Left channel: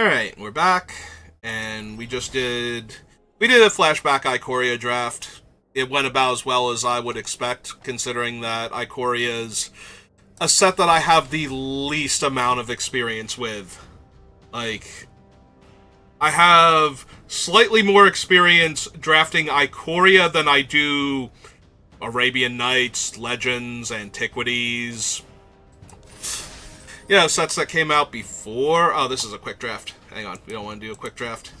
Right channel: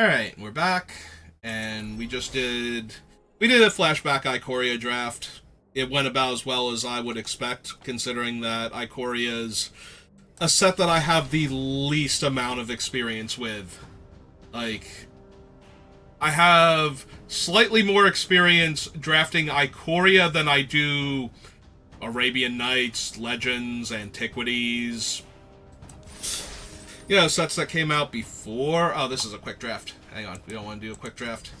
Alright, we're back, and we did a flashback Ikoria draft. It went about as well as I would expect, considering that Ikoria is a set that I have the least amount of experience with. Like, I have slightly more experience drafting Ikoria than I do Arabian Nights, Legends, Antiquities. Sets that came out before. Oh, this is a quick draft. Hang on, we don't want to do a quick draft.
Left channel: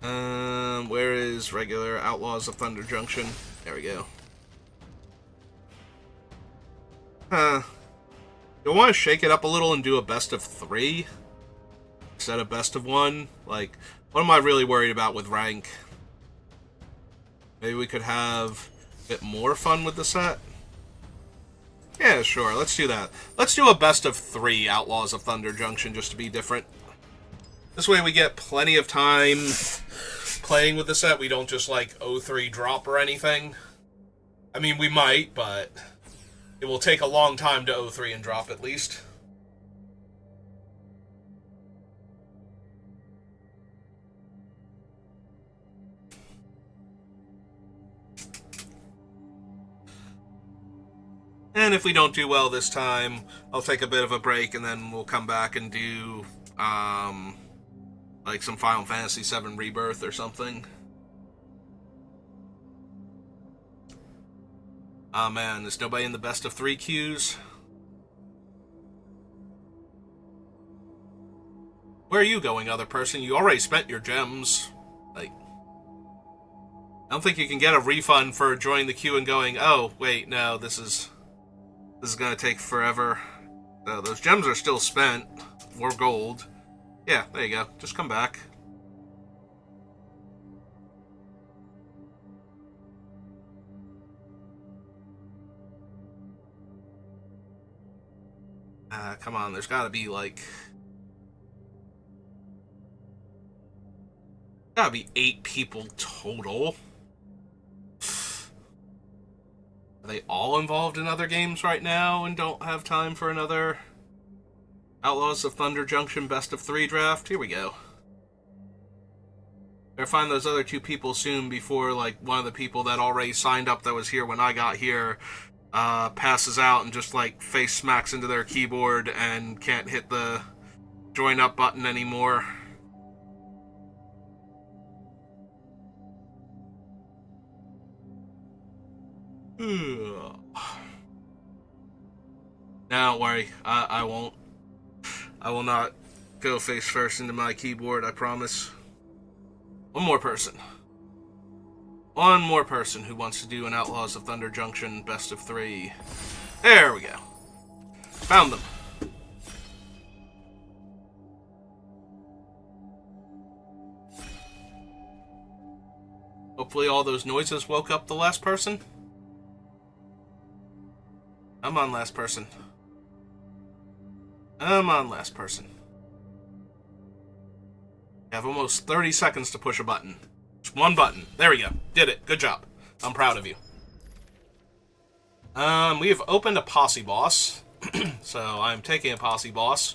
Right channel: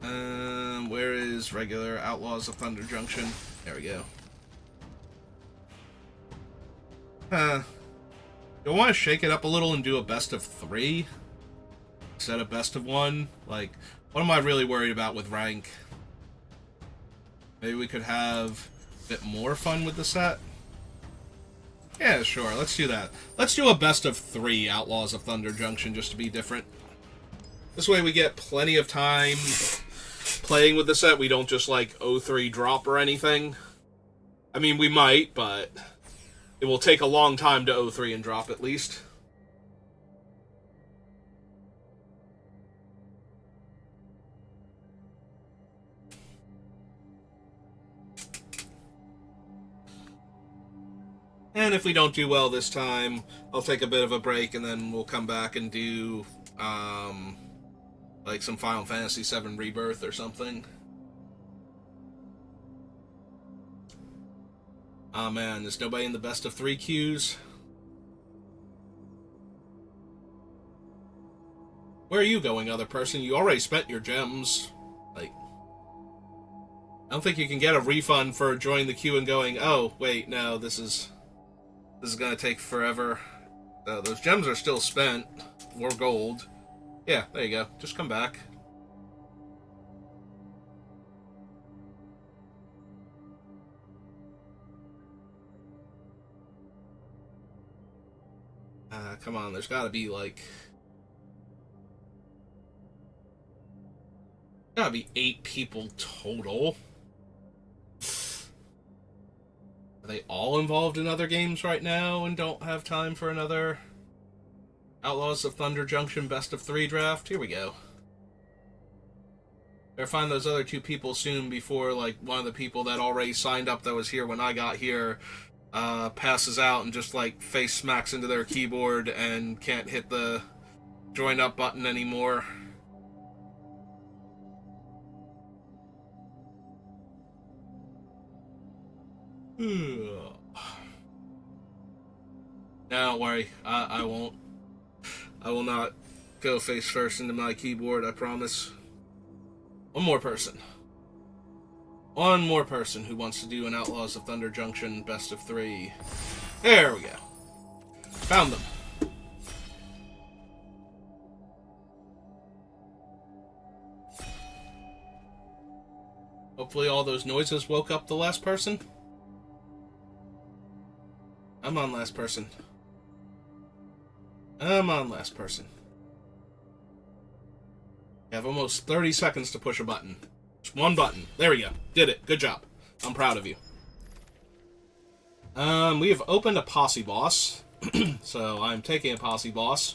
Where is regular Outlaws of Thunder Junction? There we go. You want to shake it up a little and do a best of three instead of best of one? Like, what am I really worried about with rank? Maybe we could have a bit more fun with the set? Yeah, sure, let's do that. Let's do a best of three Outlaws of Thunder Junction just to be different. This way we get plenty of time playing with the set. We don't just, like, 0-3 drop or anything. I mean, we might, but it will take a long time to 0-3 and drop, at least. And if we don't do well this time, I'll take a bit of a break, and then we'll come back and do, like some Final Fantasy VII Rebirth or something. Oh man, there's nobody in the best of three queues. Where are you going, other person? You already spent your gems. Like, I don't think you can get a refund for joining the queue and going, oh, wait, no, this is gonna take forever. Those gems are still spent. More gold. Yeah, there you go. Just come back. Come on, there's gotta be like... Gotta be 8 people total. Are they all involved in other games right now and don't have time for another Outlaws of Thunder Junction best of 3 draft? Here we go. Better find those other 2 people soon before, like, one of the people that already signed up that was here when I got here passes out and just, like, face smacks into their keyboard and can't hit the join up button anymore. No, don't worry. I won't. I will not go face first into my keyboard, I promise. One more person. One more person who wants to do an Outlaws of Thunder Junction best of 3. There we go. Found them. Hopefully all those noises woke up the last person. I'm on last person. I'm on last person. I have almost 30 seconds to push a button. Just one button. There we go. Did it. Good job. I'm proud of you. We have opened a posse boss. So I'm taking a posse boss.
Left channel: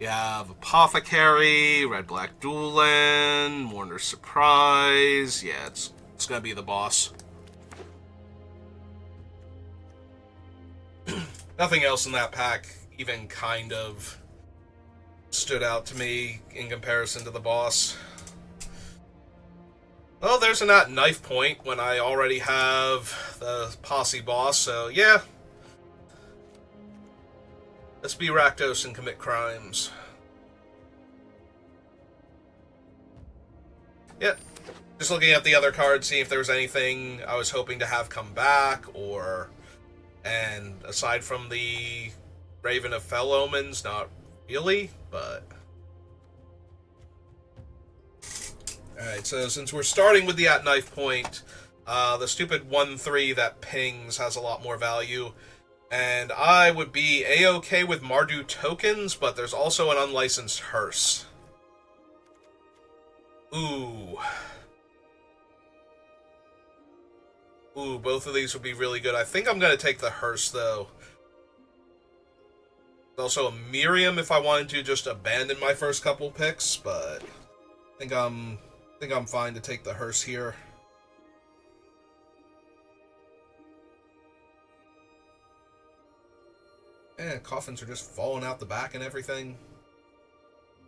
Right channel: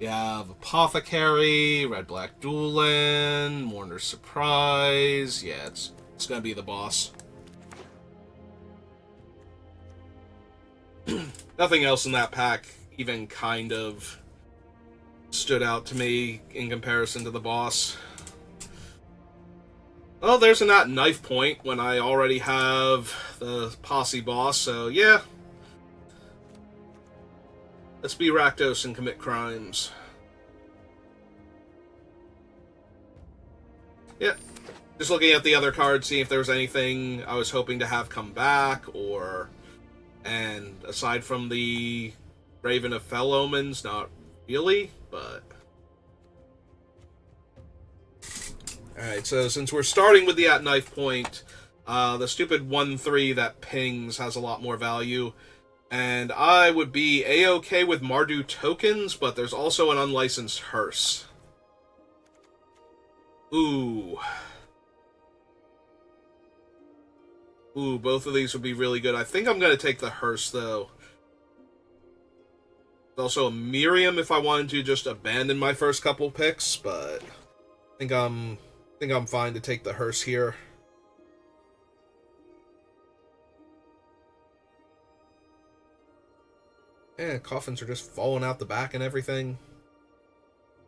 We have Apothecary, Red Black Duelan, Mourner's Surprise. Yeah, it's gonna be the boss. Nothing else in that pack even kind of stood out to me in comparison to the boss. Well, there's a not knife point when I already have the posse boss, so yeah. Let's be Rakdos and commit crimes. Yeah. Just looking at the other cards, seeing if there was anything I was hoping to have come back, or... And aside from the Raven of Fell Omens, not really, but... Alright, so since we're starting with the at knife point, the stupid 1-3 that pings has a lot more value. And I would be A-okay with Mardu tokens, but there's also an unlicensed hearse. Ooh. Ooh, both of these would be really good. I think I'm going to take the hearse, though. Also a Miriam if I wanted to just abandon my first couple picks, but I think I'm fine to take the hearse here. Yeah, coffins are just falling out the back and everything.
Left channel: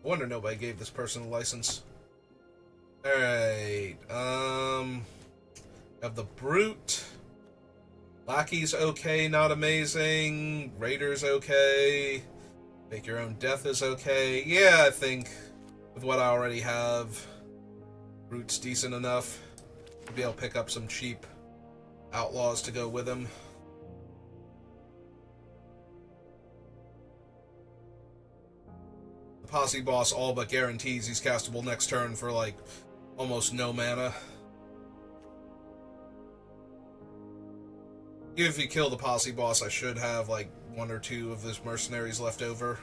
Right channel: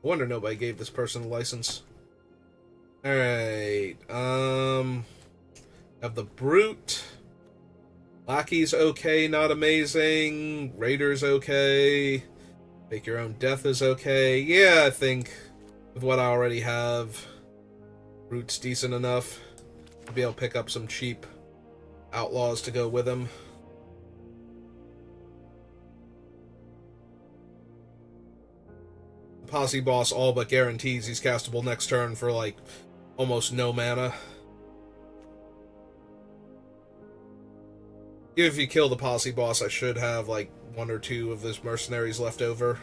I wonder nobody gave this person a license. Alright, have the Brute. Lackey's okay, not amazing. Raider's okay. Make Your Own Death is okay. Yeah, I think with what I already have, Brute's decent enough to be able to pick up some cheap Outlaws to go with him. The Posse Boss all but guarantees he's castable next turn for, like, almost no mana. Even if you kill the Posse Boss, I should have, like, one or two of his mercenaries left over.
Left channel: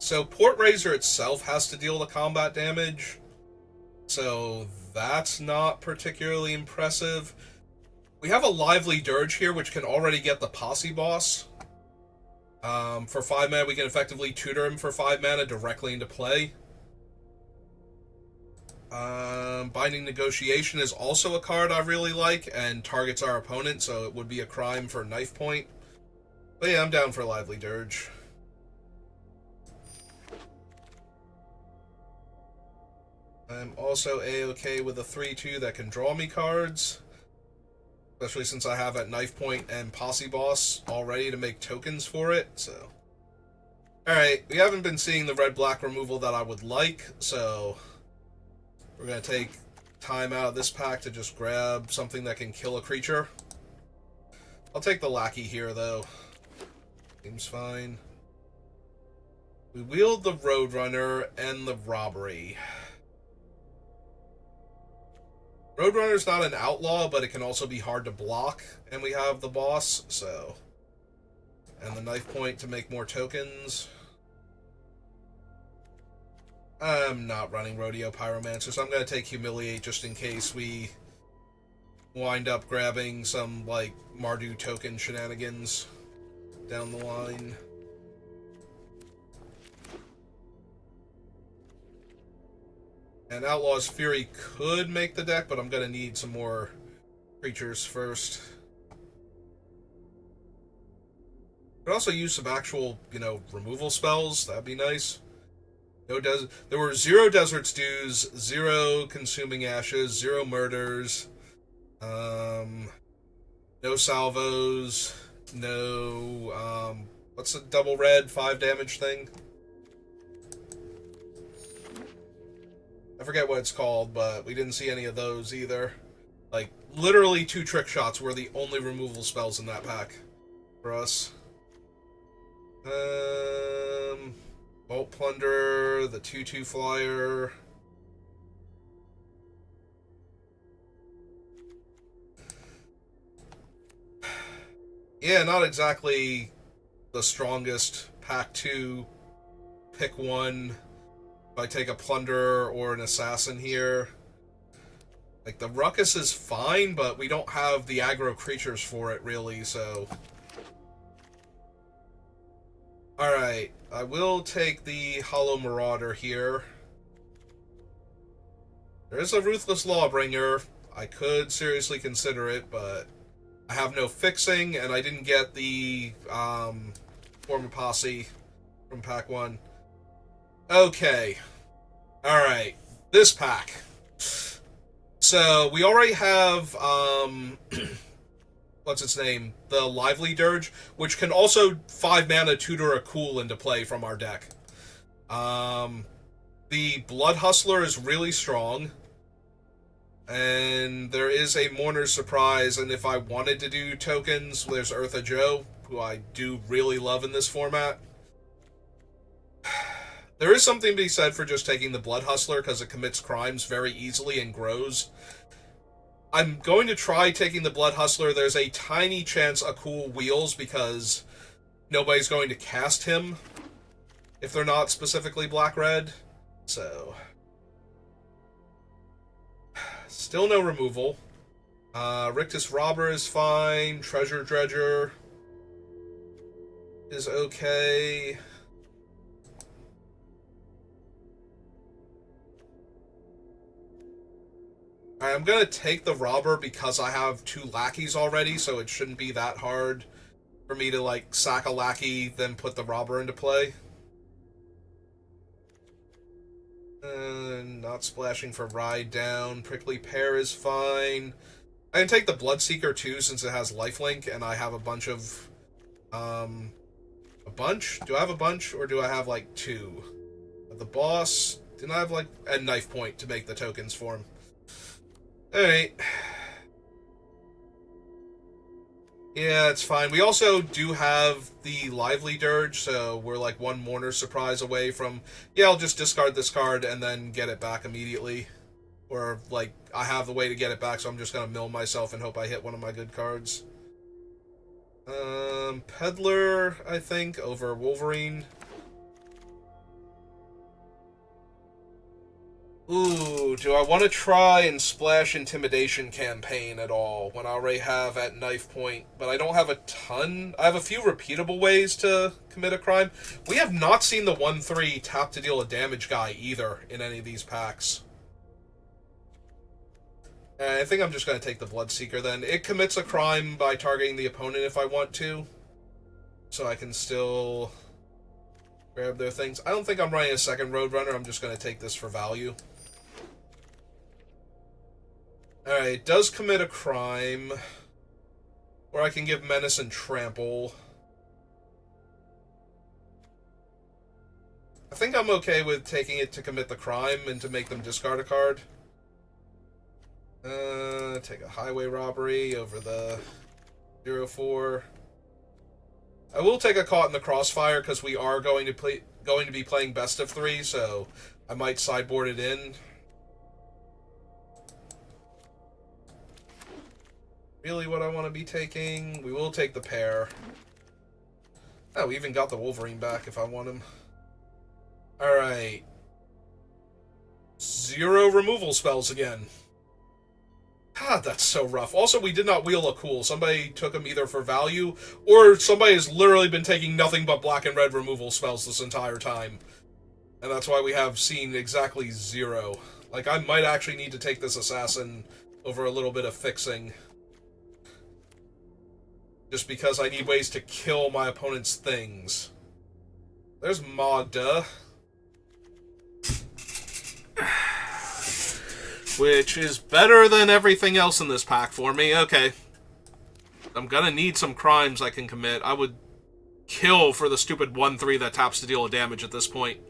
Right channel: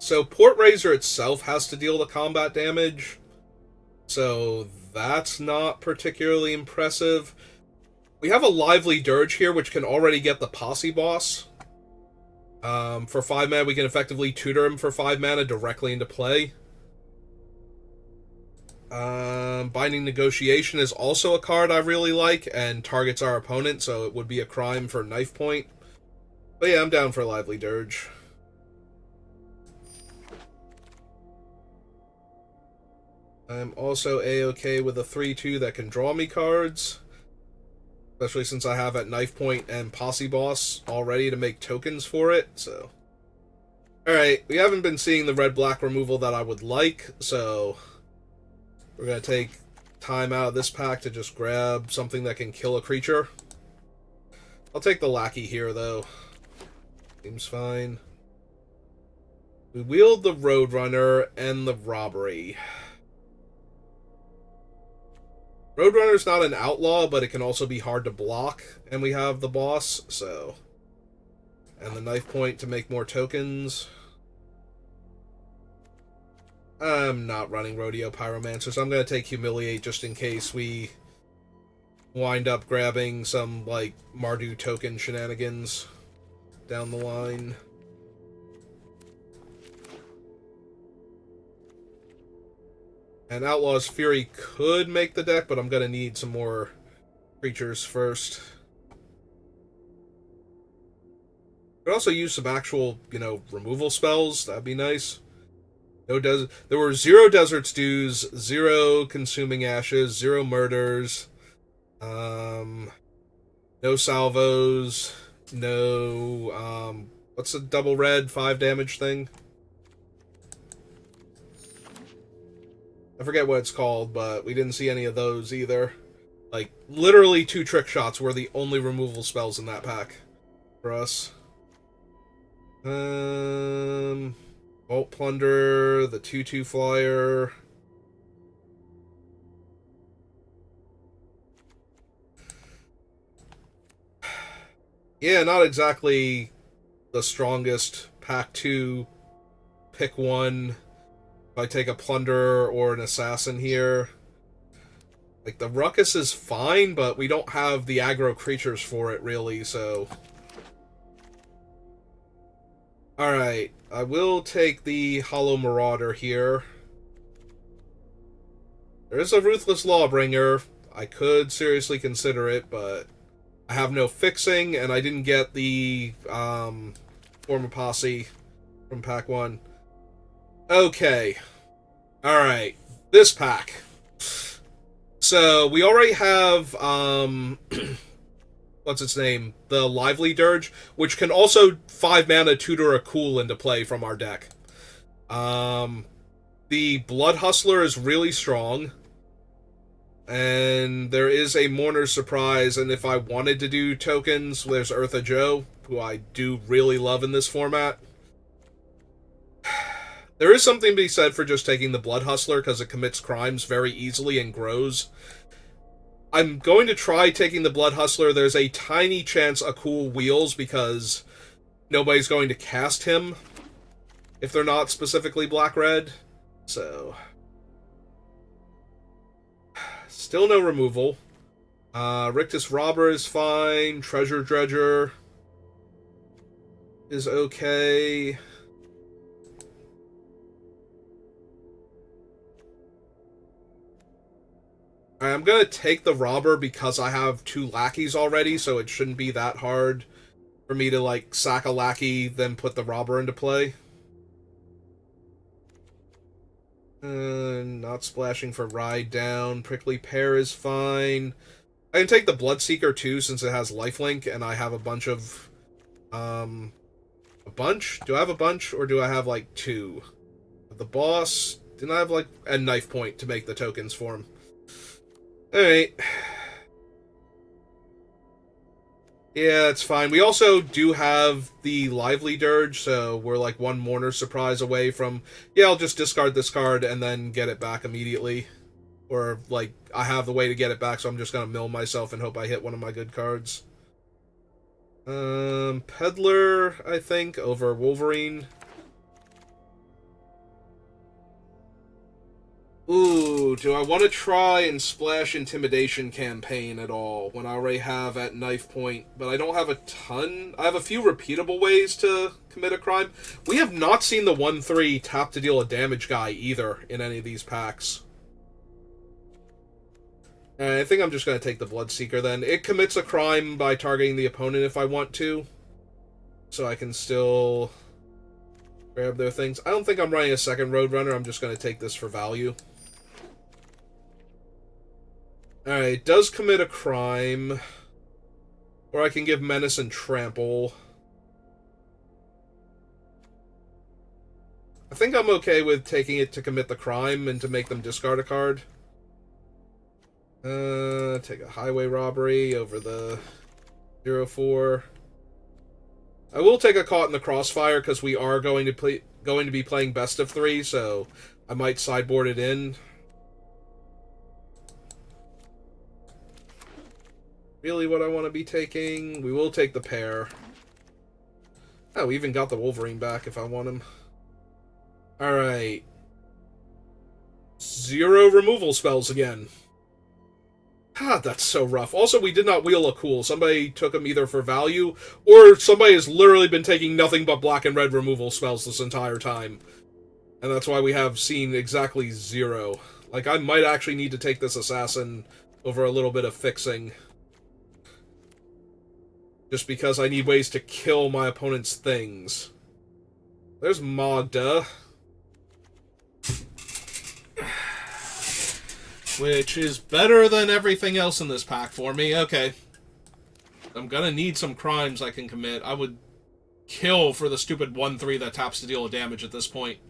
So Port Razor itself has to deal the combat damage, so that's not particularly impressive. We have a Lively Dirge here, which can already get the Posse Boss. For 5 mana, we can effectively tutor him for 5 mana directly into play. Binding Negotiation is also a card I really like and targets our opponent, so it would be a crime for Knife Point. But yeah, I'm down for Lively Dirge. I'm also A-okay with a 3-2 that can draw me cards. Especially since I have at Knife Point and Posse Boss already to make tokens for it, so... Alright, we haven't been seeing the red-black removal that I would like, so... We're going to take time out of this pack to just grab something that can kill a creature. I'll take the Lackey here, though. Seems fine. We wield the Roadrunner and the Robbery. Roadrunner's not an outlaw, but it can also be hard to block, and we have the boss, so... And the Knife Point to make more tokens. I'm not running Rodeo Pyromancer, so I'm going to take Humiliate just in case we wind up grabbing some, like, Mardu token shenanigans down the line. And Outlaw's Fury could make the deck, but I'm going to need some more creatures first. Could also use some actual, removal spells. That'd be nice. There were 0 Desert Stews, 0 Consuming Ashes, 0 Murders, no Salvos, no, what's the double red 5 damage thing? I forget what it's called, but we didn't see any of those either. Like, literally 2 Trick Shots were the only removal spells in that pack for us. Vault Plunder, the 2/2 flyer. Yeah, not exactly the strongest pack 2. Pick one. If I take a Plunder or an Assassin here. Like, the Ruckus is fine, but we don't have the aggro creatures for it, really, so... Alright, I will take the Hollow Marauder here. There is a Ruthless Lawbringer. I could seriously consider it, but I have no fixing, and I didn't get the Form of Posse from pack 1. Okay. Alright, this pack. So, we already have, what's its name? The Lively Dirge, which can also 5 mana tutor a Cool into play from our deck. The Blood Hustler is really strong. And there is a Mourner's Surprise, and if I wanted to do tokens, there's Eartha Joe, who I do really love in this format. There is something to be said for just taking the Blood Hustler because it commits crimes very easily and grows. I'm going to try taking the Blood Hustler. There's a tiny chance a cool wheels because nobody's going to cast him if they're not specifically black-red. So, still no removal. Rictus Robber is fine. Treasure Dredger is okay. I'm going to take the Robber because I have 2 lackeys already, so it shouldn't be that hard for me to, like, sack a lackey, then put the Robber into play. Not splashing for Ride Down. Prickly Pear is fine. I can take the Bloodseeker, too, since it has lifelink, and I have a bunch of... a bunch? Do I have a bunch, or do I have, like, 2? The boss... Didn't I have, like, a knife point to make the tokens for him? Alright. Yeah, it's fine. We also do have the Lively Dirge, so we're like 1 Mourner Surprise away from... Yeah, I'll just discard this card and then get it back immediately. Or, like, I have the way to get it back, so I'm just gonna mill myself and hope I hit one of my good cards. Peddler, I think, over Wolverine. Ooh, do I want to try and splash Intimidation Campaign at all when I already have at knife point, but I don't have a ton? I have a few repeatable ways to commit a crime. We have not seen the 1/3 tap to deal a damage guy either in any of these packs. I think I'm just going to take the Bloodseeker then. It commits a crime by targeting the opponent if I want to, so I can still grab their things. I don't think I'm running a second Roadrunner. I'm just going to take this for value. Alright, it does commit a crime. Or I can give Menace and Trample. I think I'm okay with taking it to commit the crime and to make them discard a card. Take a Highway Robbery over the 0/4. I will take a Caught in the Crossfire because we are going to be playing best of 3, so I might sideboard it in. Really what I want to be taking? We will take the Pear. Oh, we even got the Wolverine back if I want him. Alright. 0 removal spells again. God, that's so rough. Also, we did not wheel a cool. Somebody took them either for value, or somebody has literally been taking nothing but black and red removal spells this entire time. And that's why we have seen exactly 0. Like, I might actually need to take this Assassin over a little bit of fixing. Just because I need ways to kill my opponent's things. There's Magda. Which is better than everything else in this pack for me. Okay. I'm gonna need some crimes I can commit. I would kill for the stupid 1/3 that taps to deal a damage at this point.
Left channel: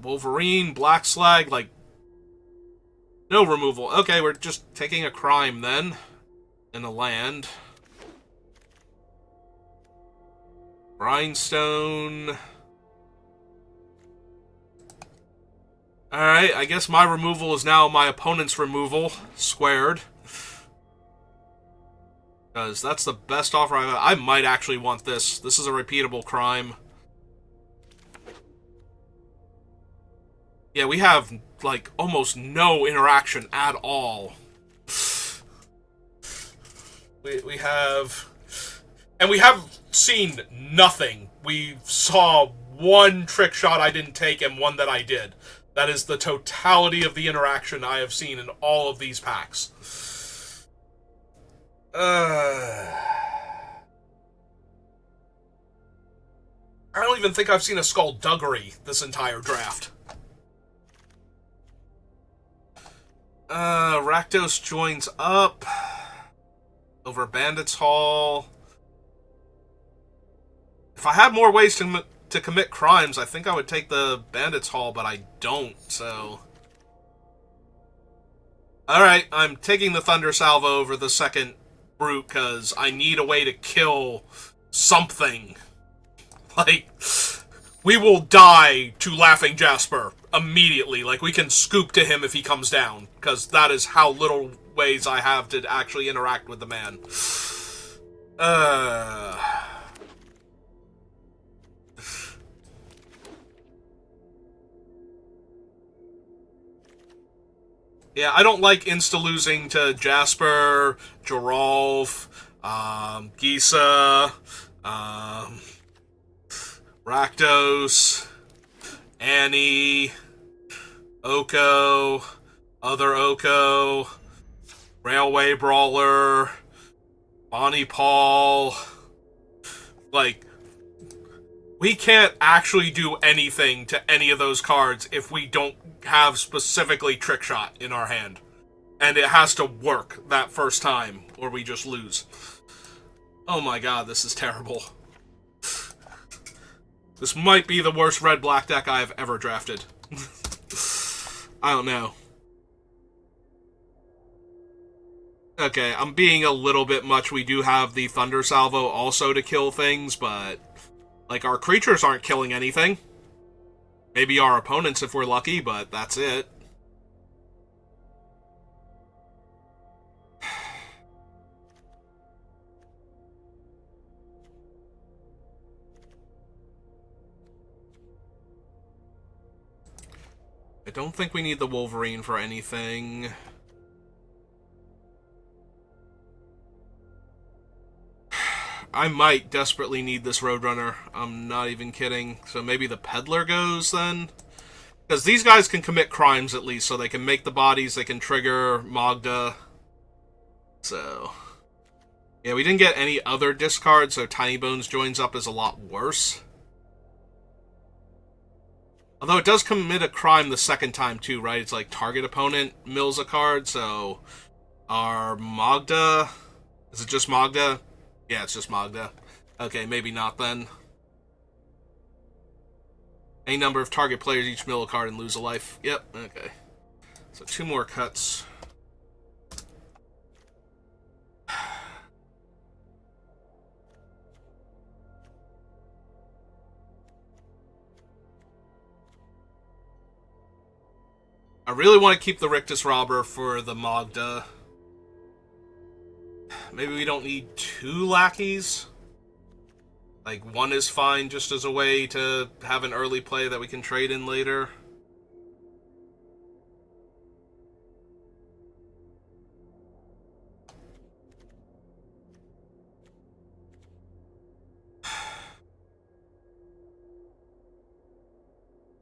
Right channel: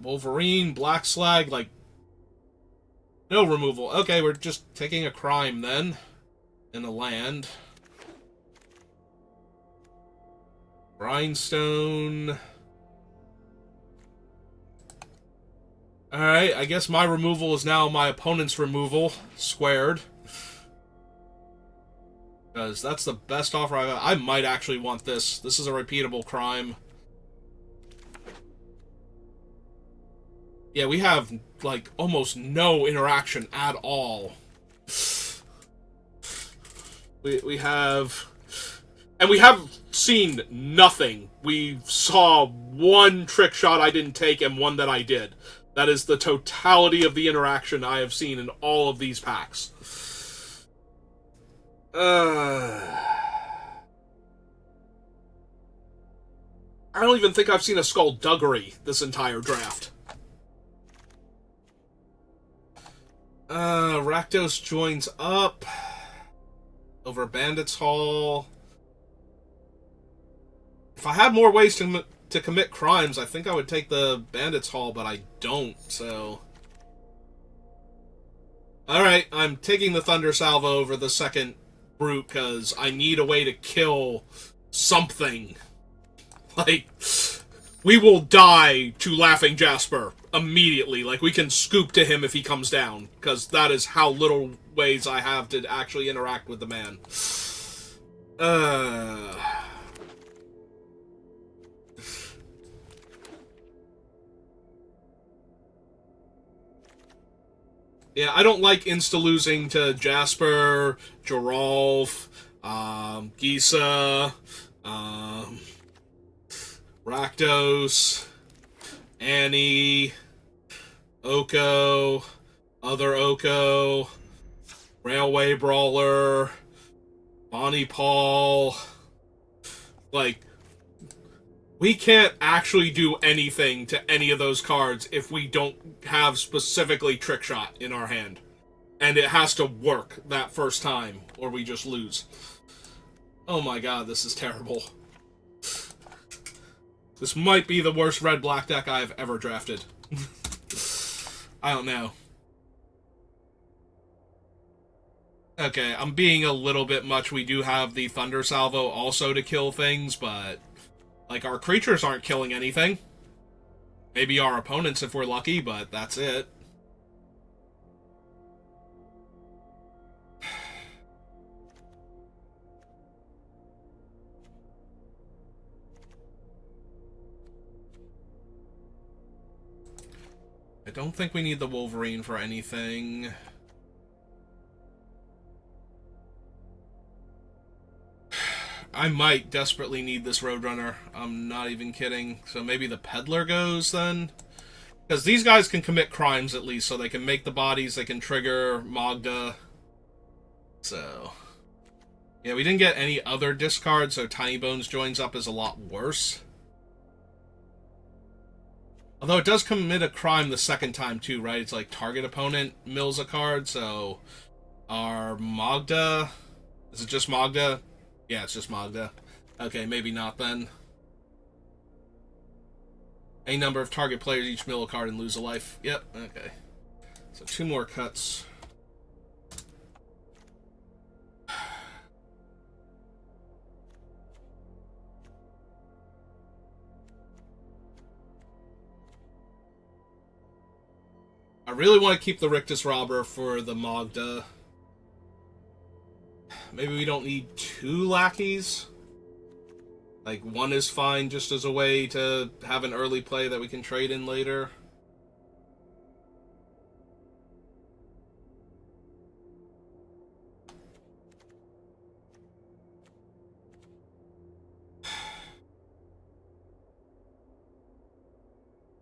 Wolverine, Black Slag, like, no removal. Okay, we're just taking a crime then, in a land. Grindstone. Alright, I guess my removal is now my opponent's removal, squared. Because that's the best offer I might actually want this. This is a repeatable crime. Yeah, we have, like, almost no interaction at all. We have... And we have seen nothing. We saw 1 trick shot I didn't take and 1 that I did. That is the totality of the interaction I have seen in all of these packs. I don't even think I've seen a Skullduggery this entire draft. Rakdos joins up over Bandits Hall. If I had more ways to to commit crimes, I think I would take the Bandits Hall, but I don't, so... Alright, I'm taking the Thunder Salvo over the second brute, because I need a way to kill something. Like, we will die to Laughing Jasper immediately. Like, we can scoop to him if he comes down, because that is how little ways I have to actually interact with the man. Yeah, I don't like insta-losing to Jasper, Geralf, Gisa, Rakdos, Annie, Oko, other Oko, Railway Brawler, Bonnie Paul. Like, we can't actually do anything to any of those cards if we don't have specifically Trick Shot in our hand. And it has to work that first time, or we just lose. Oh my god, this is terrible. This might be the worst red-black deck I have ever drafted. I don't know. Okay, I'm being a little bit much. We do have the Thunder Salvo also to kill things, but... like, our creatures aren't killing anything. Maybe our opponents if we're lucky, but that's it. I don't think we need the Wolverine for anything. I might desperately need this Roadrunner. I'm not even kidding. So maybe the Peddler goes then? Because these guys can commit crimes at least, so they can make the bodies, they can trigger Magda. So... yeah, we didn't get any other discards, so Tiny Bones joins up is a lot worse. Although it does commit a crime the second time too, right? It's like target opponent mills a card, so our Magda... is it just Magda? Yeah, it's just Magda. Okay, maybe not then. A number of target players each mill a card and lose a life. Yep, okay. So 2 more cuts. I really want to keep the Rictus Robber for the Magda. Maybe we don't need 2 lackeys. Like, 1 is fine just as a way to have an early play that we can trade in later.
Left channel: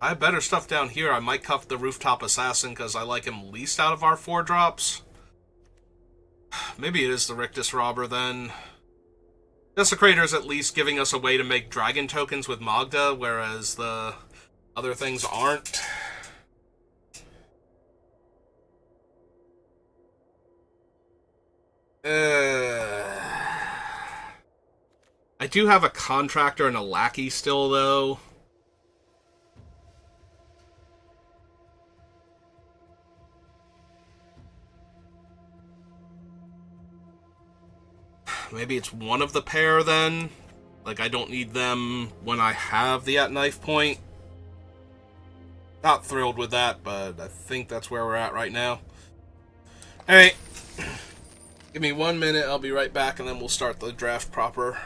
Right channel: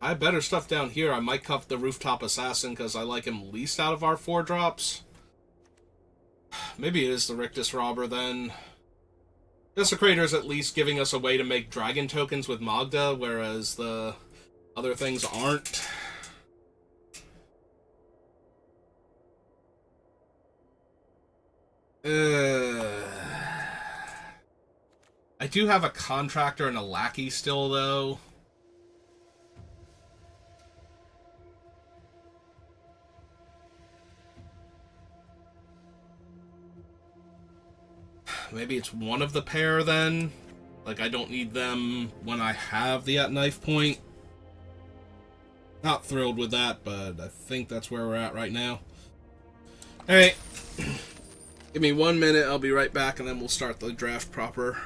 I have better stuff down here. I might cuff the Rooftop Assassin because I like him least out of our 4 drops. Maybe it is the Rictus Robber then. Desecrator is at least giving us a way to make dragon tokens with Magda, whereas the other things aren't. I do have a Contractor and a Lackey still, though. Maybe it's one of the pair, then? Like, I don't need them when I have the at knife point. Not thrilled with that, but I think that's where we're at right now. Alright. Give me 1 minute, I'll be right back, and then we'll start the draft proper.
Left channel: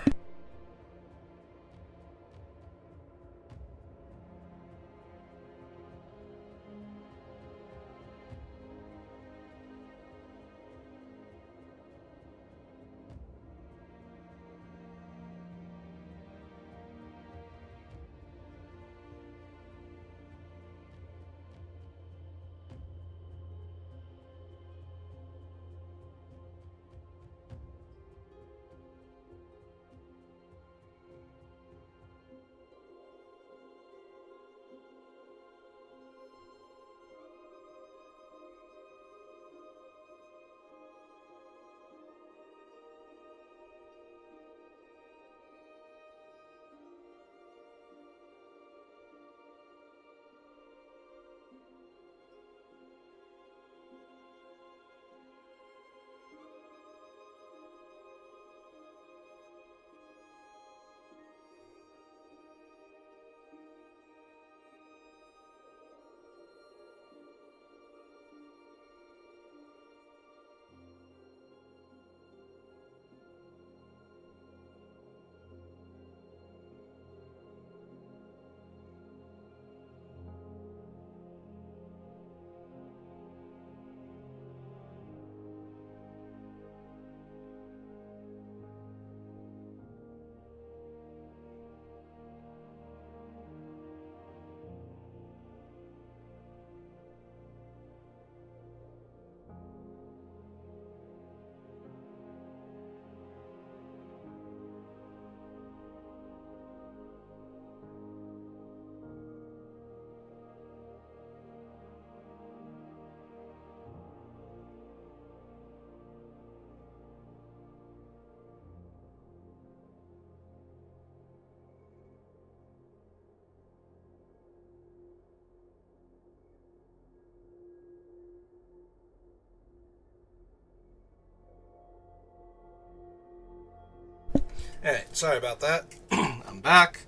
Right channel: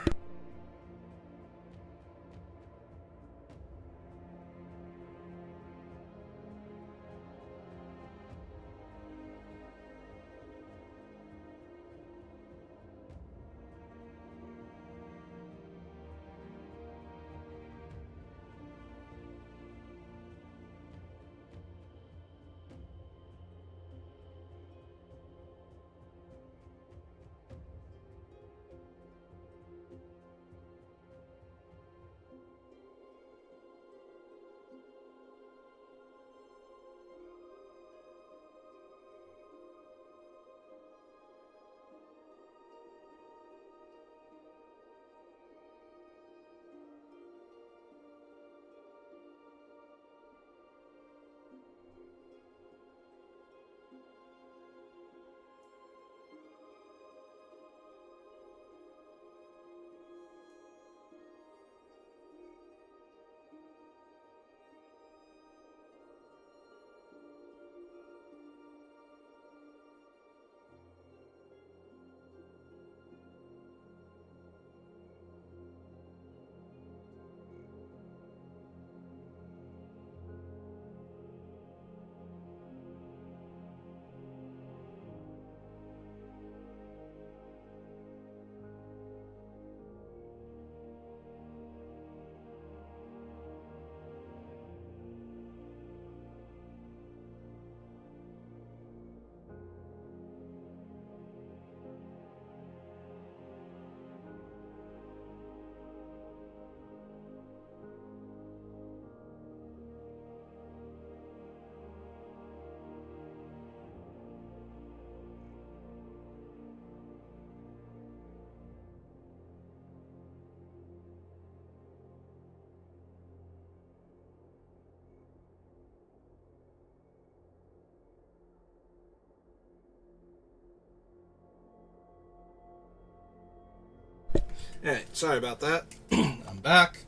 Alright, sorry about that. I'm back.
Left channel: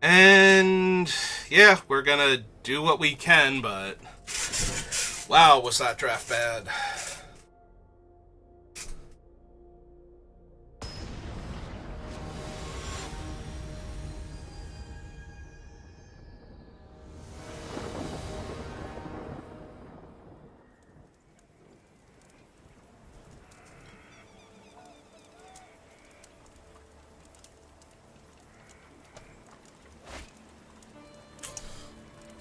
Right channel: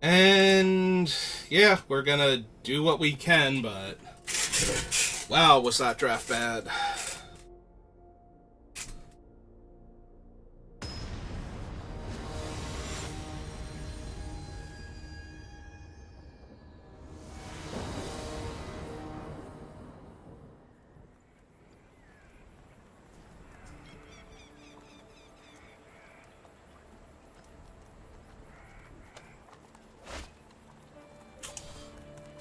And yeah, we're gonna do what we can, but wow, was that draft bad.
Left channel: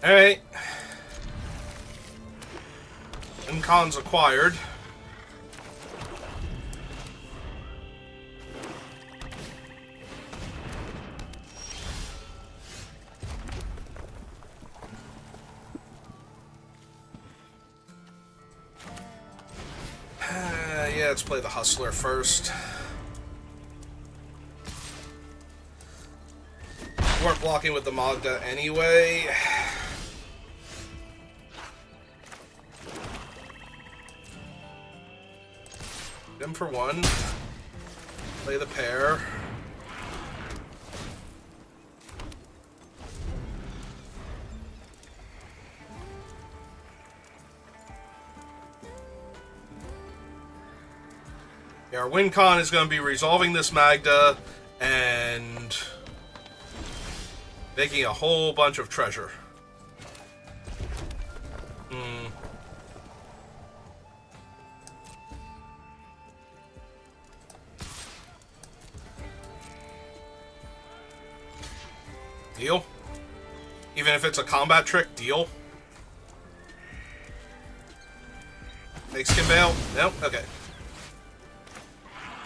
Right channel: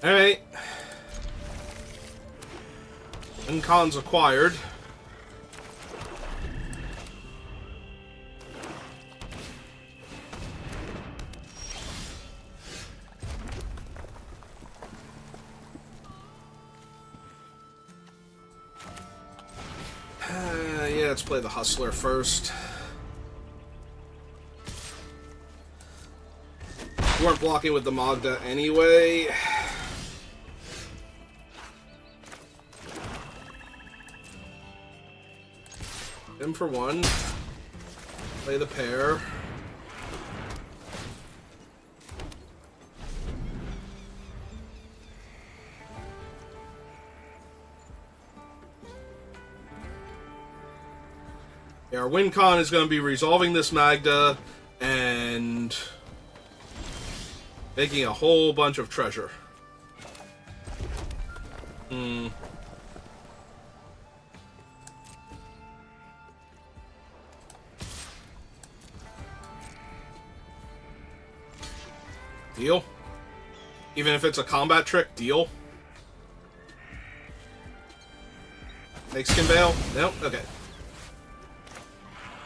Alright. Incon's acquired. Yeah, let's play the Hustler first. We weren't blocking with the Magda anyway. Him for one. Play the pair. Yeah, our win con is going to be resolving this Magda and making a whole bunch of treasure. Deal? Even if it's a combat trick, deal? Makes skin bail? Nope? Okay.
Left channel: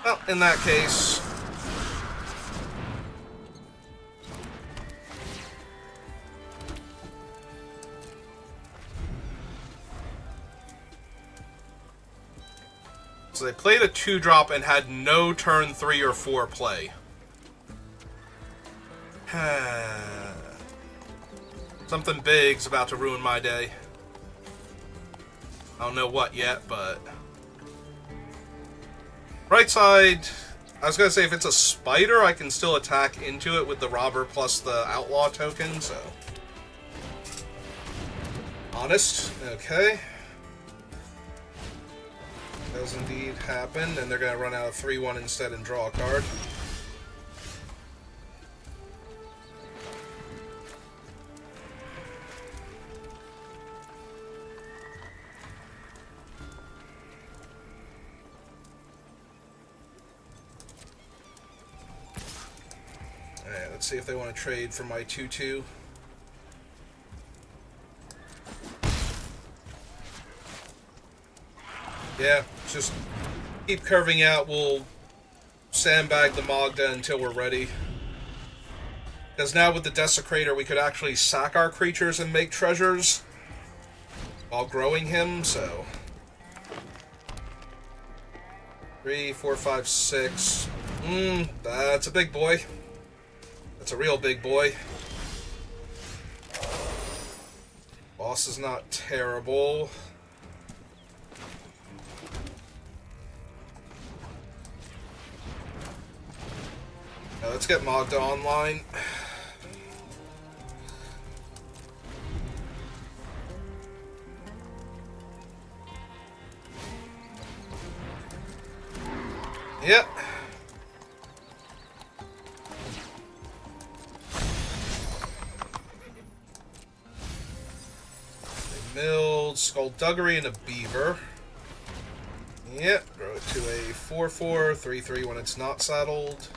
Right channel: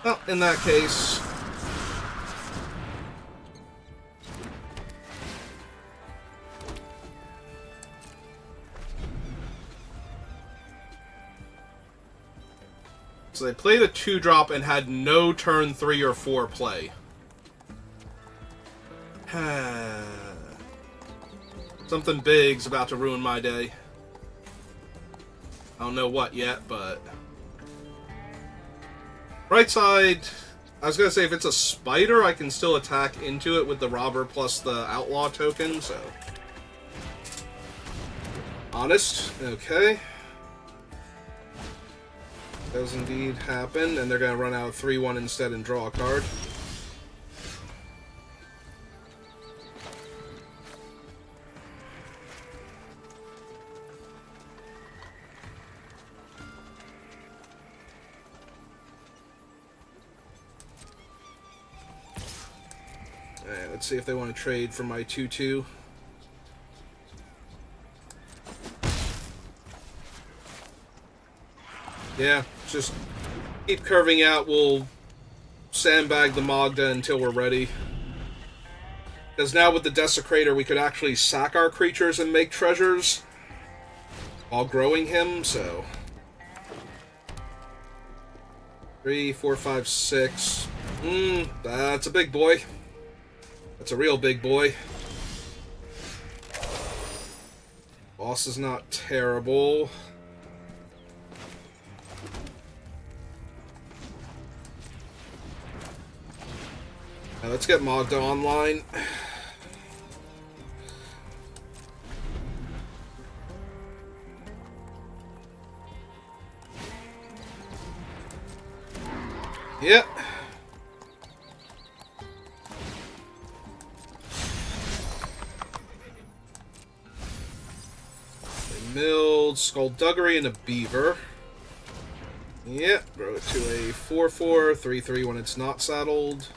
Well, in that case... So they played a 2-drop and had no turn 3 or 4 play. Something big's about to ruin my day. I don't know what yet, but... Right side, I was going to say if it's a spider, I can still attack into it with the robber plus the outlaw token, so... Honest, okay. Does indeed happen, and they're going to run out of 3-1 instead and draw a card. Alright, let's see if they want to trade for my 2-2. Yeah, just keep curving out. We'll sandbag the Magda until we're ready. Because now with the Desecrator, we could actually sack our creatures and make treasures while growing him, so... 3, 4, 5, 6. That's a big boy. That's a real big boy. Boss is not terrible. Now let's get Magda online. Yep. They milled Skullduggery and a Beaver. Yep, grow it to a 4/4, 3/3 when it's not saddled.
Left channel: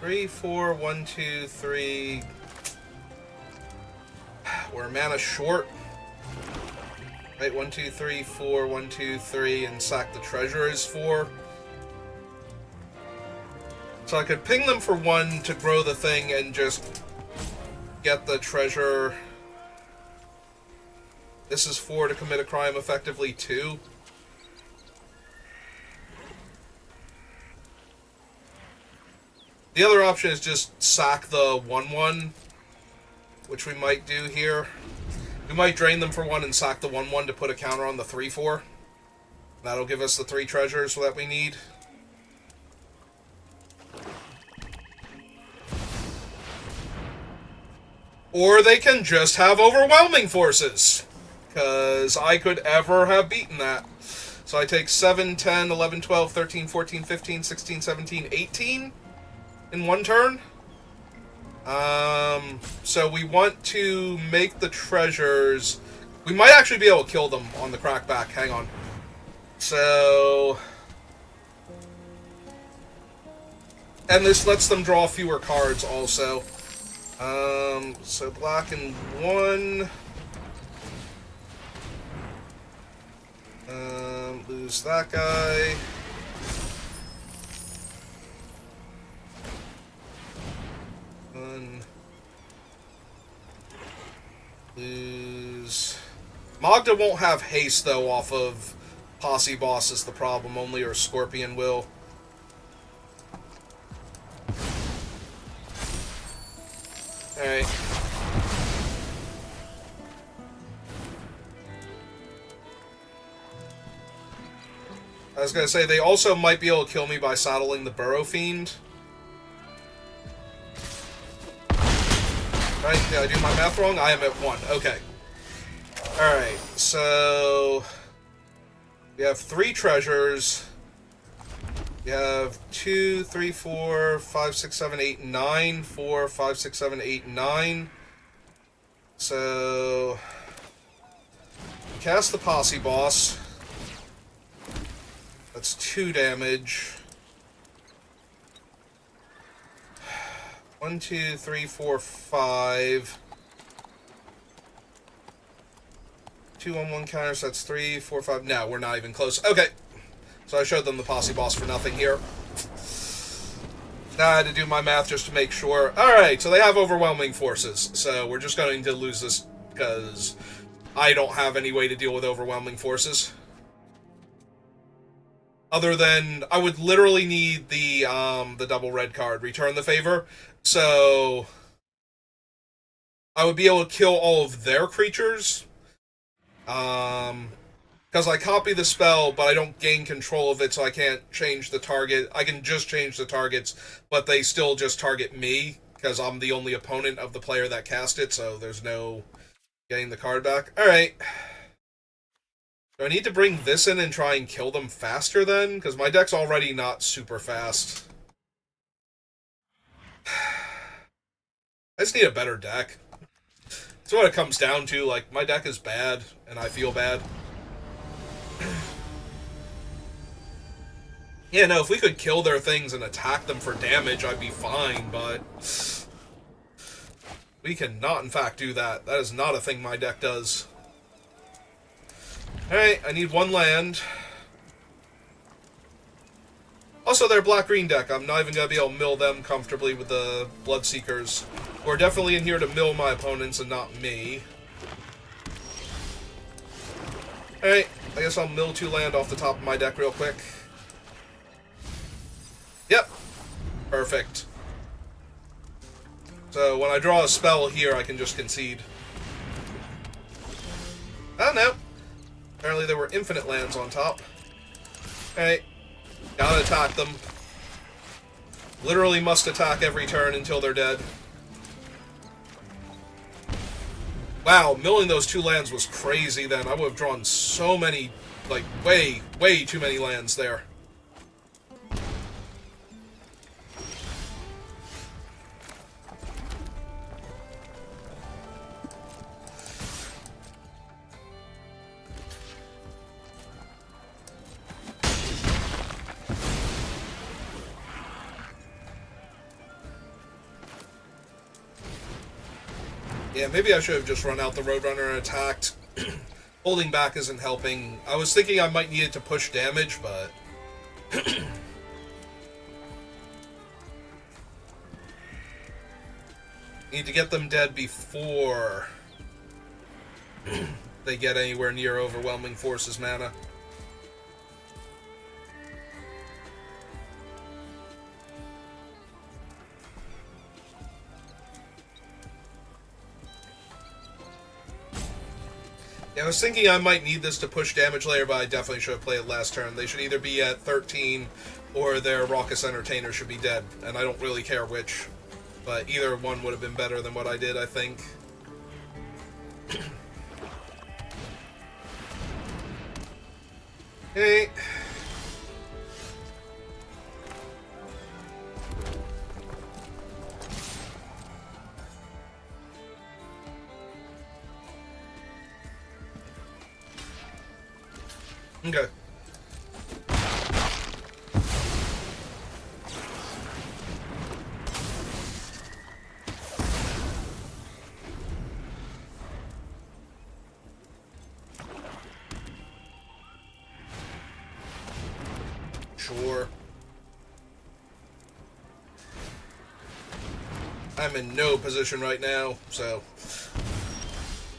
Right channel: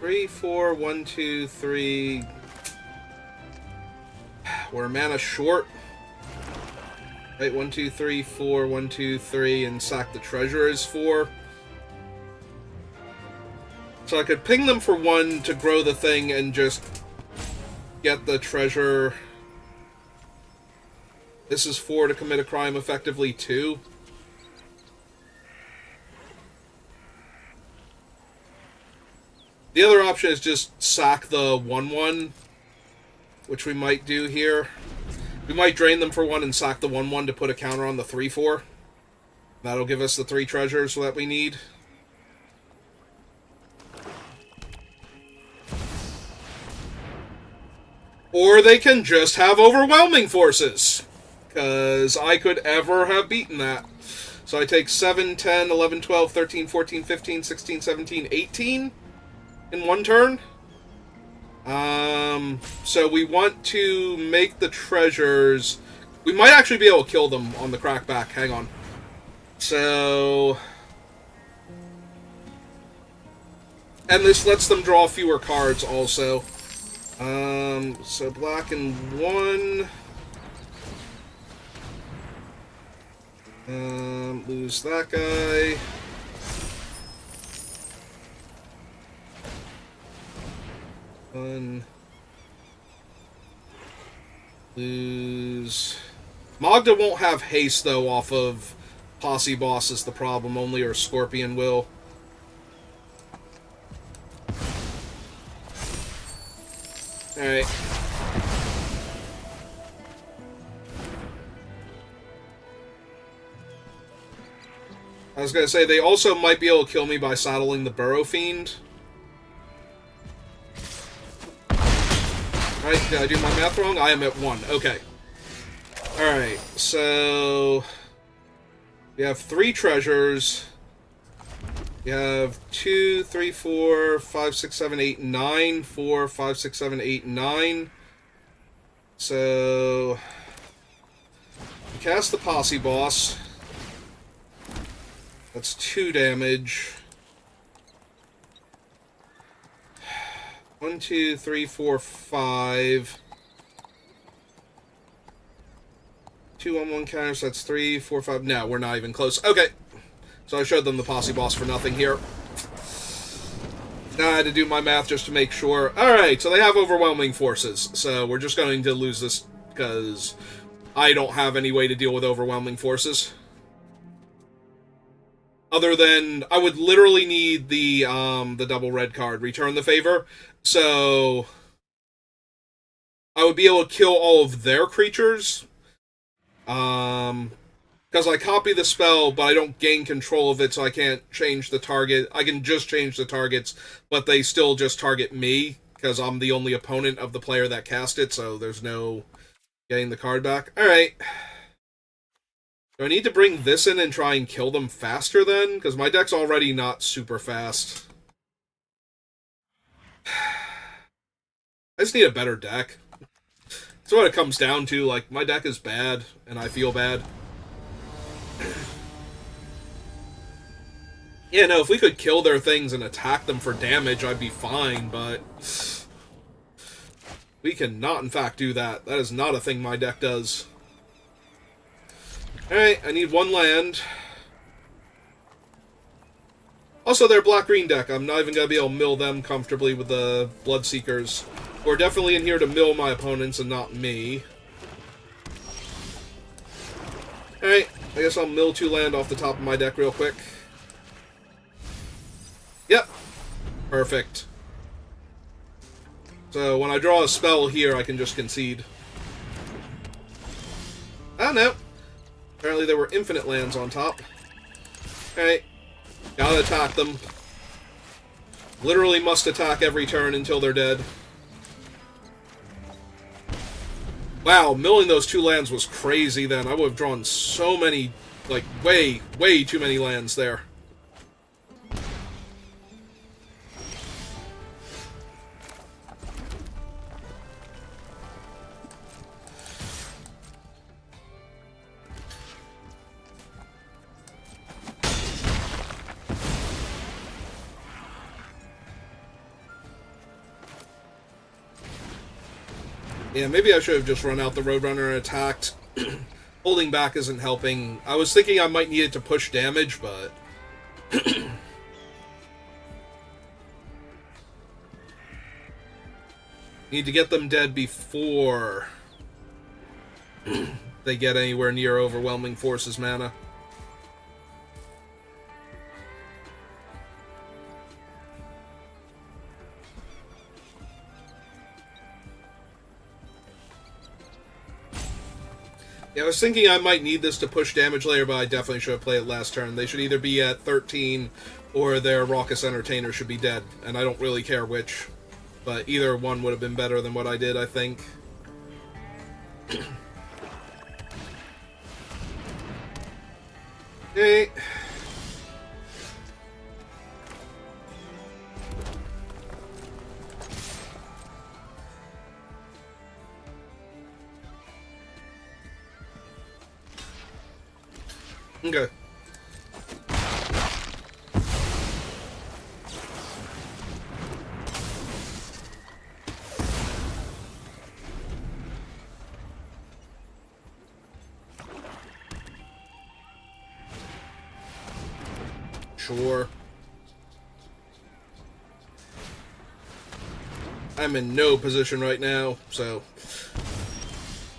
Three, 4, 1, 2, 3. We're mana short. Right, 1, 2, 3, 4, 1, 2, 3, and sack the treasure is 4. So I could ping them for 1 to grow the thing and just get the treasure. This is 4 to commit a crime, effectively 2. The other option is just sack the 1/1, which we might do here. We might drain them for 1 and sack the 1/1 to put a counter on the 3/4. That'll give us the 3 treasures that we need. Or they can just have overwhelming forces, because I could ever have beaten that. So I take 7, 10, 11, 12, 13, 14, 15, 16, 17, 18 in 1 turn. So we want to make the treasures. We might actually be able to kill them on the crackback. Hang on. So... And this lets them draw fewer cards also. So black and 1. Lose that guy. Lose. Magda won't have haste though off of Posse Boss is the problem. Only her Scorpion will. Alright. I was gonna say, they also might be able to kill me by saddling the Burrow Fiend. Right, did I do my math wrong? I am at 1. Okay. Alright, so... we have 3 treasures. We have 2, 3, 4, 5, 6, 7, 8, 9. 4, 5, 6, 7, 8, 9. So... cast the Posse Boss. That's 2 damage. 1, 2, 3, 4, 5. 2 on 1 counter, so that's 3, 4, 5. No, we're not even close. Okay. So I showed them the Posse Boss for nothing here. Now I had to do my math just to make sure. Alright, so they have overwhelming forces. So we're just going to lose this because I don't have any way to deal with overwhelming forces. Other than, I would literally need the double red card, Return the Favor. So, I would be able to kill all of their creatures. Because I copy the spell, but I don't gain control of it, so I can't change the target. I can just change the targets, but they still just target me, because I'm the only opponent of the player that cast it, so there's no getting the card back. Alright. Do I need to bring this in and try and kill them faster then? Because my deck's already not super fast. I just need a better deck. That's what it comes down to. Like, my deck is bad, and I feel bad. Yeah, no, if we could kill their things and attack them for damage, I'd be fine, but... we cannot, in fact, do that. That is not a thing my deck does. Alright, I need 1 land. Also, their black-green deck. I'm not even going to be able to mill them comfortably with the Bloodseekers. We're definitely in here to mill my opponents and not me. Alright, I guess I'll mill 2 land off the top of my deck real quick. Yep. Perfect. So, when I draw a spell here, I can just concede. Oh, no. Apparently there were infinite lands on top. Okay. Gotta attack them. Literally must attack every turn until they're dead. Wow, milling those 2 lands was crazy then. I would have drawn so many, like, way too many lands there. Yeah, maybe I should have just run out the Roadrunner and attacked. Holding back isn't helping. I was thinking I might need it to push damage, but... Need to get them dead before they get anywhere near overwhelming forces mana. Yeah, I was thinking I might need this to push damage later, but I definitely should have played it last turn. They should either be at 13 or their Raucous Entertainer should be dead, and I don't really care which. But either one would have been better than what I did, I think. Hey. Okay. Sure. I'm in no position right now, so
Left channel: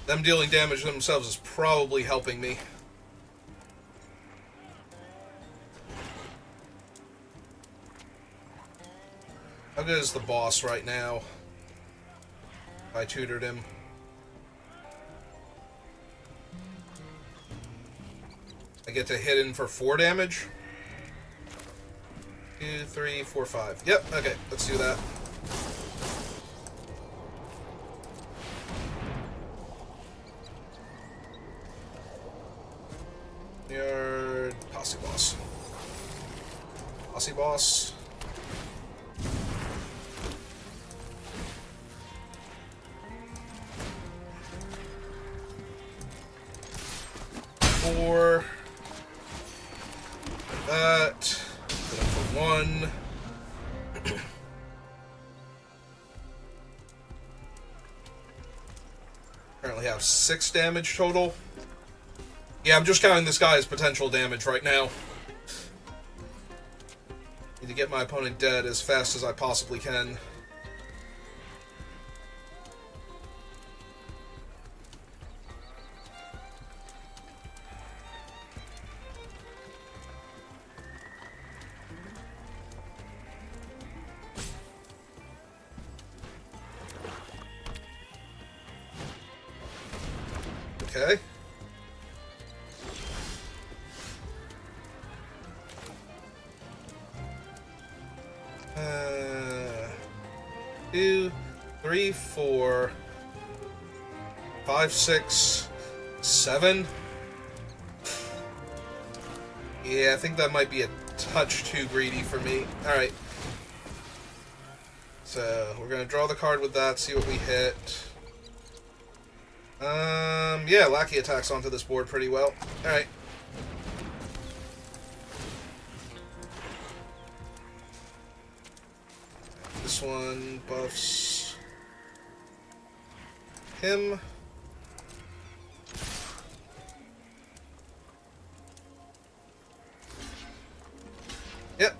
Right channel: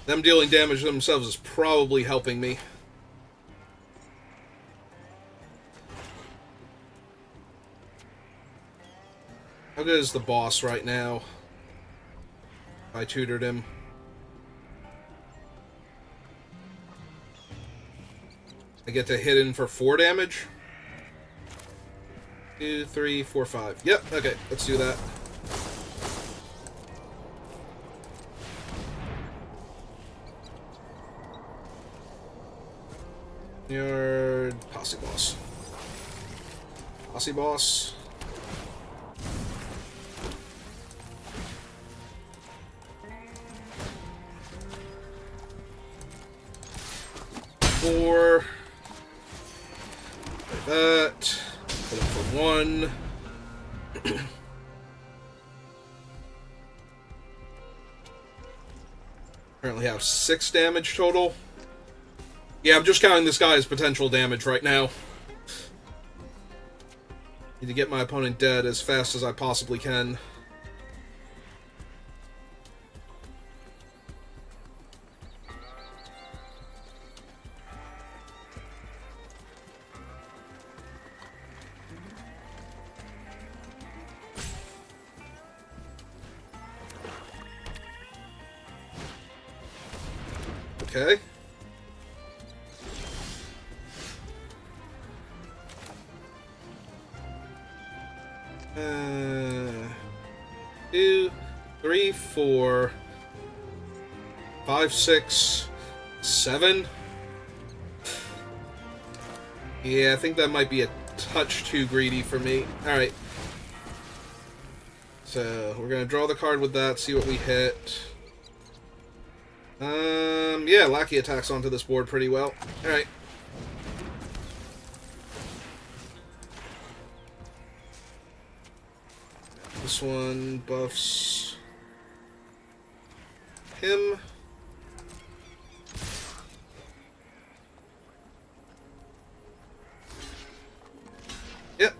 them dealing damage themselves is probably helping me. How good is the boss right now? I tutored him. I get to hit in for 4 damage. 2, 3, 4, 5. Yep, okay, let's do that. Your Posse Boss. Posse Boss. Four. That. Put up for 1. Currently have 6 damage total. Yeah, I'm just counting this guy as potential damage right now. Need to get my opponent dead as fast as I possibly can. Okay. Two, 3, 4, 5, 6, 7. Yeah, I think that might be a touch too greedy for me. Alright. So, we're gonna draw the card with that, see what we hit. Yeah, Lackey attacks onto this board pretty well. Alright. This one buffs him. Yep.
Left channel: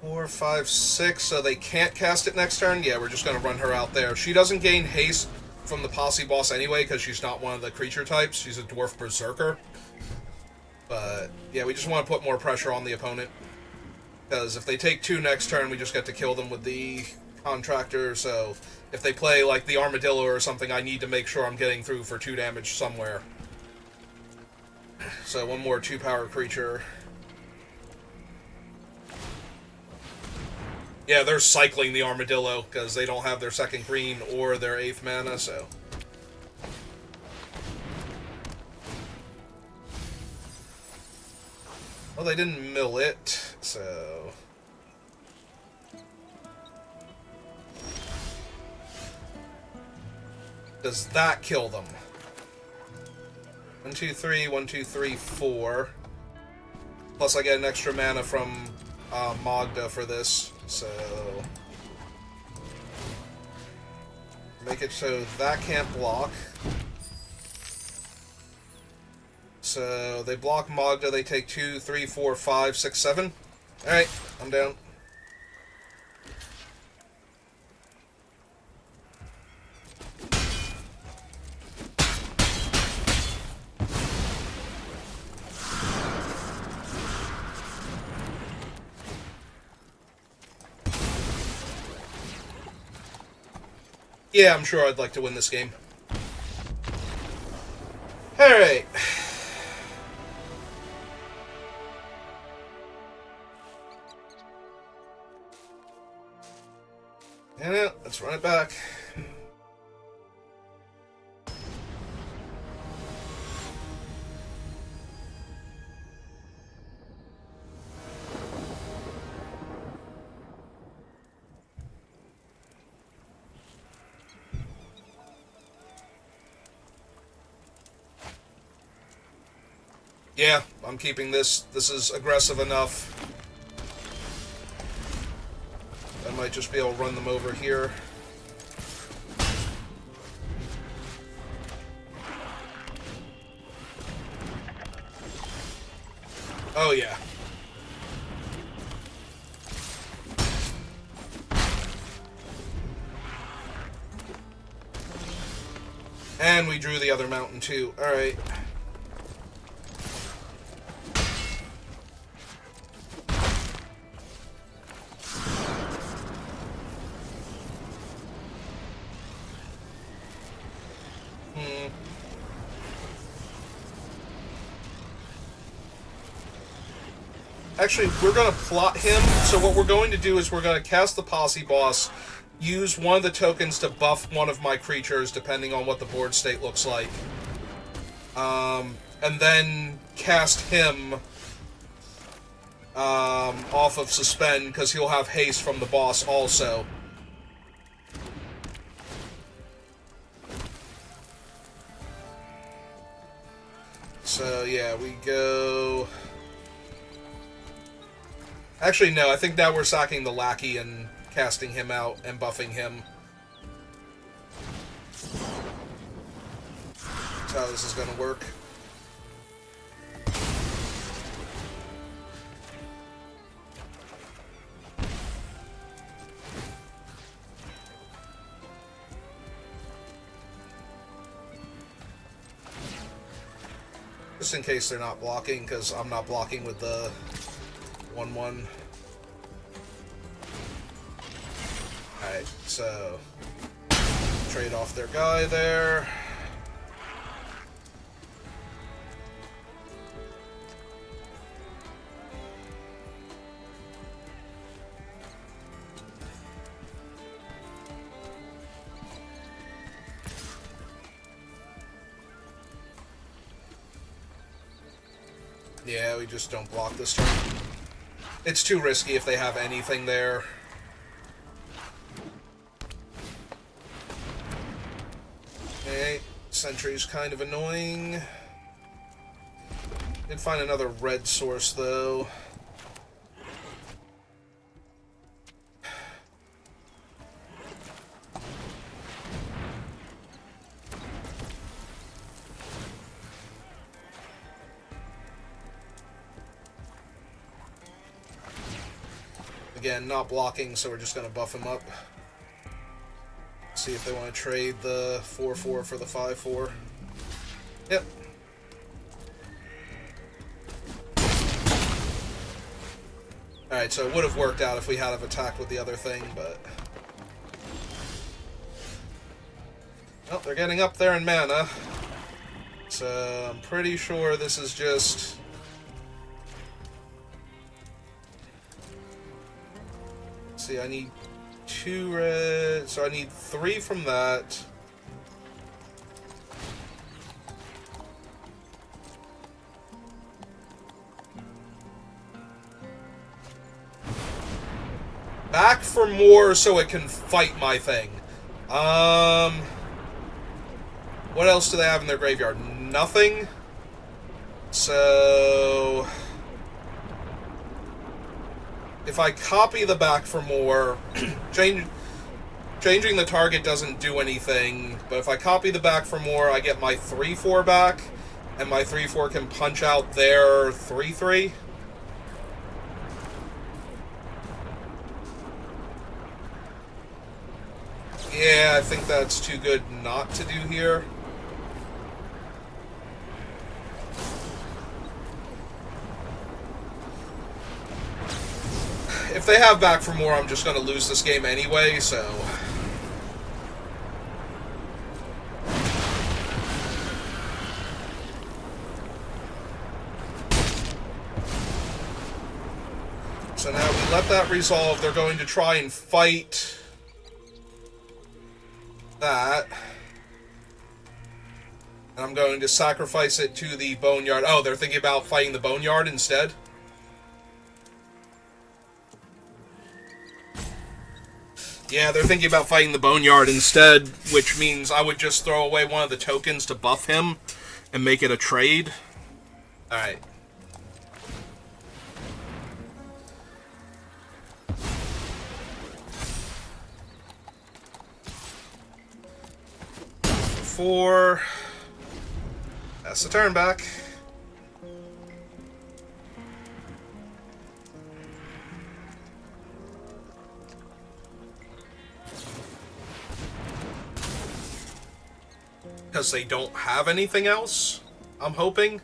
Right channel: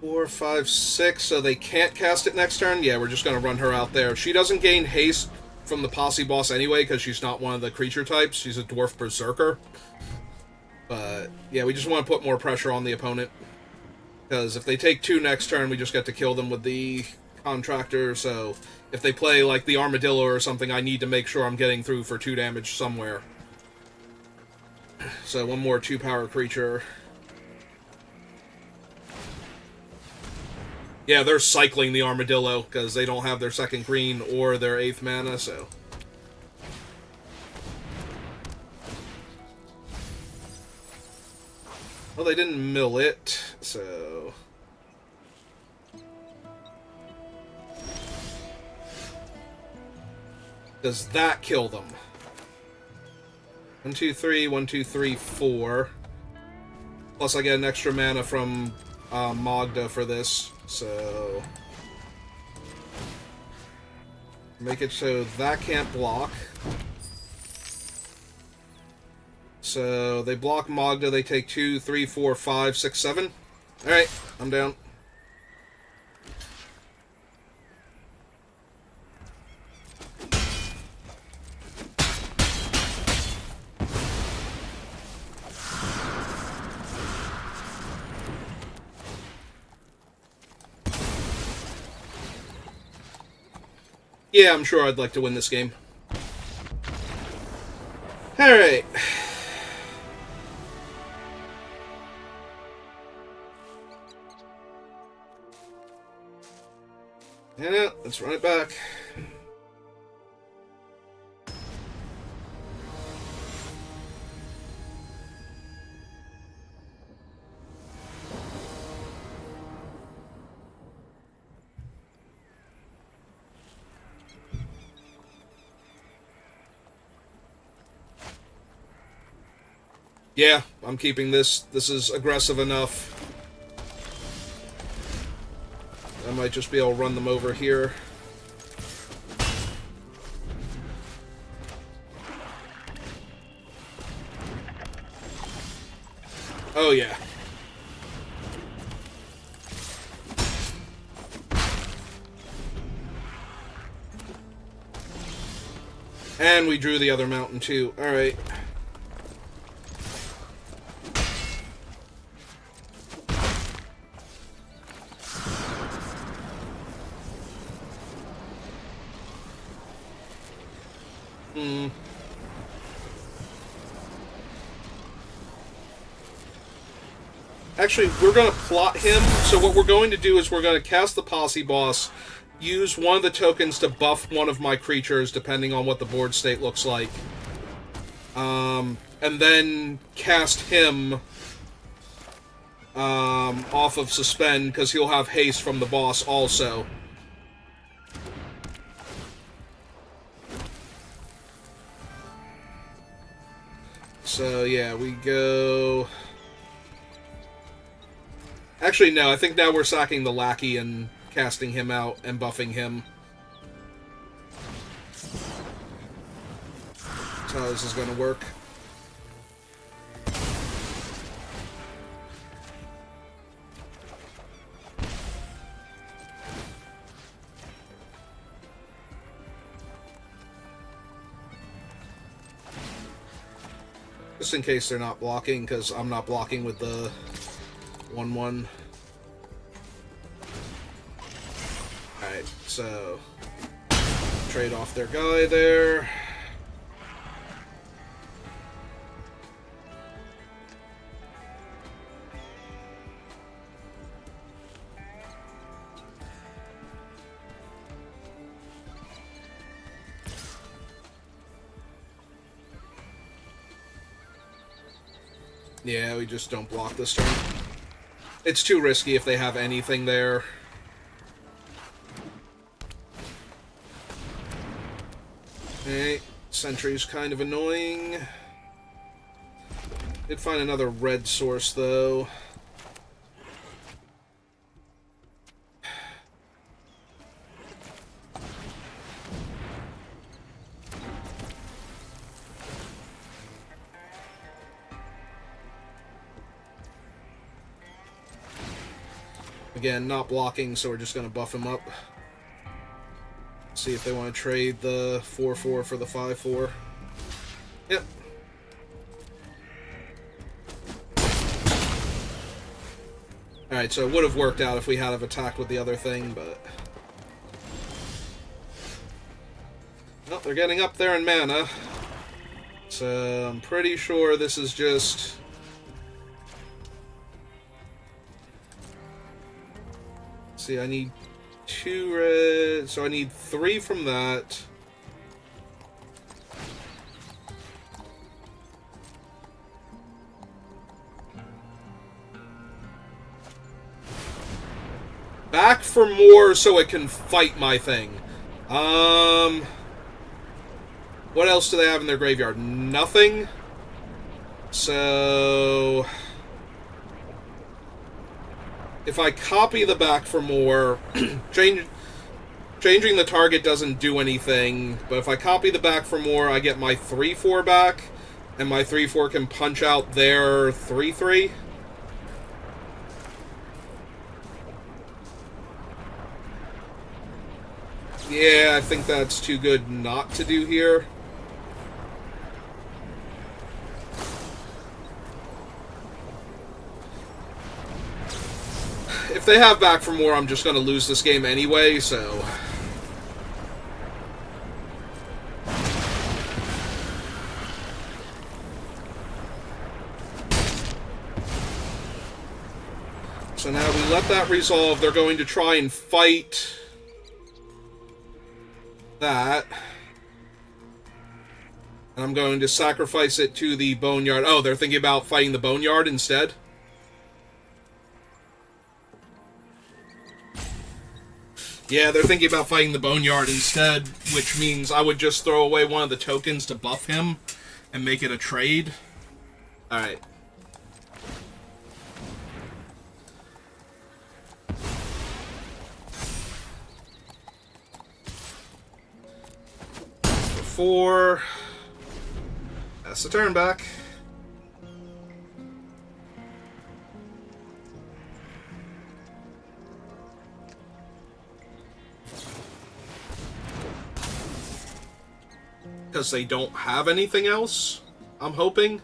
Four, 5, 6, so they can't cast it next turn? Yeah, we're just going to run her out there. She doesn't gain haste from the Posse Boss anyway, because she's not one of the creature types. She's a Dwarf Berserker. But, yeah, we just want to put more pressure on the opponent. Because if they take 2 next turn, we just get to kill them with the Contractor, so if they play, like, the Armadillo or something, I need to make sure I'm getting through for 2 damage somewhere. So, one more 2-power creature. Yeah, they're cycling the Armadillo, because they don't have their 2nd green or their 8th mana, so... Well, they didn't mill it, so... Does that kill them? 1, 2, 3, 1, 2, 3, 4. Plus I get an extra mana from Magda for this, so... Make it so that can't block. So they block Magda, they take 2, 3, 4, 5, 6, 7. Alright, I'm down. Yeah, I'm sure I'd like to win this game. Alright. Yeah, let's run it back. Yeah, I'm keeping this. This is aggressive enough. I might just be able to run them over here. Oh, yeah. And we drew the other mountain, too. Alright. Actually, we're going to plot him. So what we're going to do is we're going to cast the Posse Boss, use one of the tokens to buff one of my creatures, depending on what the board state looks like. And then cast him off of Suspend, because he'll have haste from the boss also. So, yeah, we go... Actually, no, I think now we're sacking the Lackey and casting him out and buffing him. That's how this is going to work. Just in case they're not blocking, because I'm not blocking with the 1/1. Alright, so trade off their guy there. Yeah, we just don't block this turn. It's too risky if they have anything there. Okay, Sentry's kind of annoying. Did find another red source, though. Again, not blocking, so we're just going to buff him up. See if they want to trade the 4/4 for the 5/4. Yep. Alright, so it would have worked out if we had have attacked with the other thing, but... Oh, they're getting up there in mana. So I'm pretty sure this is just... See, I need 2 red, so I need 3 from that. Back for more so it can fight my thing. What else do they have in their graveyard? Nothing. So... if I copy the back for more, change... Changing the target doesn't do anything, but if I copy the back for more, I get my 3-4 back, and my 3-4 can punch out their 3-3. Yeah, I think that's too good not to do here. If they have back for more, I'm just going to lose this game anyway, so... So now we let that resolve. They're going to try and fight that. And I'm going to sacrifice it to the Boneyard. Oh, they're thinking about fighting the Boneyard instead? Yeah, they're thinking about fighting the Boneyard instead, which means I would just throw away one of the tokens to buff him and make it a trade. Alright. That's the turn back. Because they don't have anything else, I'm hoping.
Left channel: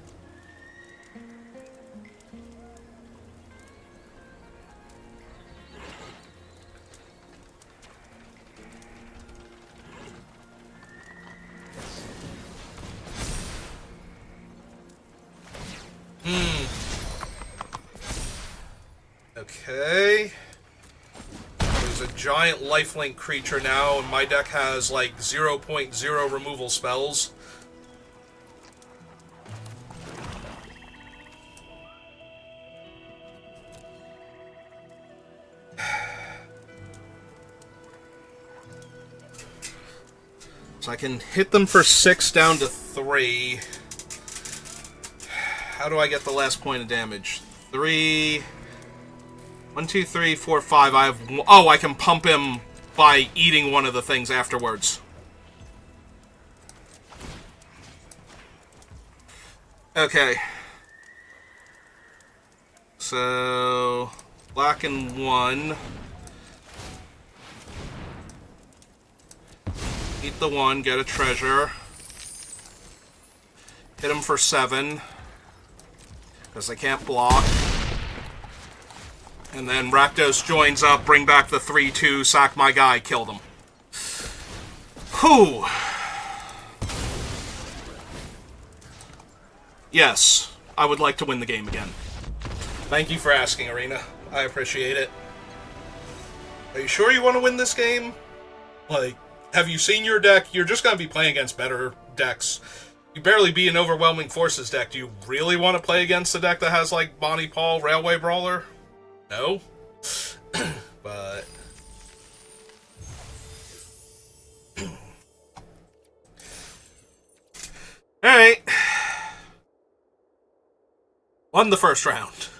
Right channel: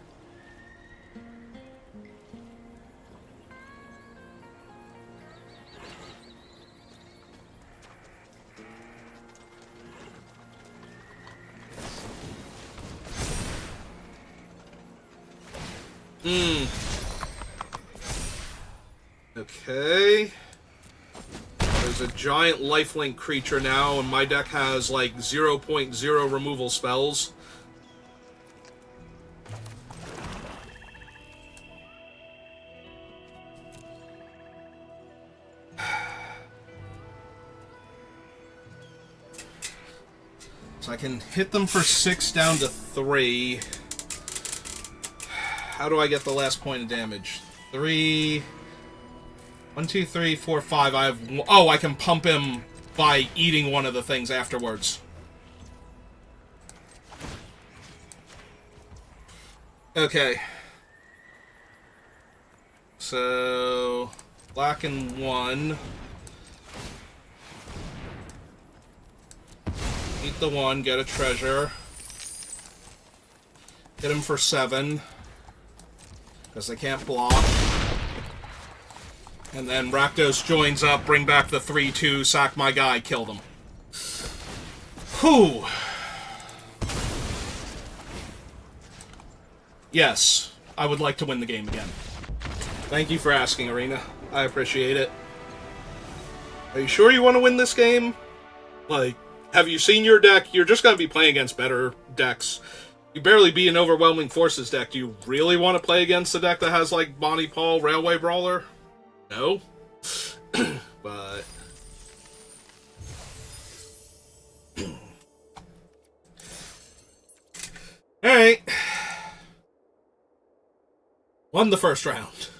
Okay. There's a giant lifelink creature now, and my deck has like 0.0 removal spells. So I can hit them for 6 down to 3. How do I get the last point of damage? 3... 1, 2, 3, 4, 5. I have... Oh, I can pump him by eating one of the things afterwards. Okay. So... black and 1. Eat the 1, get a treasure. Hit him for 7. Because they can't block. And then Rakdos joins up, bring back the 3-2, sack my guy, kill them. Whew. Yes, I would like to win the game again. Thank you for asking, Arena. I appreciate it. Are you sure you want to win this game? Like, have you seen your deck? You're just going to be playing against better decks. You barely beat an Overwhelming Forces deck. Do you really want to play against a deck that has, like, Bonnie Paul, Railway Brawler? No, but all right, won the first round.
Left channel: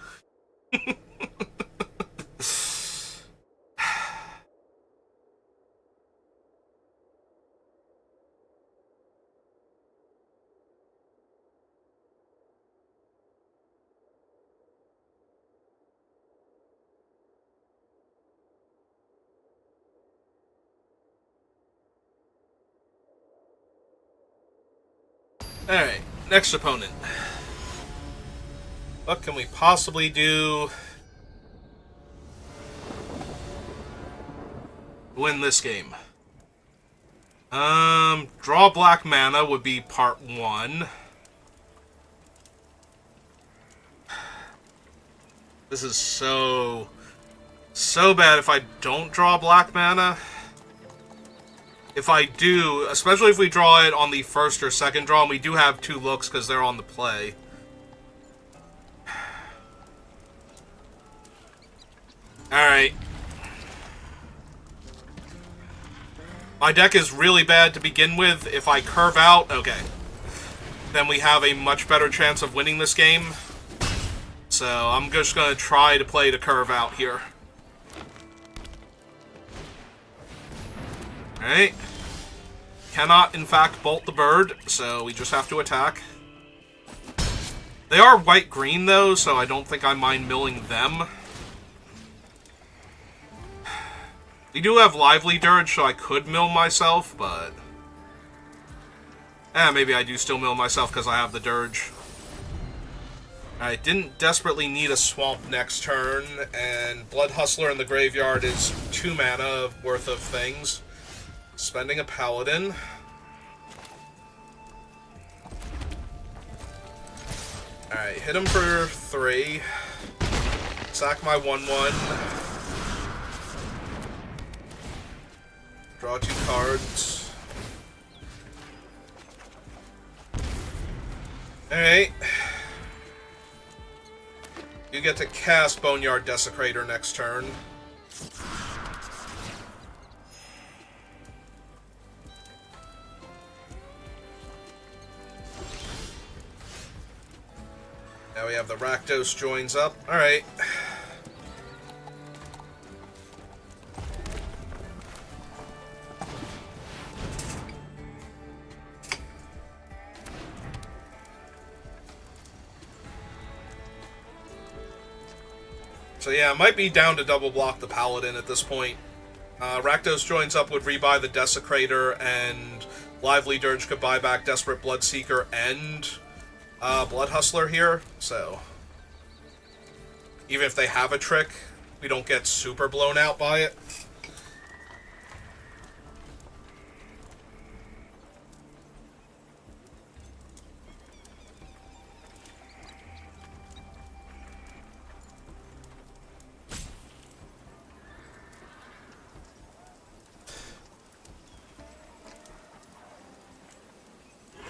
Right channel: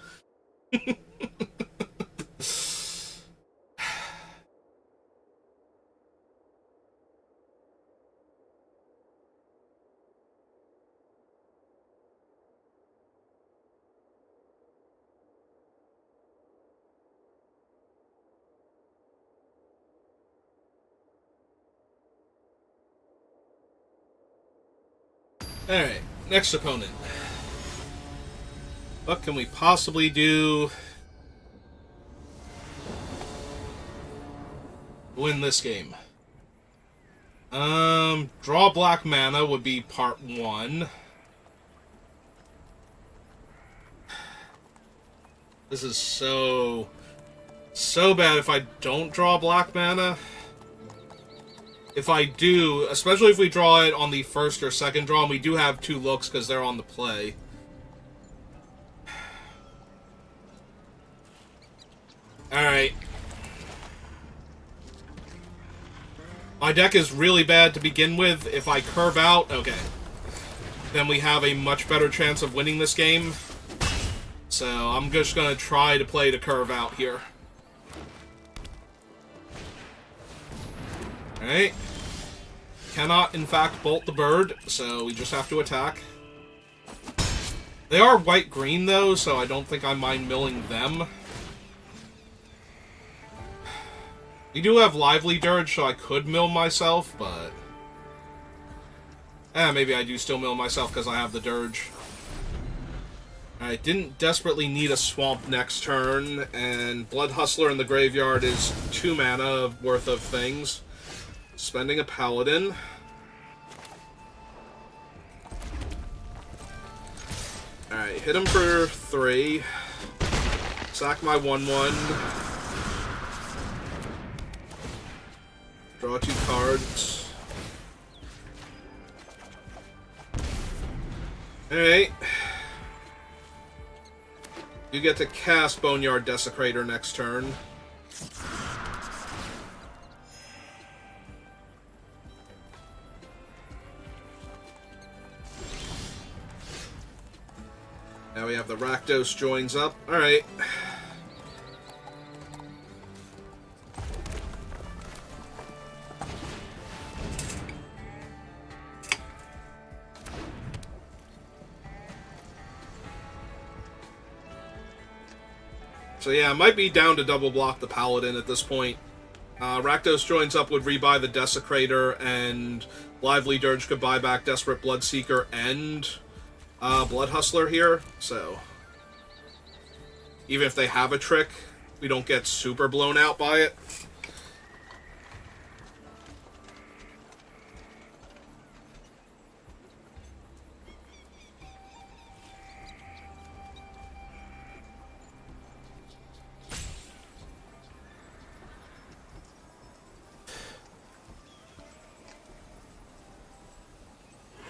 Alright, next opponent. What can we possibly do to win this game? Draw black mana would be part 1. This is so bad if I don't draw black mana. If I do, especially if we draw it on the first or second draw, and we do have 2 looks because they're on the play. Alright. My deck is really bad to begin with. If I curve out, okay. Then we have a much better chance of winning this game. So I'm just going to try to play to curve out here. Alright. Cannot, in fact, bolt the bird, so we just have to attack. They are white-green, though, so I don't think I mind milling them. We do have Lively Dirge, so I could mill myself, but... maybe I do still mill myself because I have the Dirge. I didn't desperately need a Swamp next turn, and Blood Hustler in the graveyard is 2 mana worth of things. Spending a Paladin. Alright, hit him for 3. Sack my 1/1. Draw 2 cards. Alright. You get to cast Boneyard Desecrator next turn. Now we have the Rakdos joins up. Alright. So yeah, I might be down to double block the Paladin at this point. Rakdos joins up would rebuy the Desecrator, and Lively Dirge could buy back Desperate Bloodseeker and Blood Hustler here, so even if they have a trick, we don't get super blown out by it.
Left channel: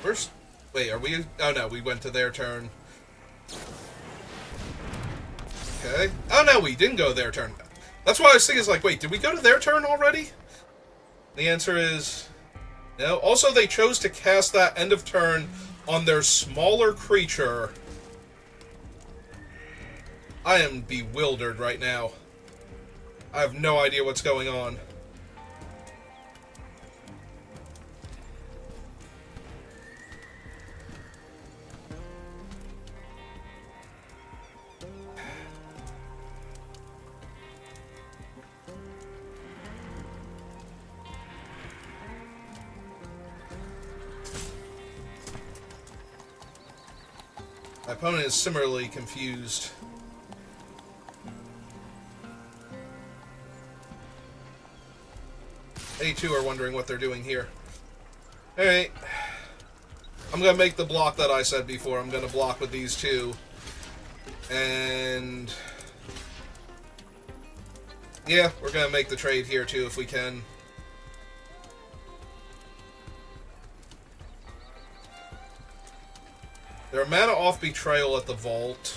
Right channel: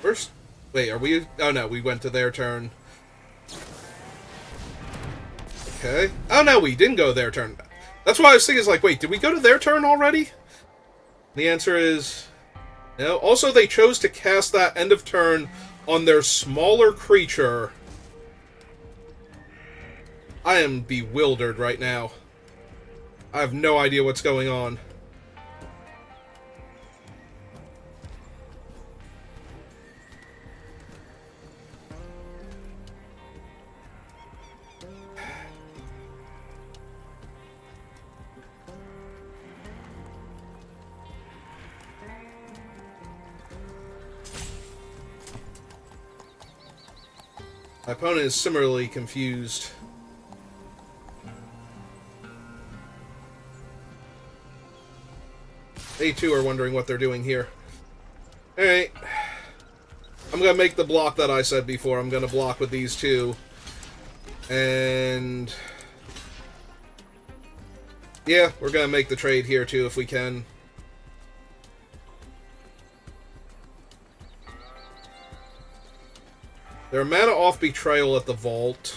First, wait, are we? Oh no, we went to their turn. Okay. Oh no, we didn't go to their turn. That's why I was thinking, is like, wait, did we go to their turn already? The answer is no. Also, they chose to cast that end of turn on their smaller creature. I am bewildered right now. I have no idea what's going on. My opponent is similarly confused. They too are wondering what they're doing here. Alright. I'm gonna make the block that I said before. I'm gonna block with these two. And... yeah, we're gonna make the trade here too if we can. They're mana off Betrayal at the Vault.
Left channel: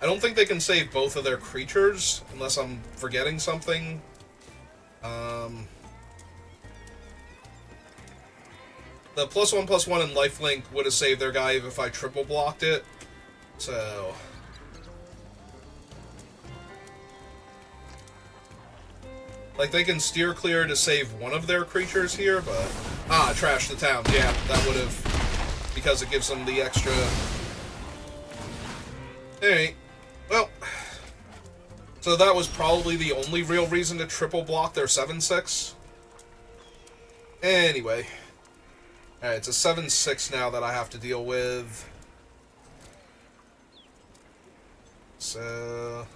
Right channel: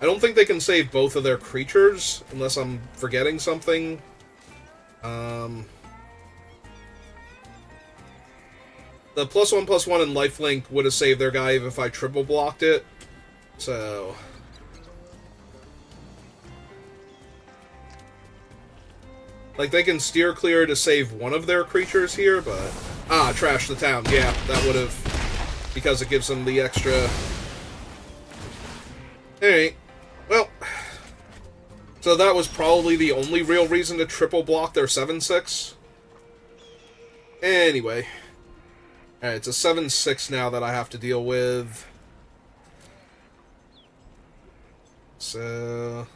I don't think they can save both of their creatures, unless I'm forgetting something. The +1/+1 and lifelink would have saved their guy even if I triple blocked it. So... like, they can steer clear to save one of their creatures here, but... ah, trash the town. Yeah, that would have... because it gives them the extra... alright. Well... so that was probably the only real reason to triple block their 7/6. Anyway. Alright, it's a 7/6 now that I have to deal with. So...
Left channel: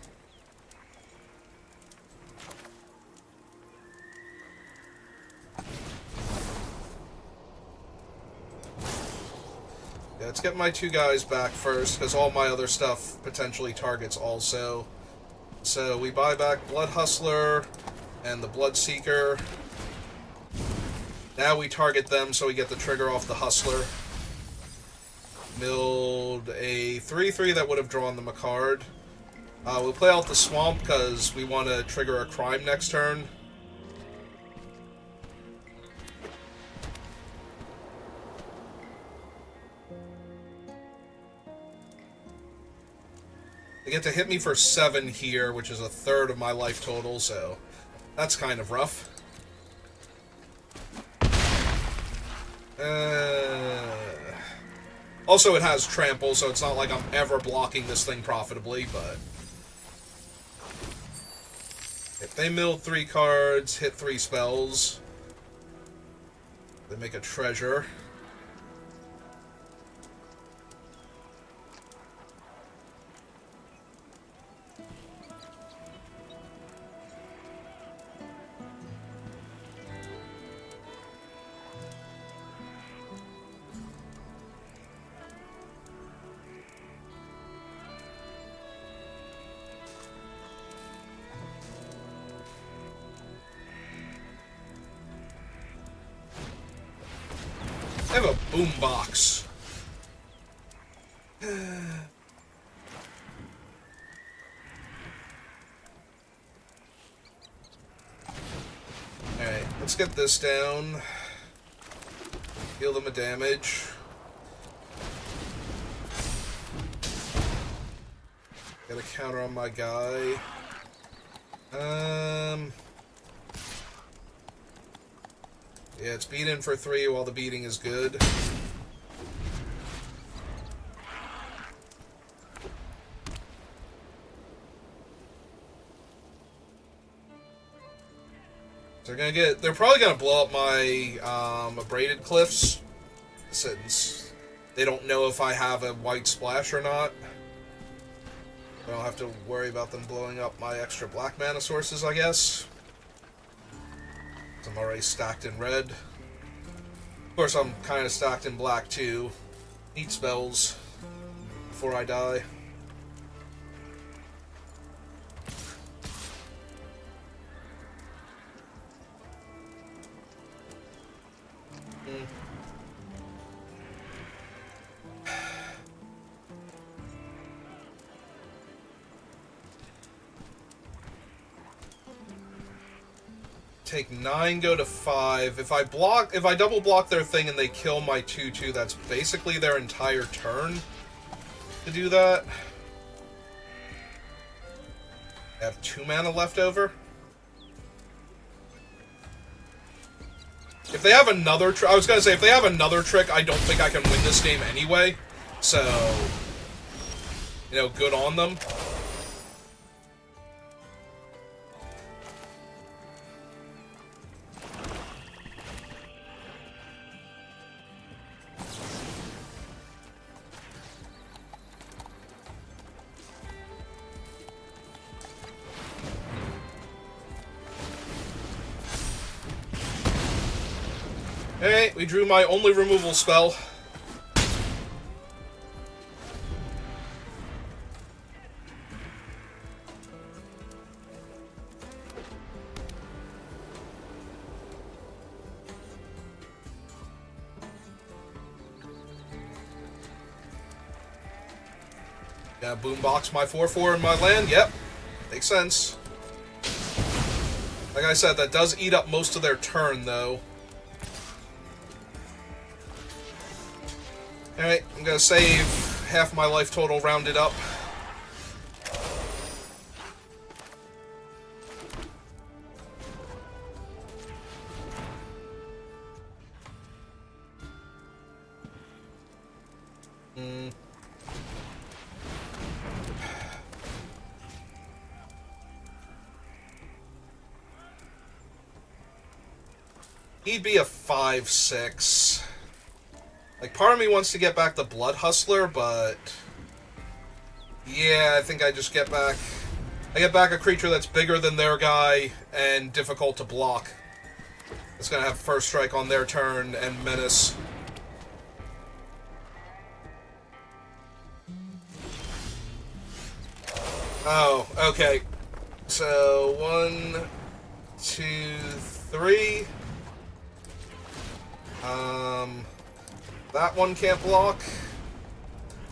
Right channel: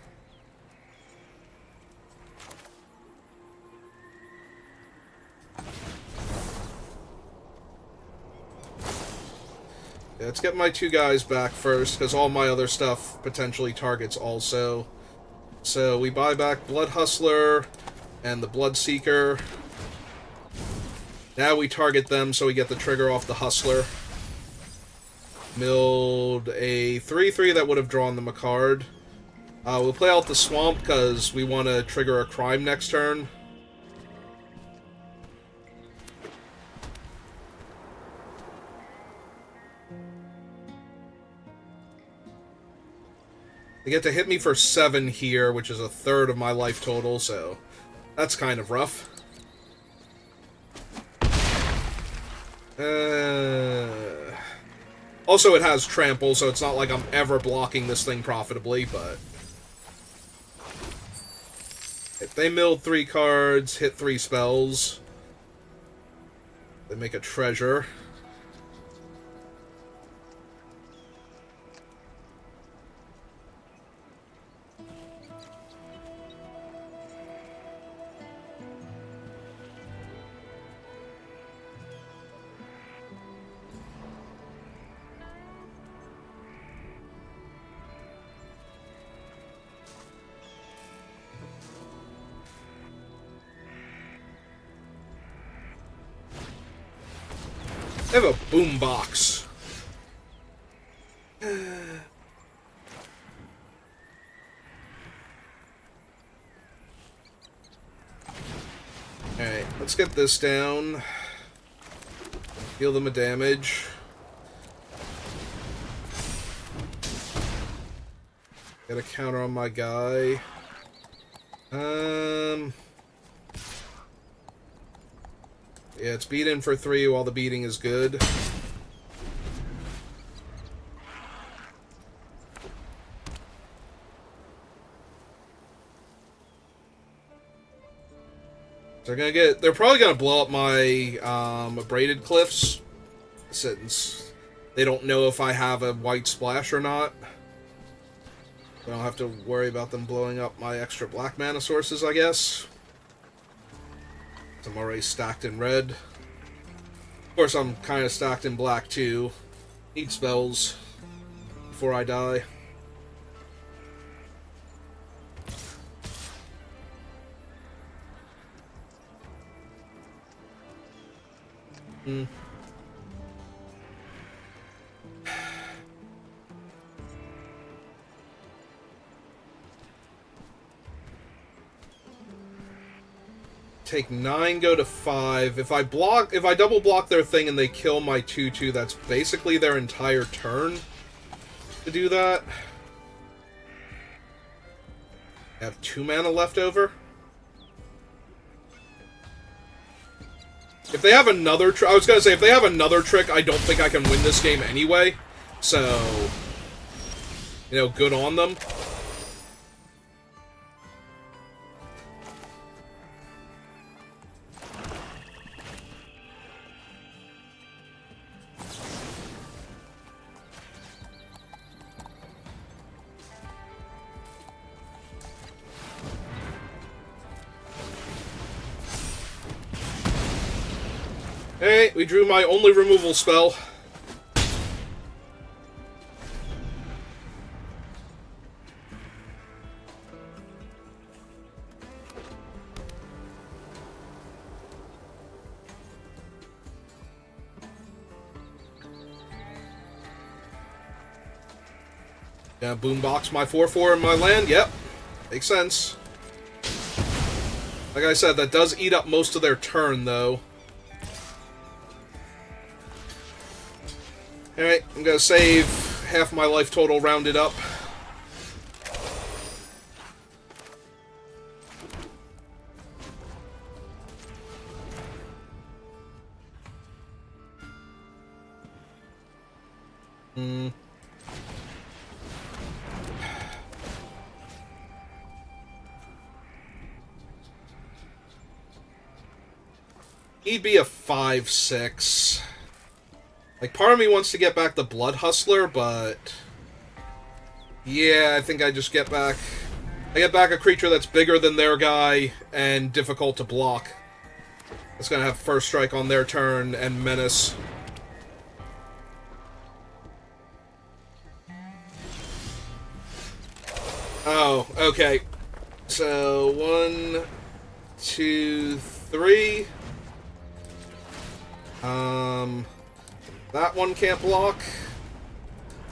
yeah, let's get my 2 guys back first, because all my other stuff potentially targets also. So we buy back Blood Hustler and the Bloodseeker. Now we target them so we get the trigger off the Hustler. Milled a 3/3 that would have drawn them a card. We'll play out the Swamp because we want to trigger a crime next turn. They get to hit me for 7 here, which is a third of my life total, so that's kind of rough. Also, it has trample, so it's not like I'm ever blocking this thing profitably, but... If they milled 3 cards, hit 3 spells, they make a treasure. I have a boombox. Alright, let's get this down. Heal them a damage. Get a counter on my guy. Yeah, it's beat in for 3 while the beating is good. So they're probably gonna blow up my braided cliffs, since they don't know if I have a white splash or not. I don't have to worry about them blowing up my extra black mana sources, I guess. I'm already stacked in red. Of course, I'm kind of stacked in black, too. Need spells before I die. Take 9, go to 5. If I double block their thing and they kill my 2/2, that's basically their entire turn to do that. I have 2 mana left over. If they have another trick, I was gonna say, if they have another trick, I don't think I can win this game anyway. So, you know, good on them. Hey, we drew my only removal spell. Yeah, boombox my 4/4 in my land. Yep, makes sense. Like I said, that does eat up most of their turn, though. Alright, I'm gonna save half my life total rounded up. He'd be a 5/6. Like, part of me wants to get back the Blood Hustler, but... yeah, I think I just get back... I get back a creature that's bigger than their guy and difficult to block. It's gonna have first strike on their turn and menace. Oh, okay. So, 1, 2, 3... that one can't block.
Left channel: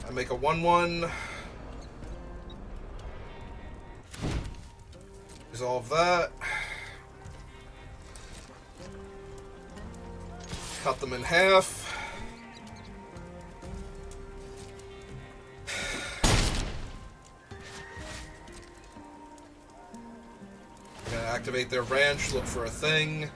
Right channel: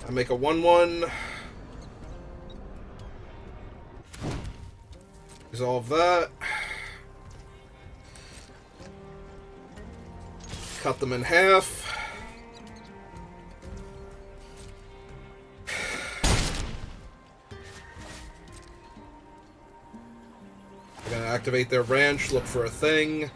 I make a 1/1. Resolve that. Cut them in half. I'm gonna activate their ranch, look for a thing.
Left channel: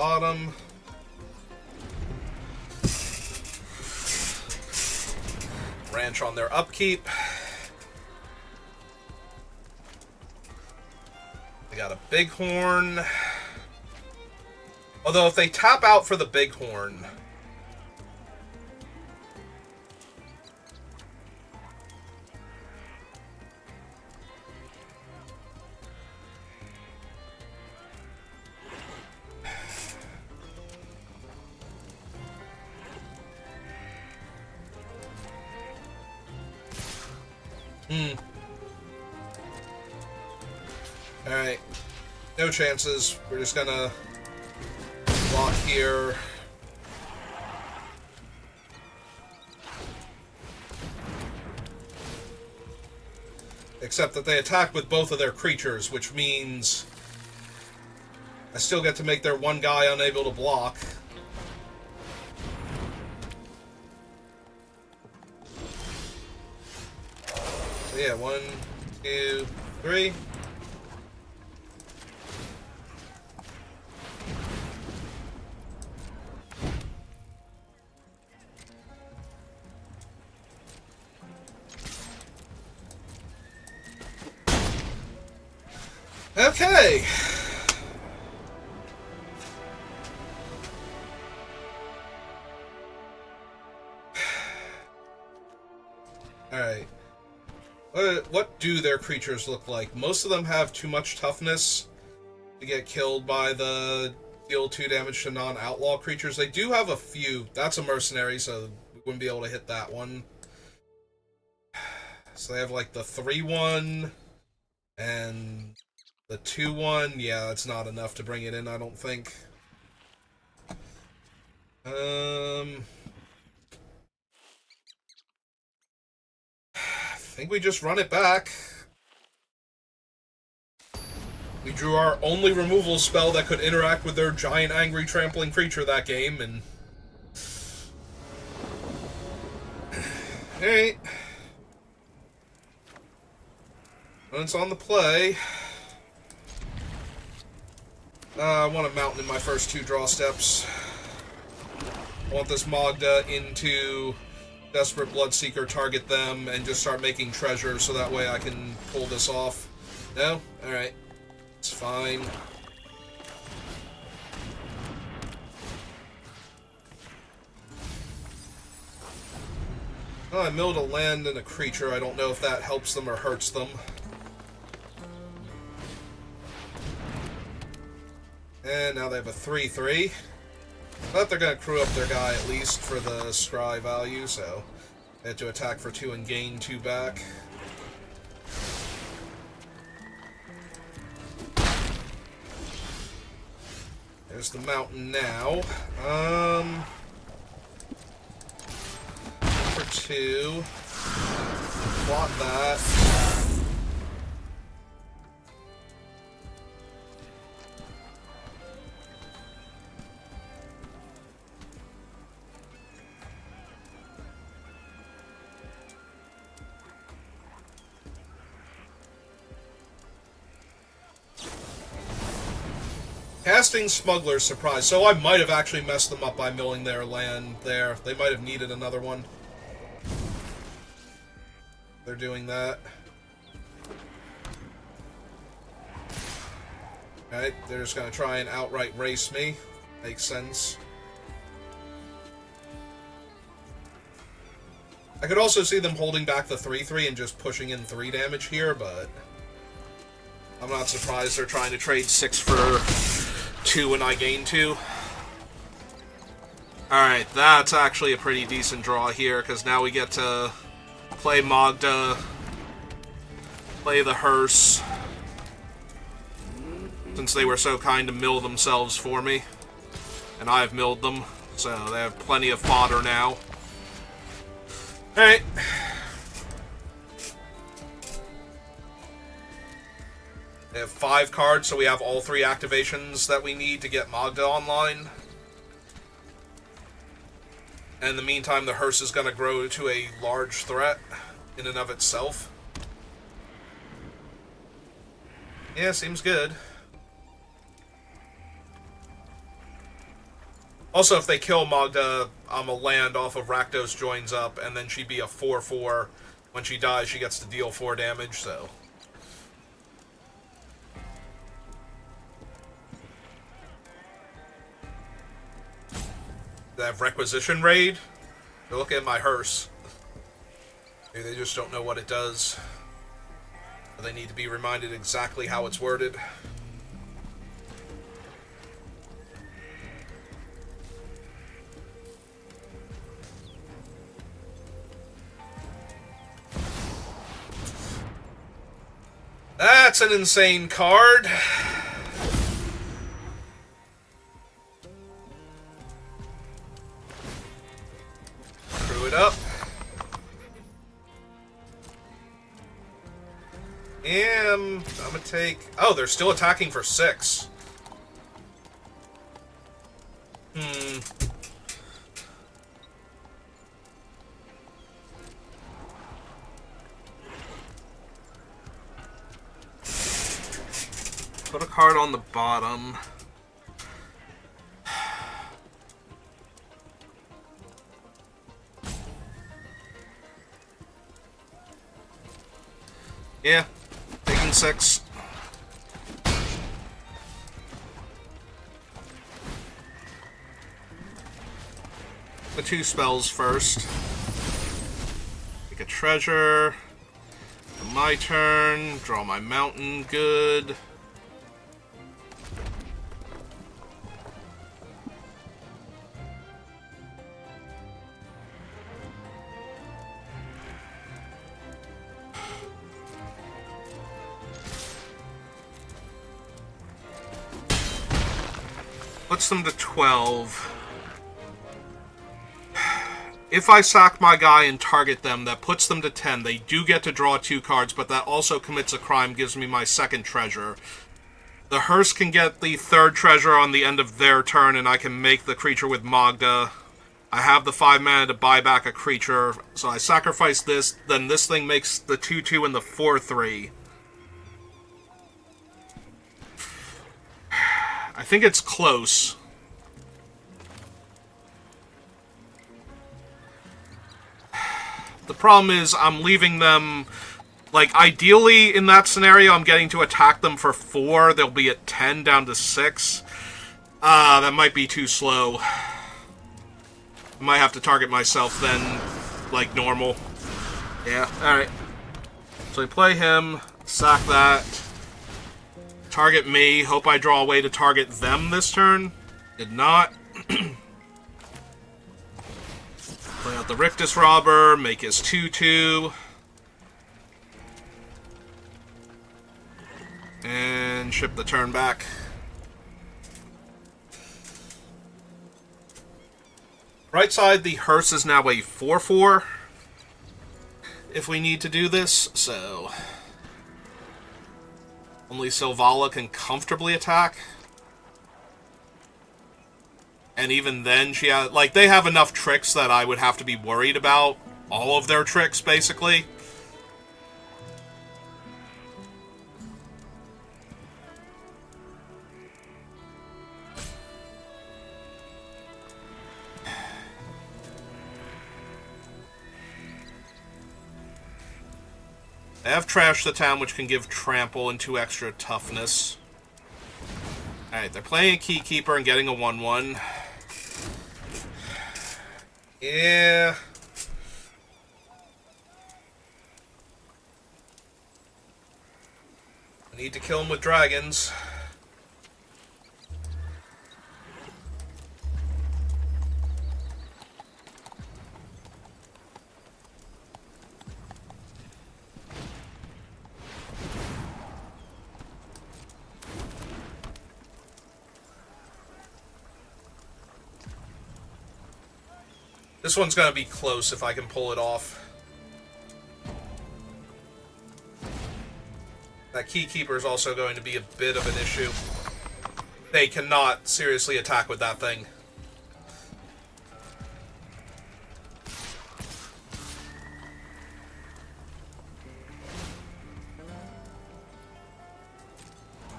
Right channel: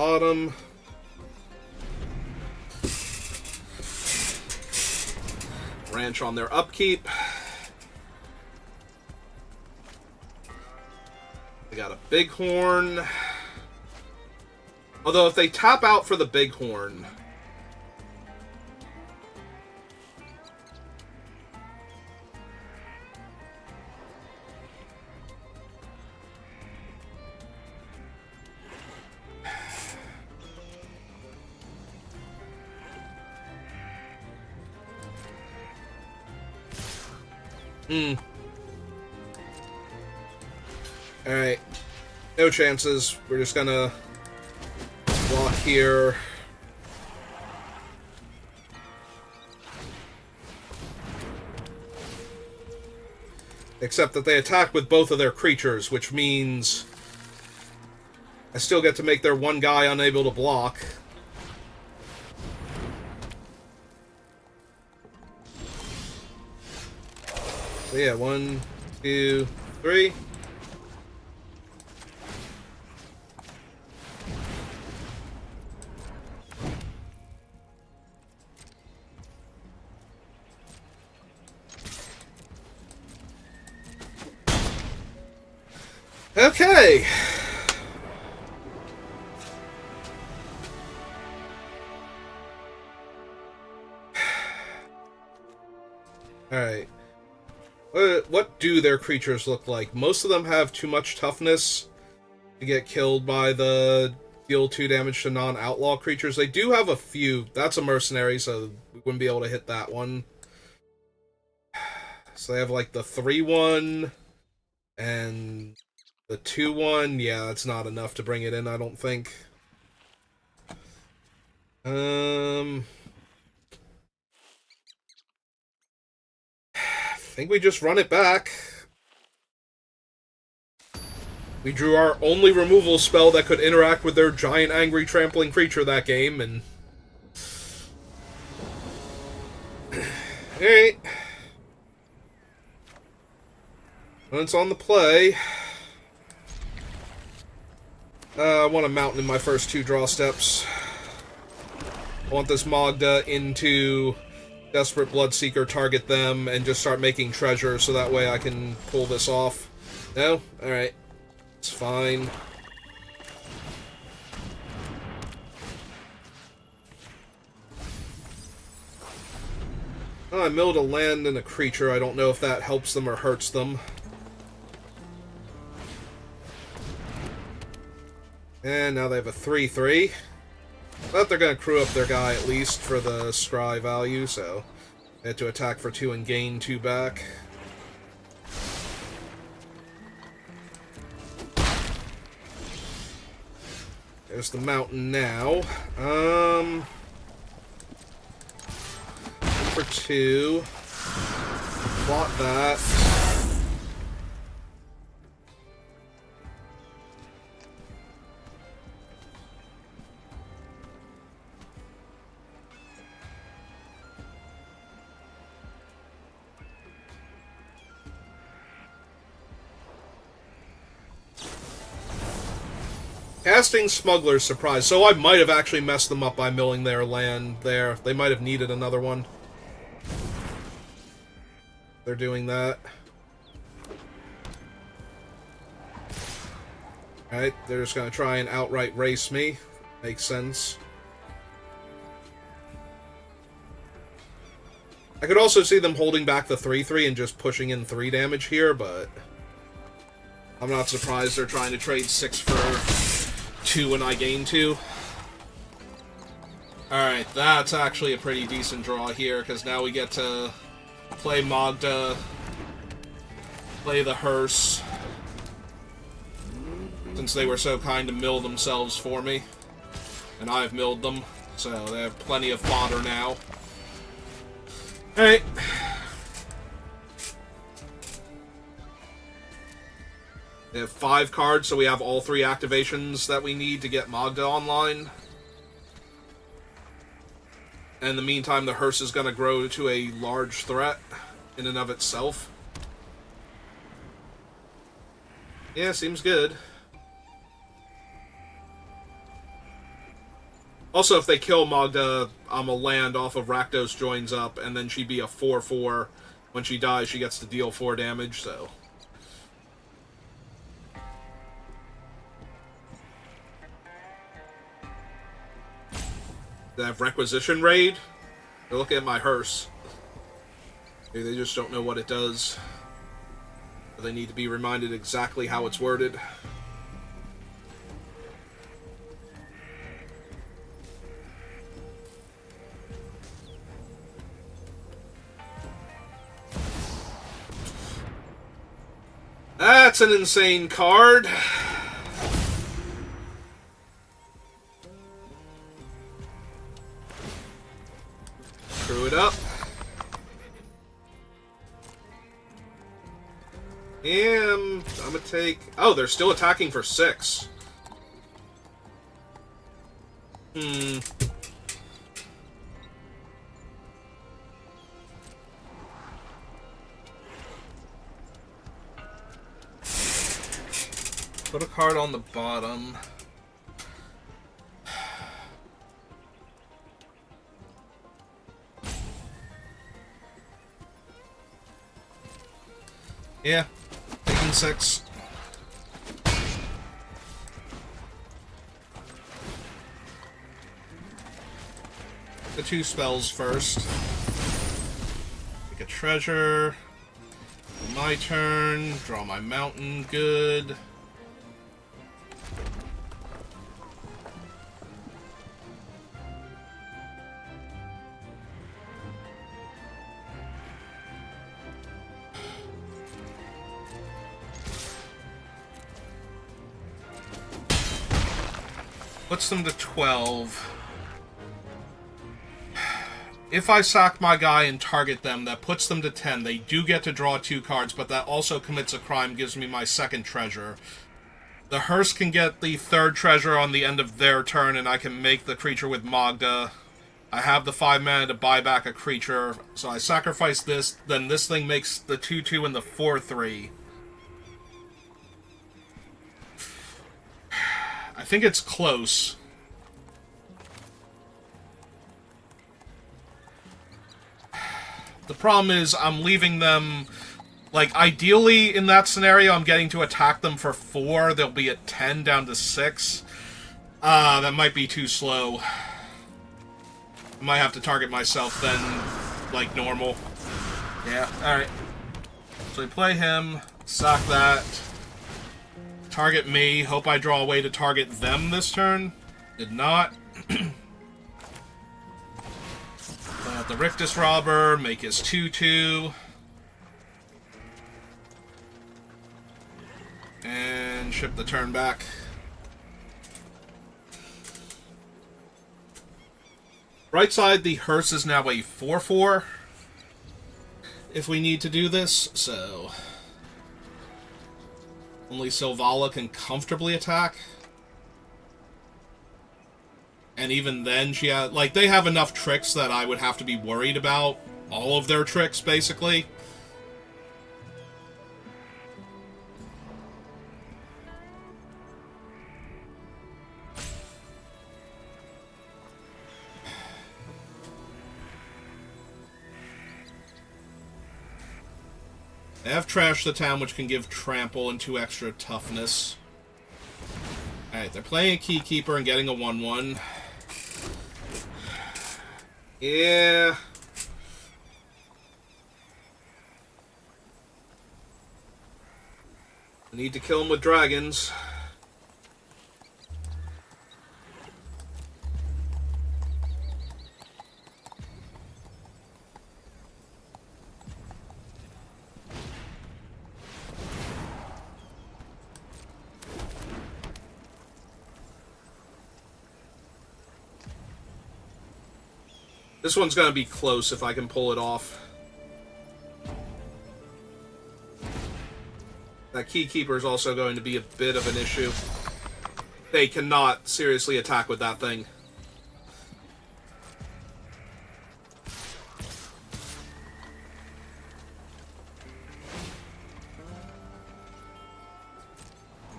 bottom. Ranch on their upkeep. They got a bighorn. Although if they tap out for the bighorn, Alright. No chances. We're just gonna block here. Except that they attack with both of their creatures, which means I still get to make their one guy unable to block. So yeah, 1, 2, 3. Okay. Alright. What do their creatures look like? Most of them have too much toughness to get killed by the deal 2 damage to non-outlaw creatures. They do have a few. That's a mercenary, so we wouldn't be able to hit that one. So they have like the 3/1 and the 2/1. Yeah, that's not enough to bring it in, I don't think. I think we just run it back. We drew our only removal spell that could interact with their giant angry trampling creature that game, and... Alright. When it's on the play... I want a mountain in my first 2 draw steps. I want this Magda into Desperate Bloodseeker, target them, and just start making treasure so that way I can pull this off. No? Alright. It's fine. Oh, I milled a land and a creature. I don't know if that helps them or hurts them. And now they have a 3/3. But they're going to crew up their guy at least for the scry value, so they had to attack for 2 and gain 2 back. There's the mountain now. For 2. Block that. Casting Smuggler's Surprise. So I might have actually messed them up by milling their land there. They might have needed another one. They're doing that. Alright, they're just going to try and outright race me. Makes sense. I could also see them holding back the 3/3 and just pushing in 3 damage here, but I'm not surprised they're trying to trade 6 for 2 and I gain 2. Alright, that's actually a pretty decent draw here, because now we get to play Magda, play the hearse, since they were so kind to mill themselves for me, and I've milled them, so they have plenty of fodder now. Alright. They have 5 cards, so we have all 3 activations that we need to get Magda online. And in the meantime, the hearse is going to grow to a large threat in and of itself. Yeah, seems good. Also, if they kill Magda, I'm a land off of Rakdos joins up, and then she'd be a 4/4. When she dies, she gets to deal 4 damage, so... They have Requisition Raid. They're looking at my hearse. Maybe they just don't know what it does. Or they need to be reminded exactly how it's worded. That's an insane card. Screw it up. And I'm gonna take... Oh, they're still attacking for 6. Put a card on the bottom. Yeah, taking 6. The 2 spells first. Take a treasure. My turn. Draw my mountain. Good. Puts them to 12. If I sack my guy and target them, that puts them to 10. They do get to draw 2 cards, but that also commits a crime, gives me my 2nd treasure. The hearse can get the 3rd treasure on the end of their turn, and I can make the creature with Magda. I have the 5 mana to buy back a creature, so I sacrifice this, then this thing makes the 2/2 and the 4/3. I think it's close. The problem is I'm leaving them... Like, ideally, in that scenario, I'm getting to attack them for 4. They'll be at 10 down to 6. That might be too slow. I might have to target myself then, like normal. Yeah, alright. So we play him, sack that. Target me. Hope I draw a way to target them this turn. Did not. Play out the Rictus Robber, make his 2/2. And ship the turn back. Right side, the hearse is now a 4/4. If we need to do this, so... Only Silvala can comfortably attack. And even then, she has... Like, they have enough tricks that I would have to be worried about. All of their tricks, basically. They have Trash the Town, which can give Trample and 2 extra toughness. Alright, they're playing a Keykeeper and getting a 1/1. Yeah. I need to kill him with dragons. This one's going to be close if I can pull it off. That Keykeeper is also going to be a bit of an issue. They cannot seriously attack with that thing.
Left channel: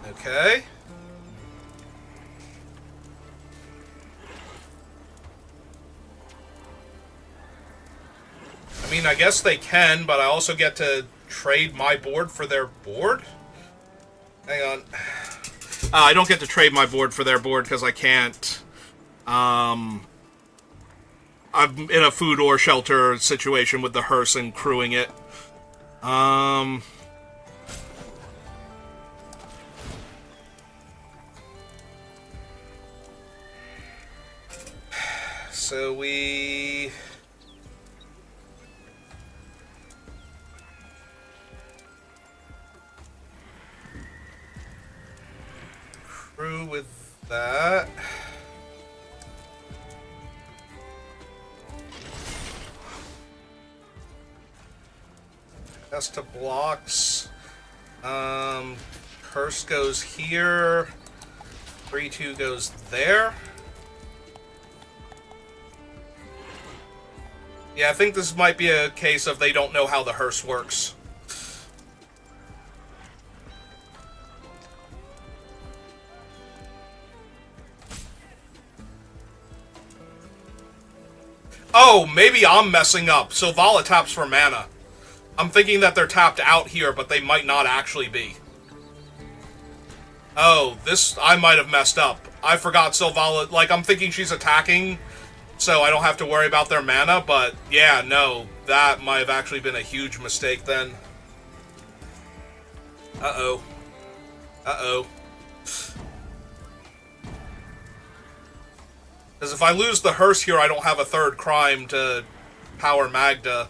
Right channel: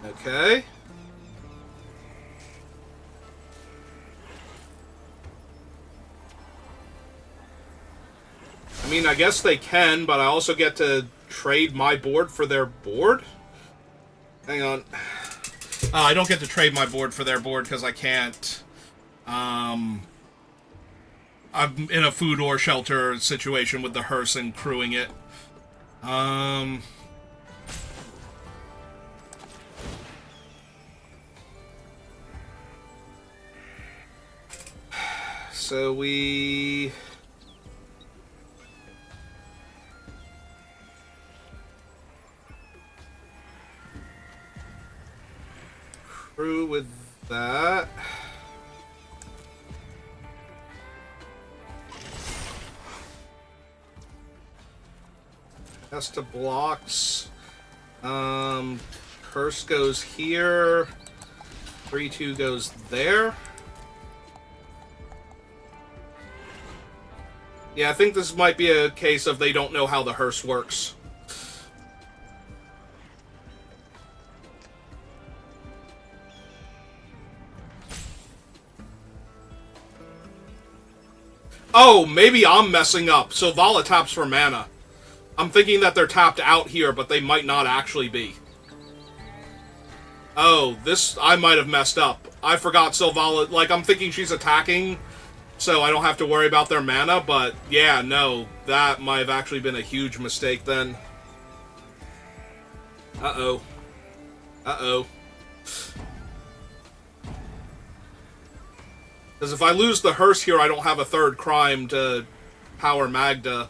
Okay. mean, I guess they can, but I also get to trade my board for their board? Hang on. I don't get to trade my board for their board because I can't. I'm in a food or shelter situation with the hearse and crewing it. So we... crew with that. Test to blocks. Curse goes here. 3-2 goes there. Yeah, I think this might be a case of they don't know how the hearse works. Oh, maybe I'm messing up. So Vala taps for mana. I'm thinking that they're tapped out here, but they might not actually be. Oh, this... I might have messed up. I forgot Sylvala... Like, I'm thinking she's attacking, so I don't have to worry about their mana, but yeah, no. That might have actually been a huge mistake then. Uh-oh. Uh-oh. Because if I lose the hearse here, I don't have a third crime to power Magda.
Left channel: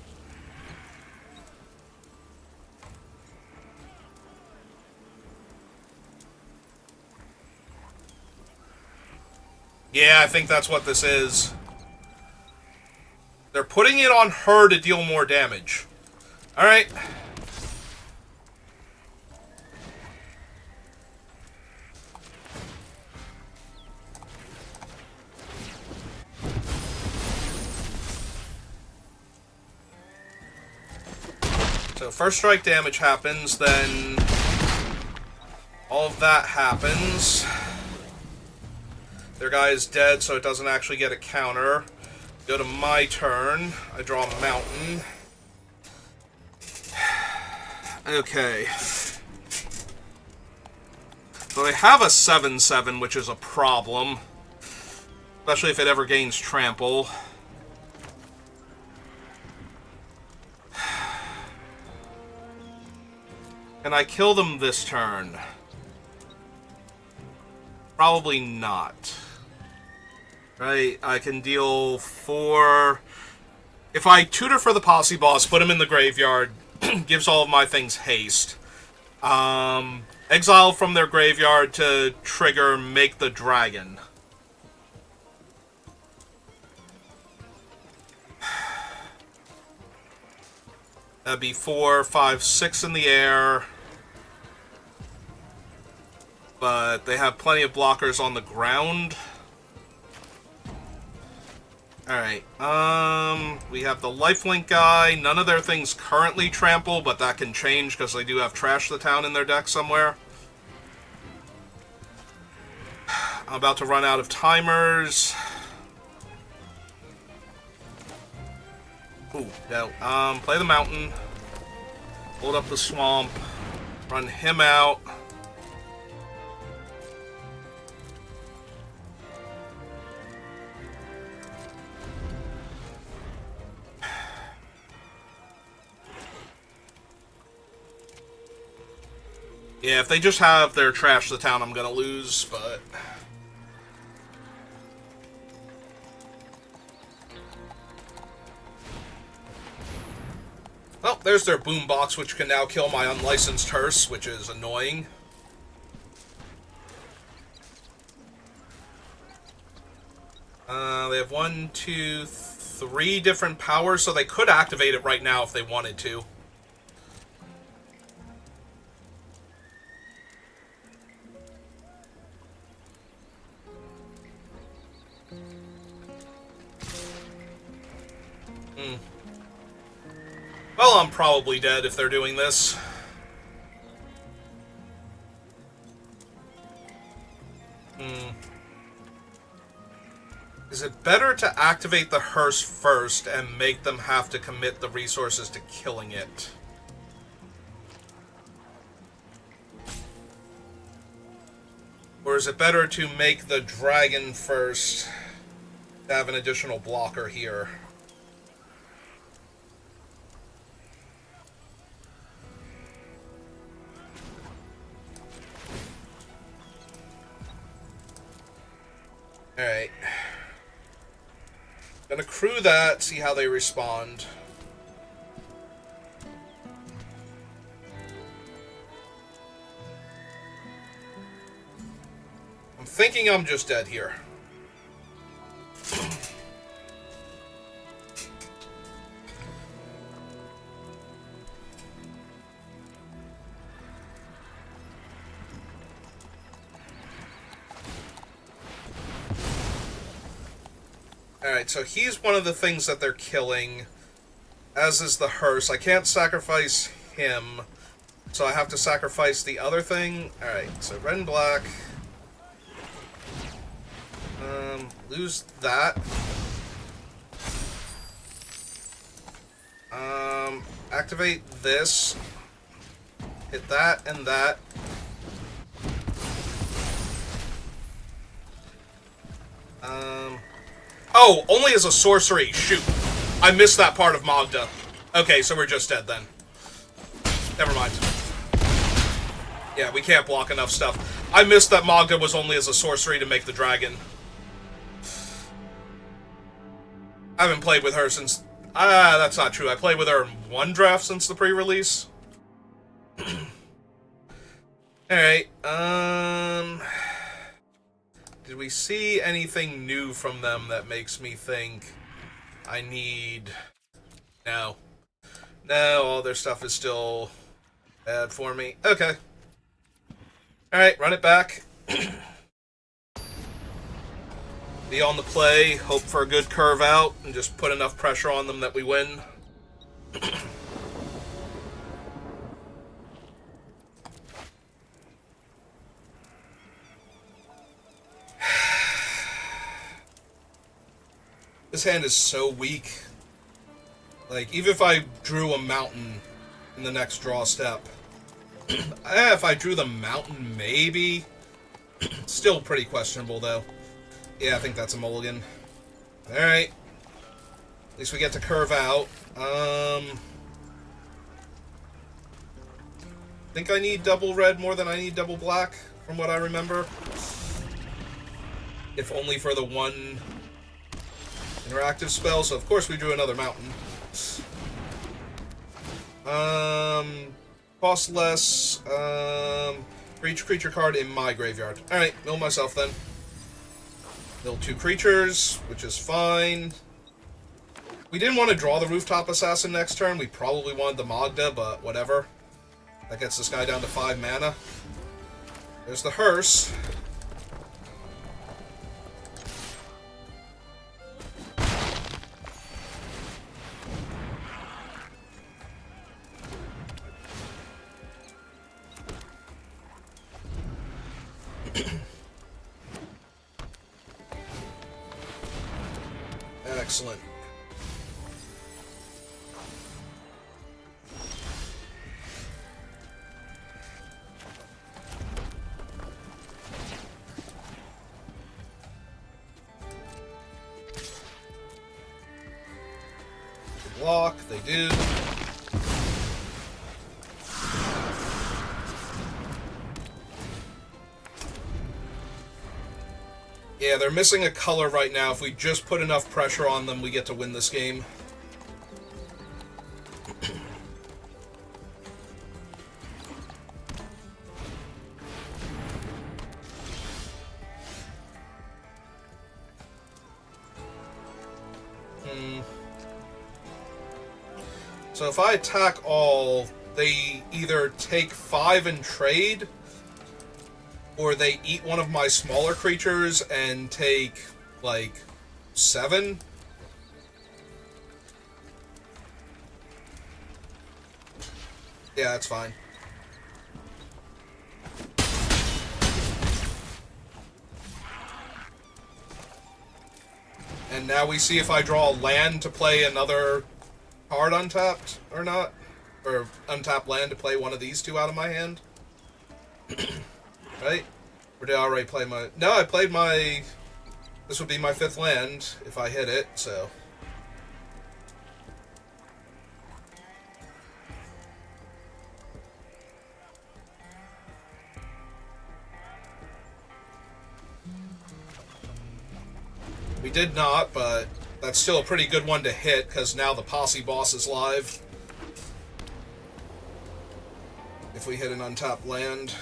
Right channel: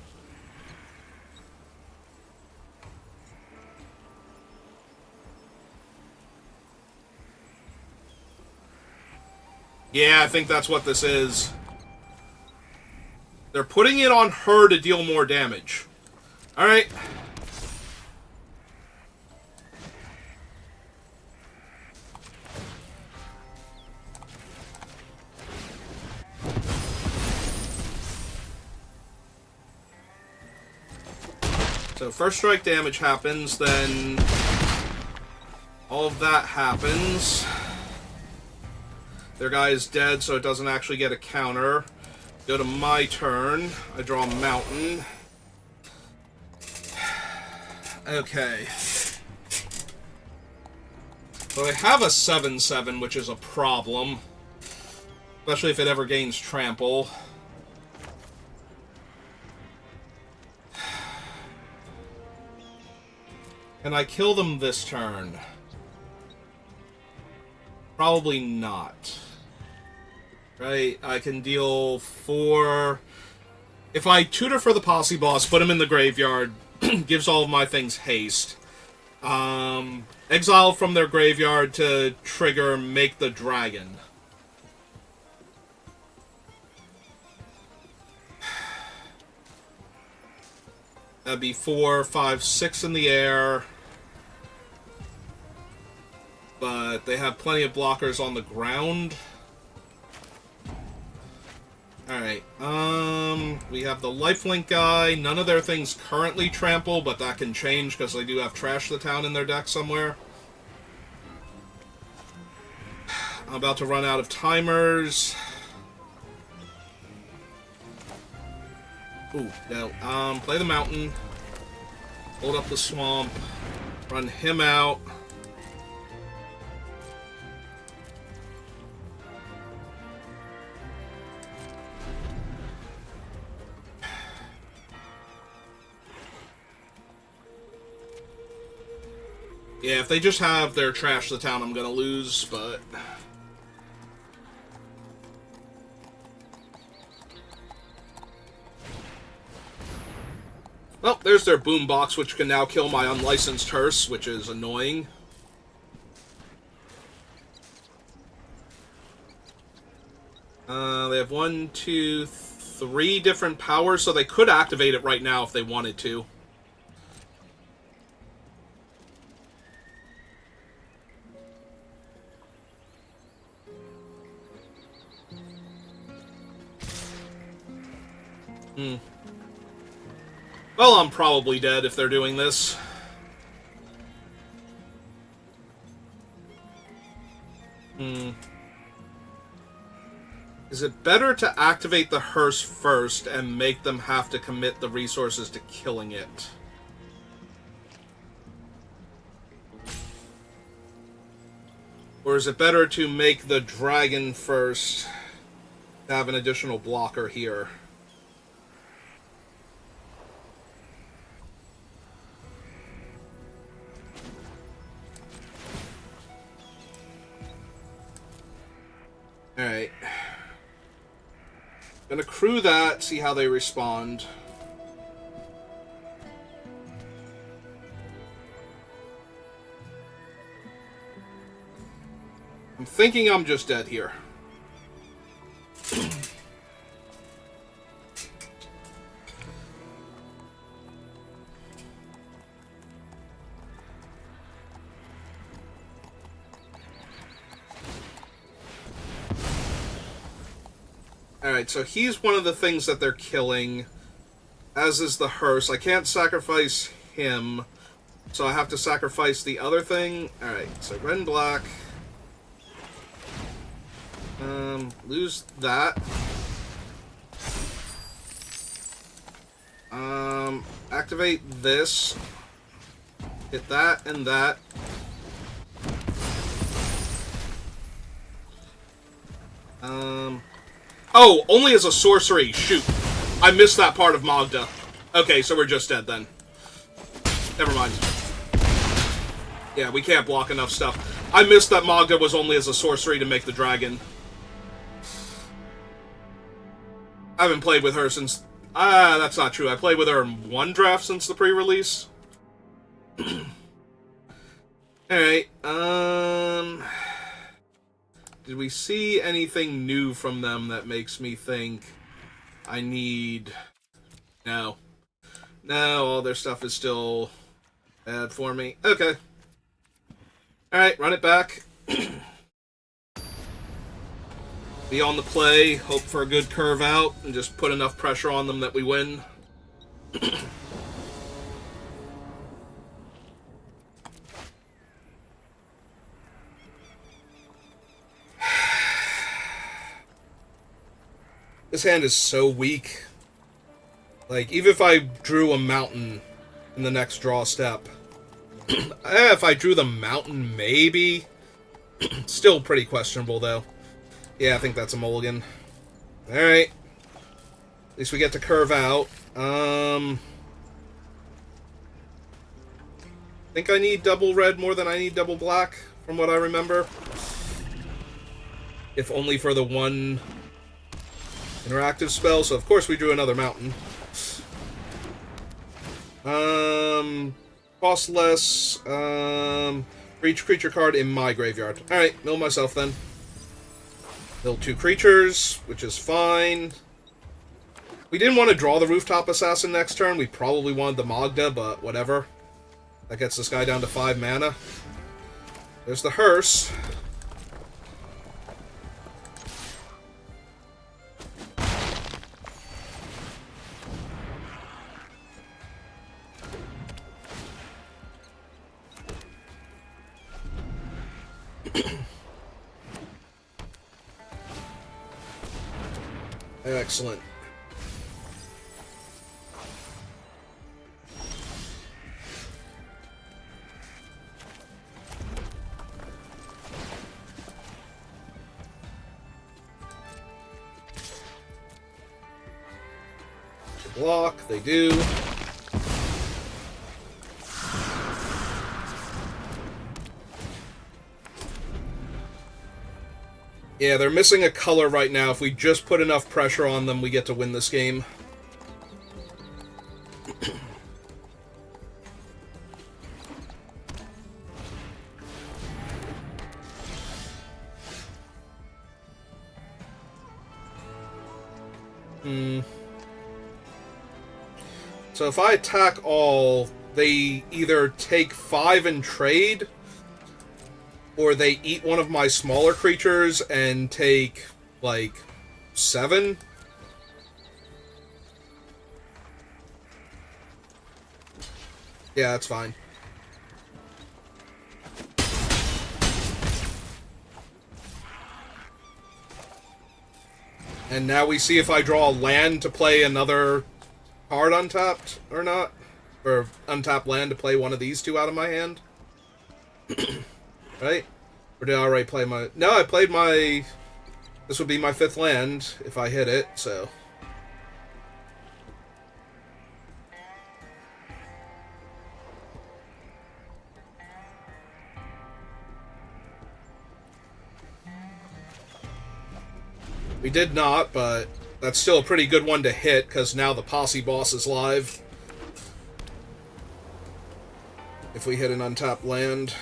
Yeah, I think that's what this is. They're putting it on her to deal more damage. Alright. So first strike damage happens, then all of that happens. Their guy is dead, so it doesn't actually get a counter. Go to my turn. I draw a mountain. Okay. So they have a 7/7, which is a problem. Especially if it ever gains trample. Can I kill them this turn? Probably not. Right, I can deal 4... If I tutor for the Posse Boss, put him in the graveyard, gives all of my things haste. Exile from their graveyard to trigger Make the Dragon. That'd be 4, 5, 6 in the air. But they have plenty of blockers on the ground. Alright, we have the lifelink guy. None of their things currently trample, but that can change because they do have Trash the Town in their deck somewhere. I'm about to run out of timers. Ooh, no. Play the mountain. Hold up the swamp. Run him out. Yeah, if they just have their Trash the Town, I'm gonna lose, but... Well, there's their boombox, which can now kill my unlicensed hearse, which is annoying. They have 1, 2, 3 different powers, so they could activate it right now if they wanted to. Well, I'm probably dead if they're doing this. Is Is it better to activate the hearse first and make them have to commit the resources to killing it? Or is it better to make the dragon first to have an additional blocker here? Alright. Gonna crew that, see how they respond. I'm thinking I'm just dead here. Alright, so he's one of the things that they're killing, as is the hearse. I can't sacrifice him, so I have to sacrifice the other thing. Alright, so red and black. Lose that. Activate this. Hit that and that. Oh, only as a sorcery. Shoot. I missed that part of Magda. Okay, so we're just dead then. Never mind. Yeah, we can't block enough stuff. I missed that Magda was only as a sorcery to make the dragon. I haven't played with her since... that's not true. I played with her in one draft since the pre-release. Alright, did we see anything new from them that makes me think I need... No. No, all their stuff is still bad for me. Okay. Alright, run it back. Be on the play, hope for a good curve out, and just put enough pressure on them that we win. This hand is so weak. Like, even if I drew a mountain in the next draw step, if I drew the mountain, maybe. Still pretty questionable, though. Yeah, I think that's a mulligan. Alright. At least we get to curve out. I think I need double red more than I need double black, from what I remember. If only for the one interactive spell, so of course we drew another mountain. Cost less, for each creature card in my graveyard. Alright, mill myself then. Mill 2 creatures, which is fine. We didn't want to draw the Rooftop Assassin next turn. We probably wanted the Magda, but whatever. That gets this guy down to 5 mana. There's the hearse. Excellent. Block, they do. Yeah, they're missing a color right now. If we just put enough pressure on them, we get to win this game. So if I attack all, they either take 5 and trade, or they eat one of my smaller creatures and take, like, 7. Yeah, that's fine. And now we see if I draw a land to play another card untapped or not. Or untap land to play one of these two out of my hand. Right? Or did I already play my... No, I played my... This would be my 5th land if I hit it, so... We did not, but that's still a pretty good one to hit, because now the Posse Boss is live. If we hit an untapped land.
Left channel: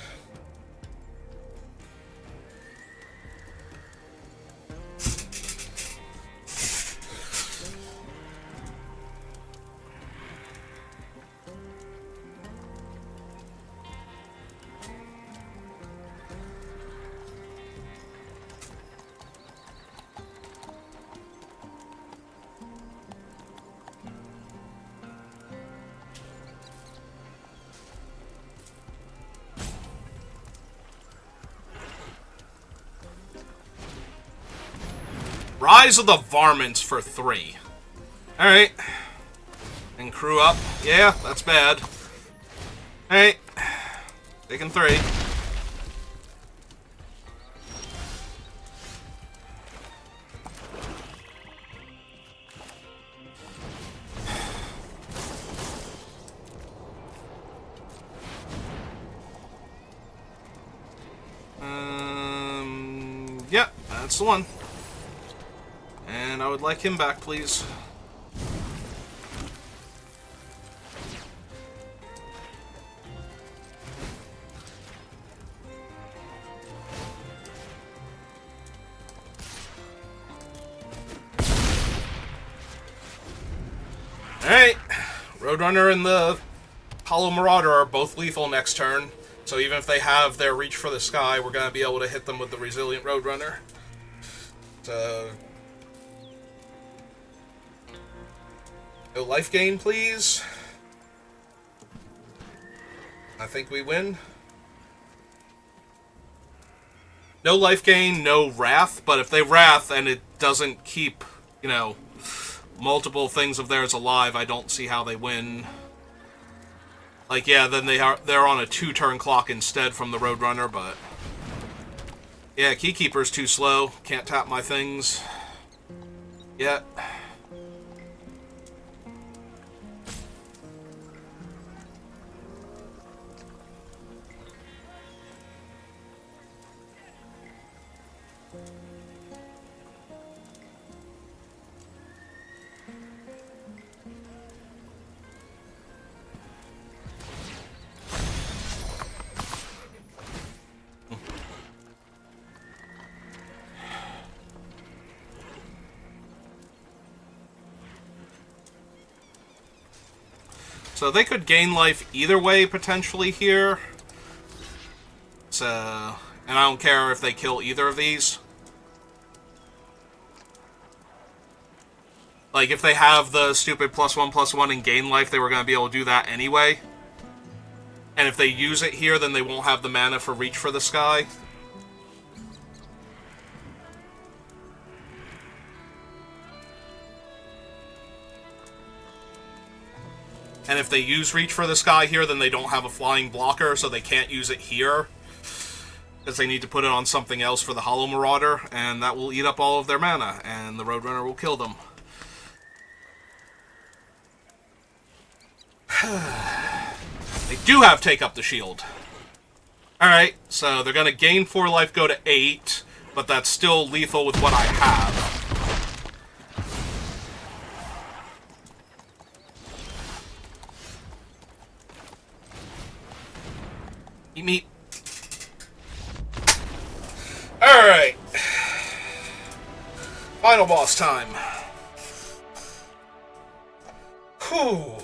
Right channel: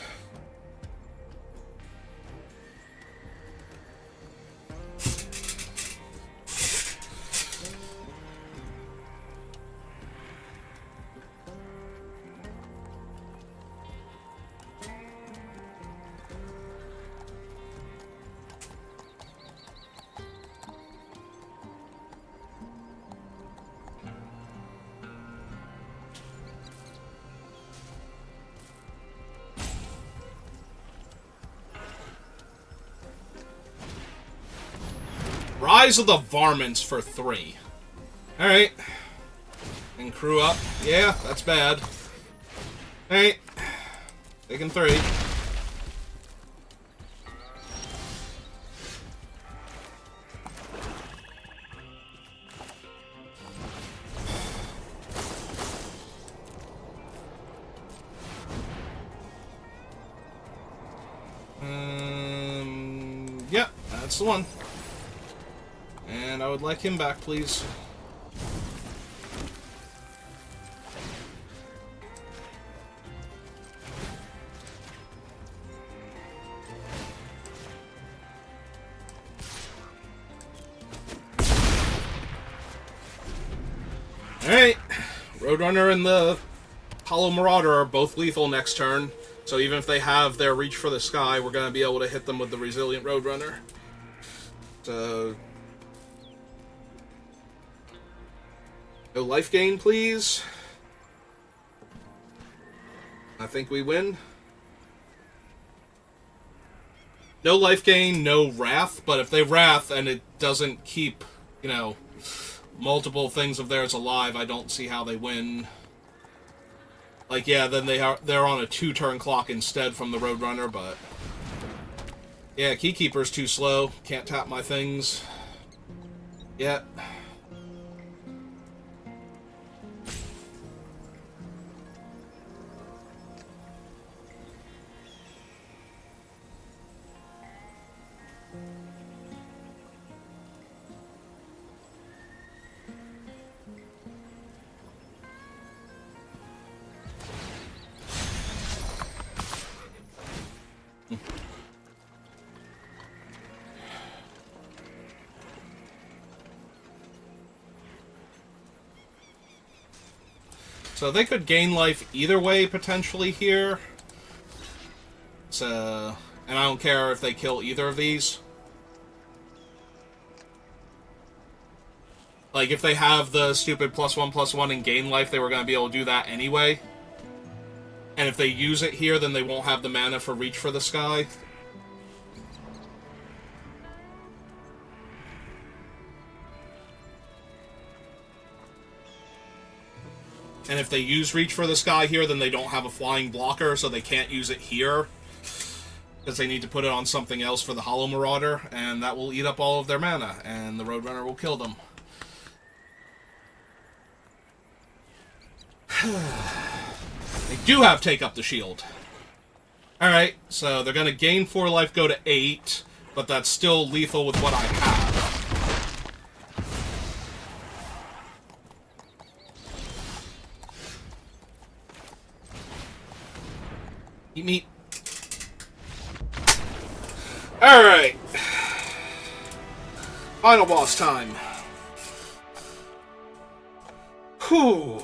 Rise of the Varmints for 3. Alright. And crew up. Yeah, that's bad. Alright. Taking 3. Yeah, that's the one. And I would like him back, please. Alright. Roadrunner and the Hollow Marauder are both lethal next turn. So even if they have their Reach for the Sky, we're going to be able to hit them with the Resilient Roadrunner. So... no life gain, please. I think we win. No life gain, no Wrath, but if they Wrath and it doesn't keep, you know, multiple things of theirs alive, I don't see how they win. Like, yeah, then they're on a 2-turn clock instead from the Roadrunner, but... yeah, Keykeeper's too slow. Can't tap my things. Yet. So they could gain life either way, potentially, here. So... and I don't care if they kill either of these. Like, if they have the stupid +1/+1 and gain life, they were going to be able to do that anyway. And if they use it here, then they won't have the mana for Reach for the Sky. And if they use Reach for the Sky here, then they don't have a flying blocker, so they can't use it here. Because they need to put it on something else for the Hollow Marauder, and that will eat up all of their mana, and the Roadrunner will kill them. They do have Take Up the Shield. Alright, so they're going to gain 4 life, go to 8, but that's still lethal with what I have. Eat meat. Alright. Final boss time. Whew.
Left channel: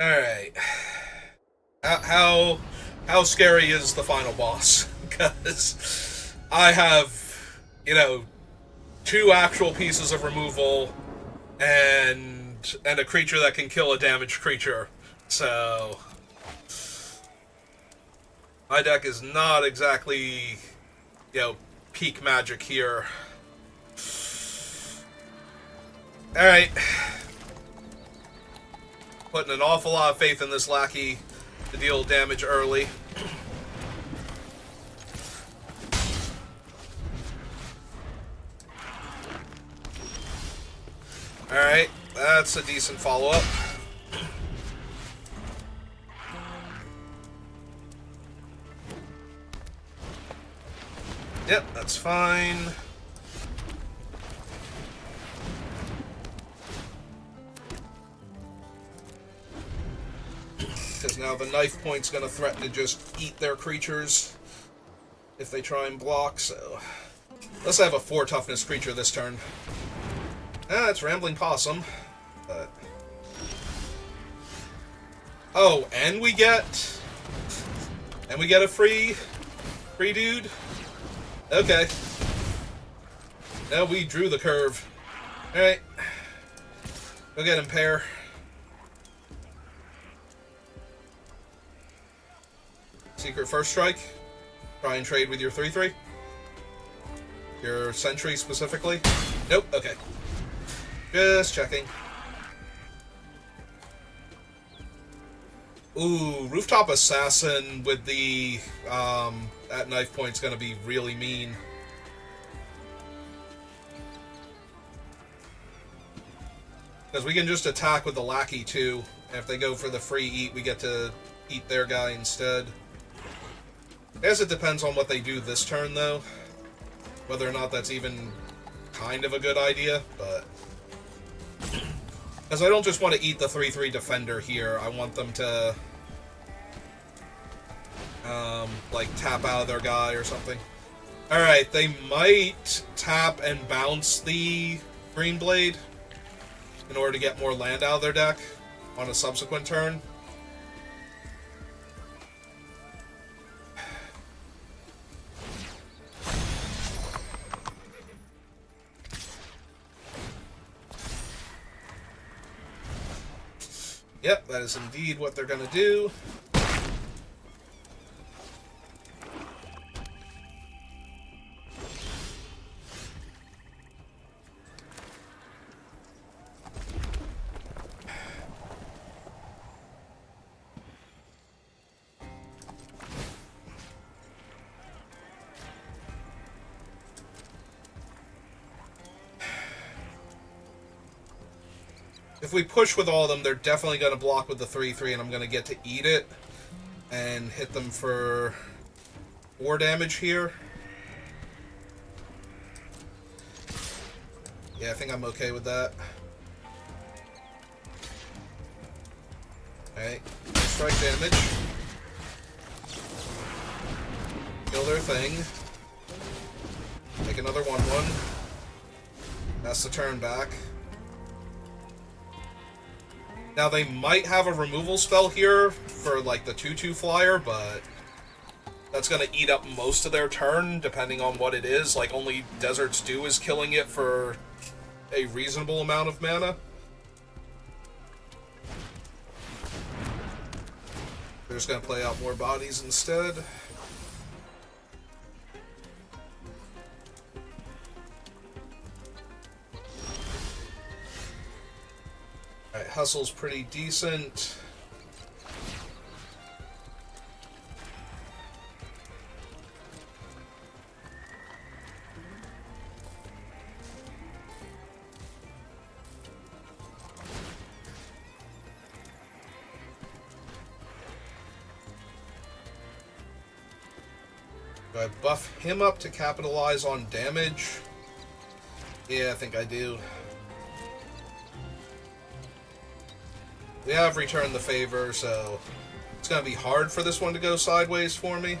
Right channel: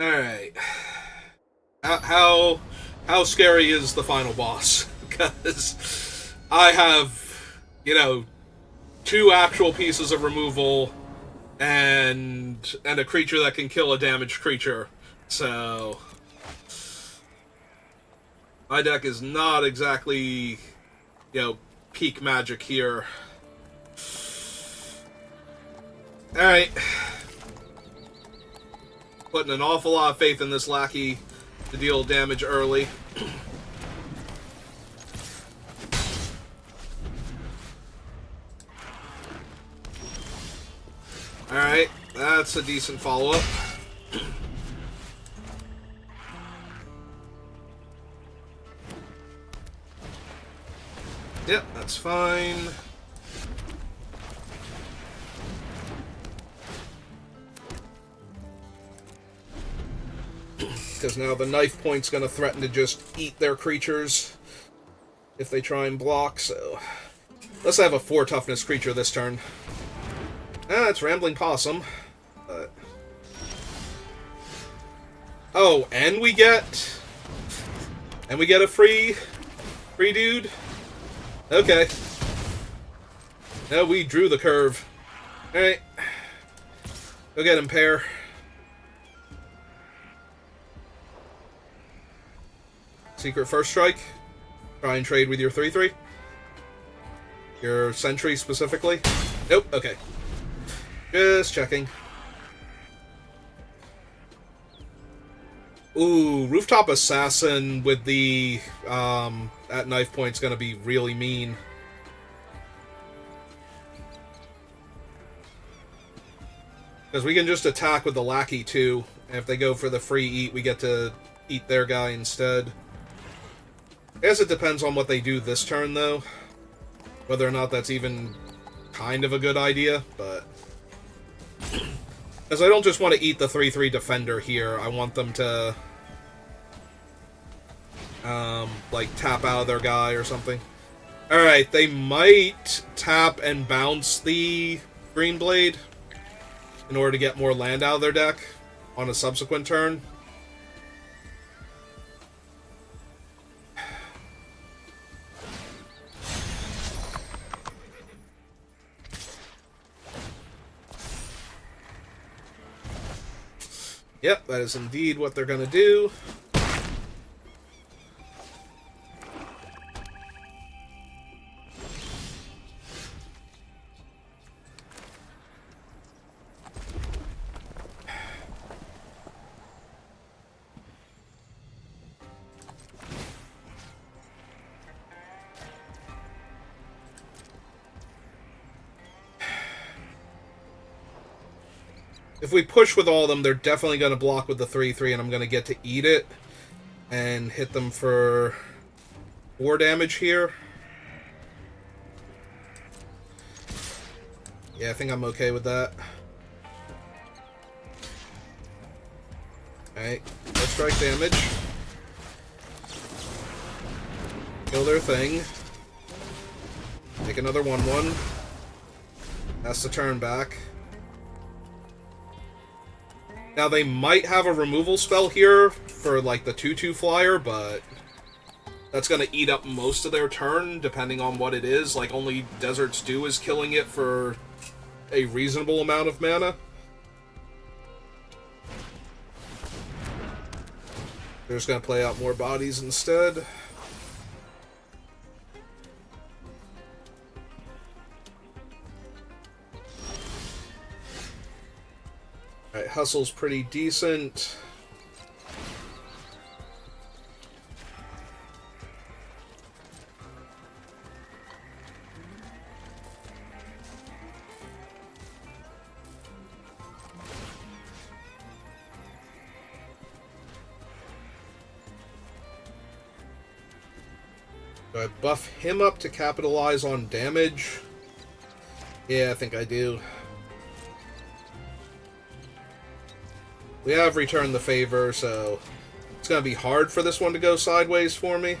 Alright. How scary is the final boss? Because I have, you know, 2 actual pieces of removal and a creature that can kill a damaged creature. So my deck is not exactly, peak magic here. Alright. Putting an awful lot of faith in this lackey to deal damage early. Alright, that's a decent follow-up. Yep, that's fine. Because now the knife point's going to threaten to just eat their creatures if they try and block, so... Let's have a 4 toughness creature this turn. Ah, it's Rambling Possum. But... Oh, and we get a free dude? Okay. No, we drew the curve. Alright. Go get him, pair. Secret First Strike. Try and trade with your 3/3. Your Sentry specifically. Nope, okay. Just checking. Ooh, Rooftop Assassin with the at knife point's gonna be really mean. Because we can just attack with the lackey too. And if they go for the free eat, we get to eat their guy instead. I guess it depends on what they do this turn, though. Whether or not that's even kind of a good idea, but... Because I don't just want to eat the 3/3 defender here. I want them to... like, tap out of their guy or something. Alright, they might tap and bounce the Green Blade in order to get more land out of their deck on a subsequent turn. Yep, that is indeed what they're going to do. If we push with all of them, they're definitely going to block with the 3/3, and I'm going to get to eat it and hit them for 4 damage here. Yeah, I think I'm okay with that. Alright, let's strike damage. Kill their thing. Take another 1/1. That's the turn back. Now, they might have a removal spell here for, like, the 2/2 flyer, but that's going to eat up most of their turn, depending on what it is. Like, only Desert Stew is killing it for a reasonable amount of mana. They're just going to play out more bodies instead. Alright, Hustle's pretty decent. Do I buff him up to capitalize on damage? Yeah, I think I do. We have returned the favor, so it's going to be hard for this one to go sideways for me.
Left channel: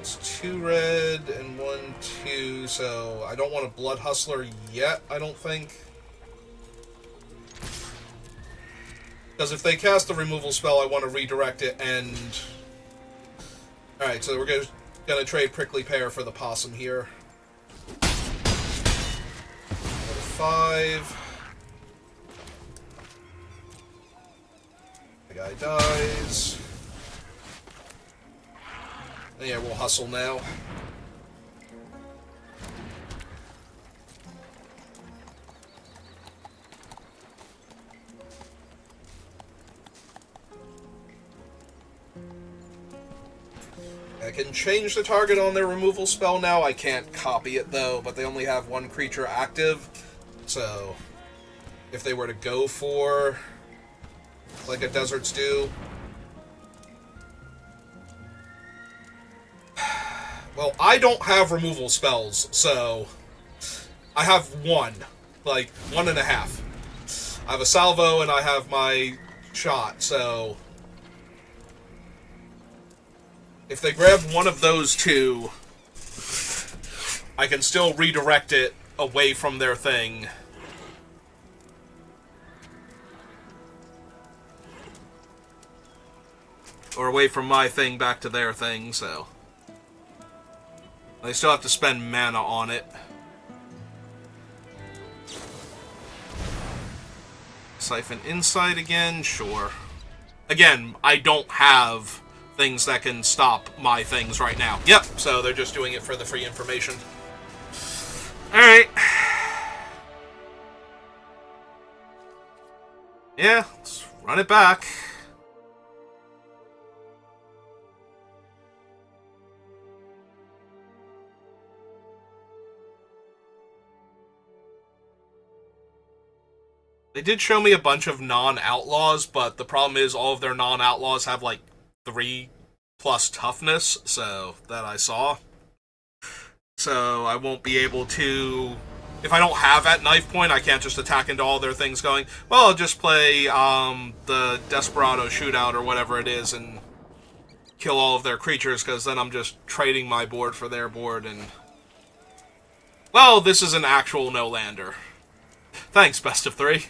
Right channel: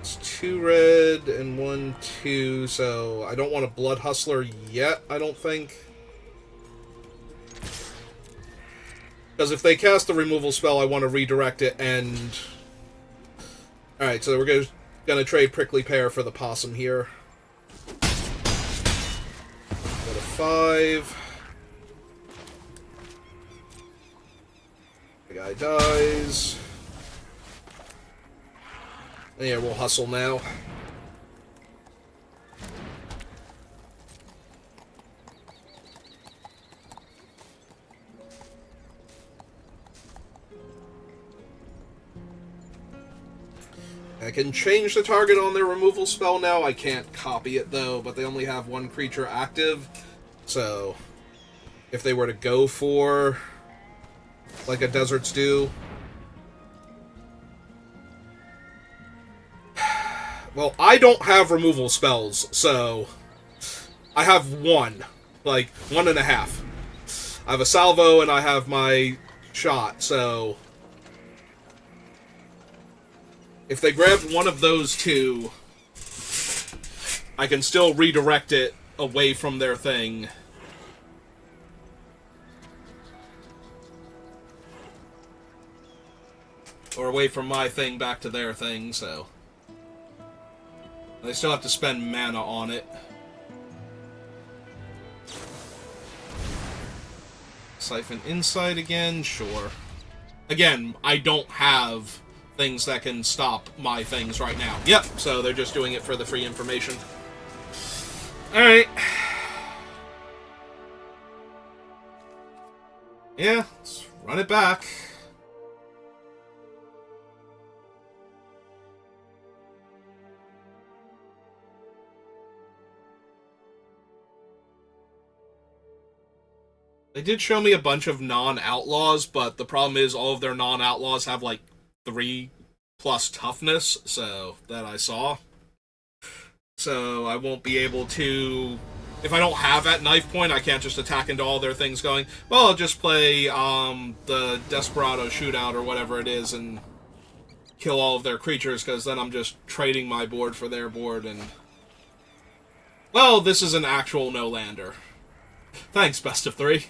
It's 2 red and 1 2, so I don't want a Blood Hustler yet, I don't think. Because if they cast the removal spell, I want to redirect it and... Alright, so we're gonna trade Prickly Pear for the Possum here. 5. The guy dies. And yeah, we'll hustle now. I can change the target on their removal spell now. I can't copy it, though, but they only have one creature active. So, if they were to go for, like a Desert Stew... Well, I don't have removal spells, so... I have one. Like, 1.5. I have a salvo, and I have my shot, so... If they grab one of those two, I can still redirect it away from their thing. Or away from my thing back to their thing, so... They still have to spend mana on it. Siphon Insight again? Sure. Again, I don't have things that can stop my things right now. Yep, so they're just doing it for the free information. Alright. Yeah, let's run it back. They did show me a bunch of non-outlaws, but the problem is all of their non-outlaws have, like, 3+ toughness, so, that I saw. So, I won't be able to... If I don't have at knife point, I can't just attack into all their things going, well, I'll just play, the Desperado Shootout or whatever it is and kill all of their creatures, because then I'm just trading my board for their board, and... Well, this is an actual no-lander. Thanks, best of 3.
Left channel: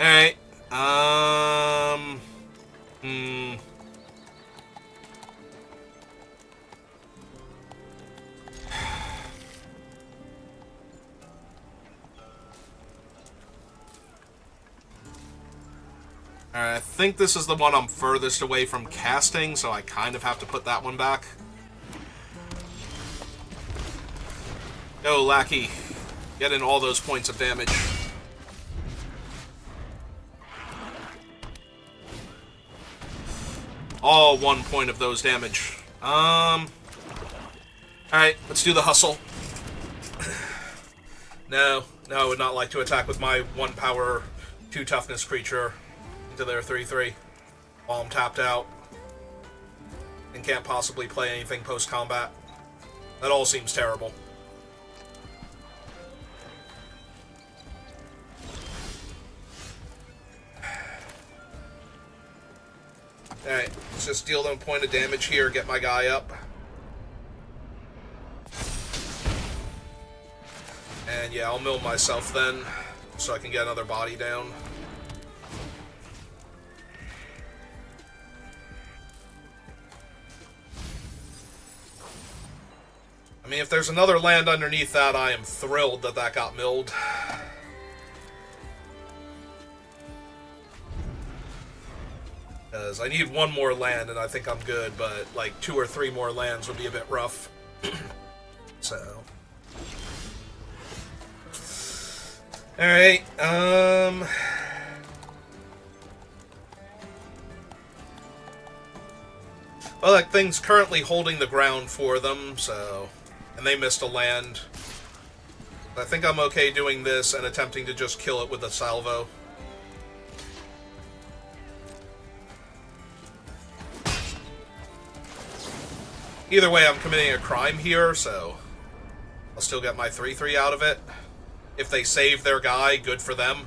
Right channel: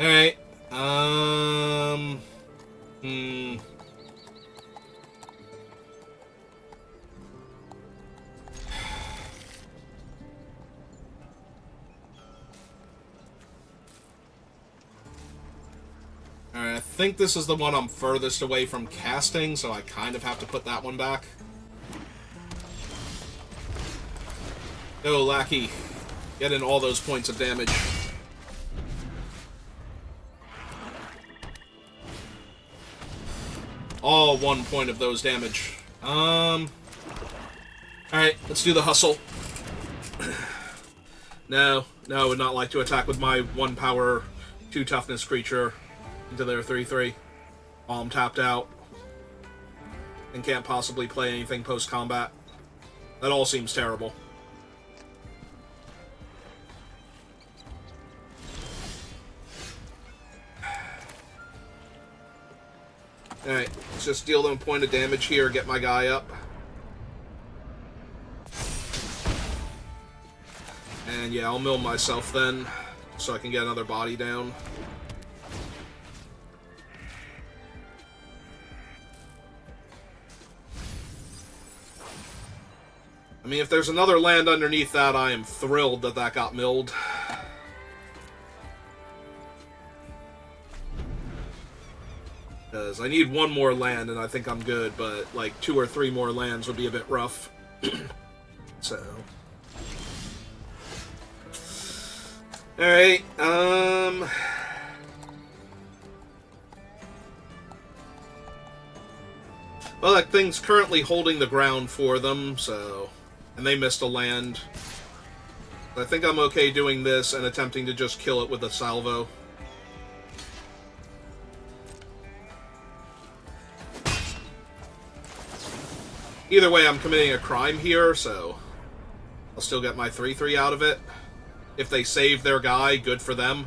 Alright, Alright, I think this is the one I'm furthest away from casting, so I kind of have to put that one back. Go, Lackey. Get in all those points of damage. All 1 point of those damage. Alright, let's do the hustle. No, I would not like to attack with my 1 power, 2 toughness creature into their 3/3 while I'm tapped out and can't possibly play anything post-combat. That all seems terrible. Alright, let's just deal them a point of damage here, get my guy up. And yeah, I'll mill myself then, so I can get another body down. I mean, if there's another land underneath that, I am thrilled that that got milled. Because I need 1 more land, and I think I'm good, but, like, 2 or 3 more lands would be a bit rough. So... Alright, well, that thing's currently holding the ground for them, so... And they missed a land. I think I'm okay doing this and attempting to just kill it with a salvo. Either way, I'm committing a crime here, so I'll still get my 3/3 out of it. If they save their guy, good for them.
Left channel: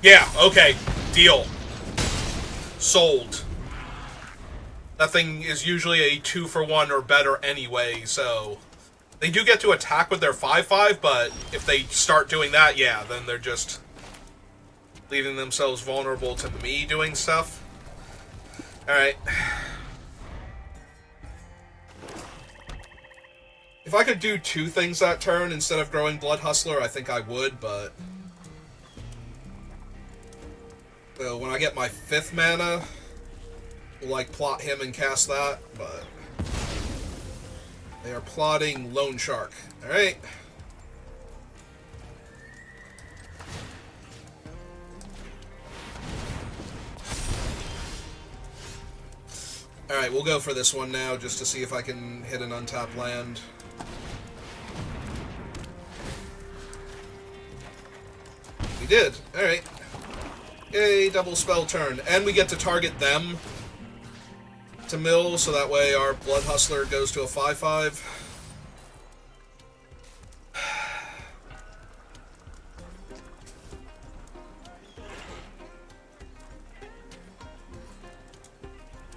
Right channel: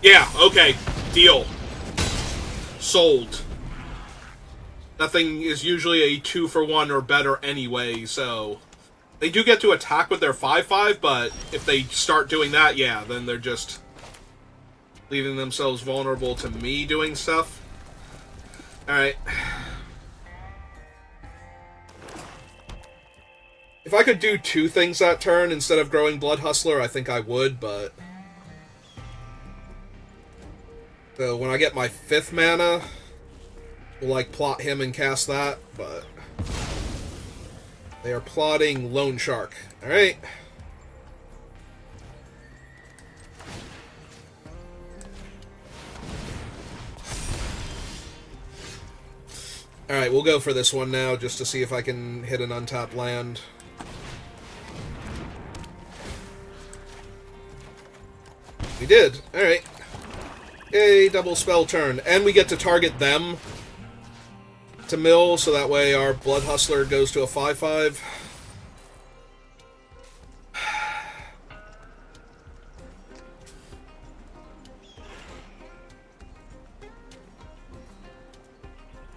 Yeah, okay. Deal. Sold. That thing is usually a 2-for-1 or better anyway, so... They do get to attack with their 5/5, but if they start doing that, yeah, then they're just leaving themselves vulnerable to me doing stuff. Alright. If I could do 2 things that turn instead of growing Blood Hustler, I think I would, but... So when I get my 5th mana, we'll, like, plot him and cast that, but... They are plotting Lone Shark. Alright. Alright, we'll go for this one now, just to see if I can hit an untapped land. We did. Alright. Yay, double spell turn. And we get to target them to mill, so that way our Blood Hustler goes to a 5/5.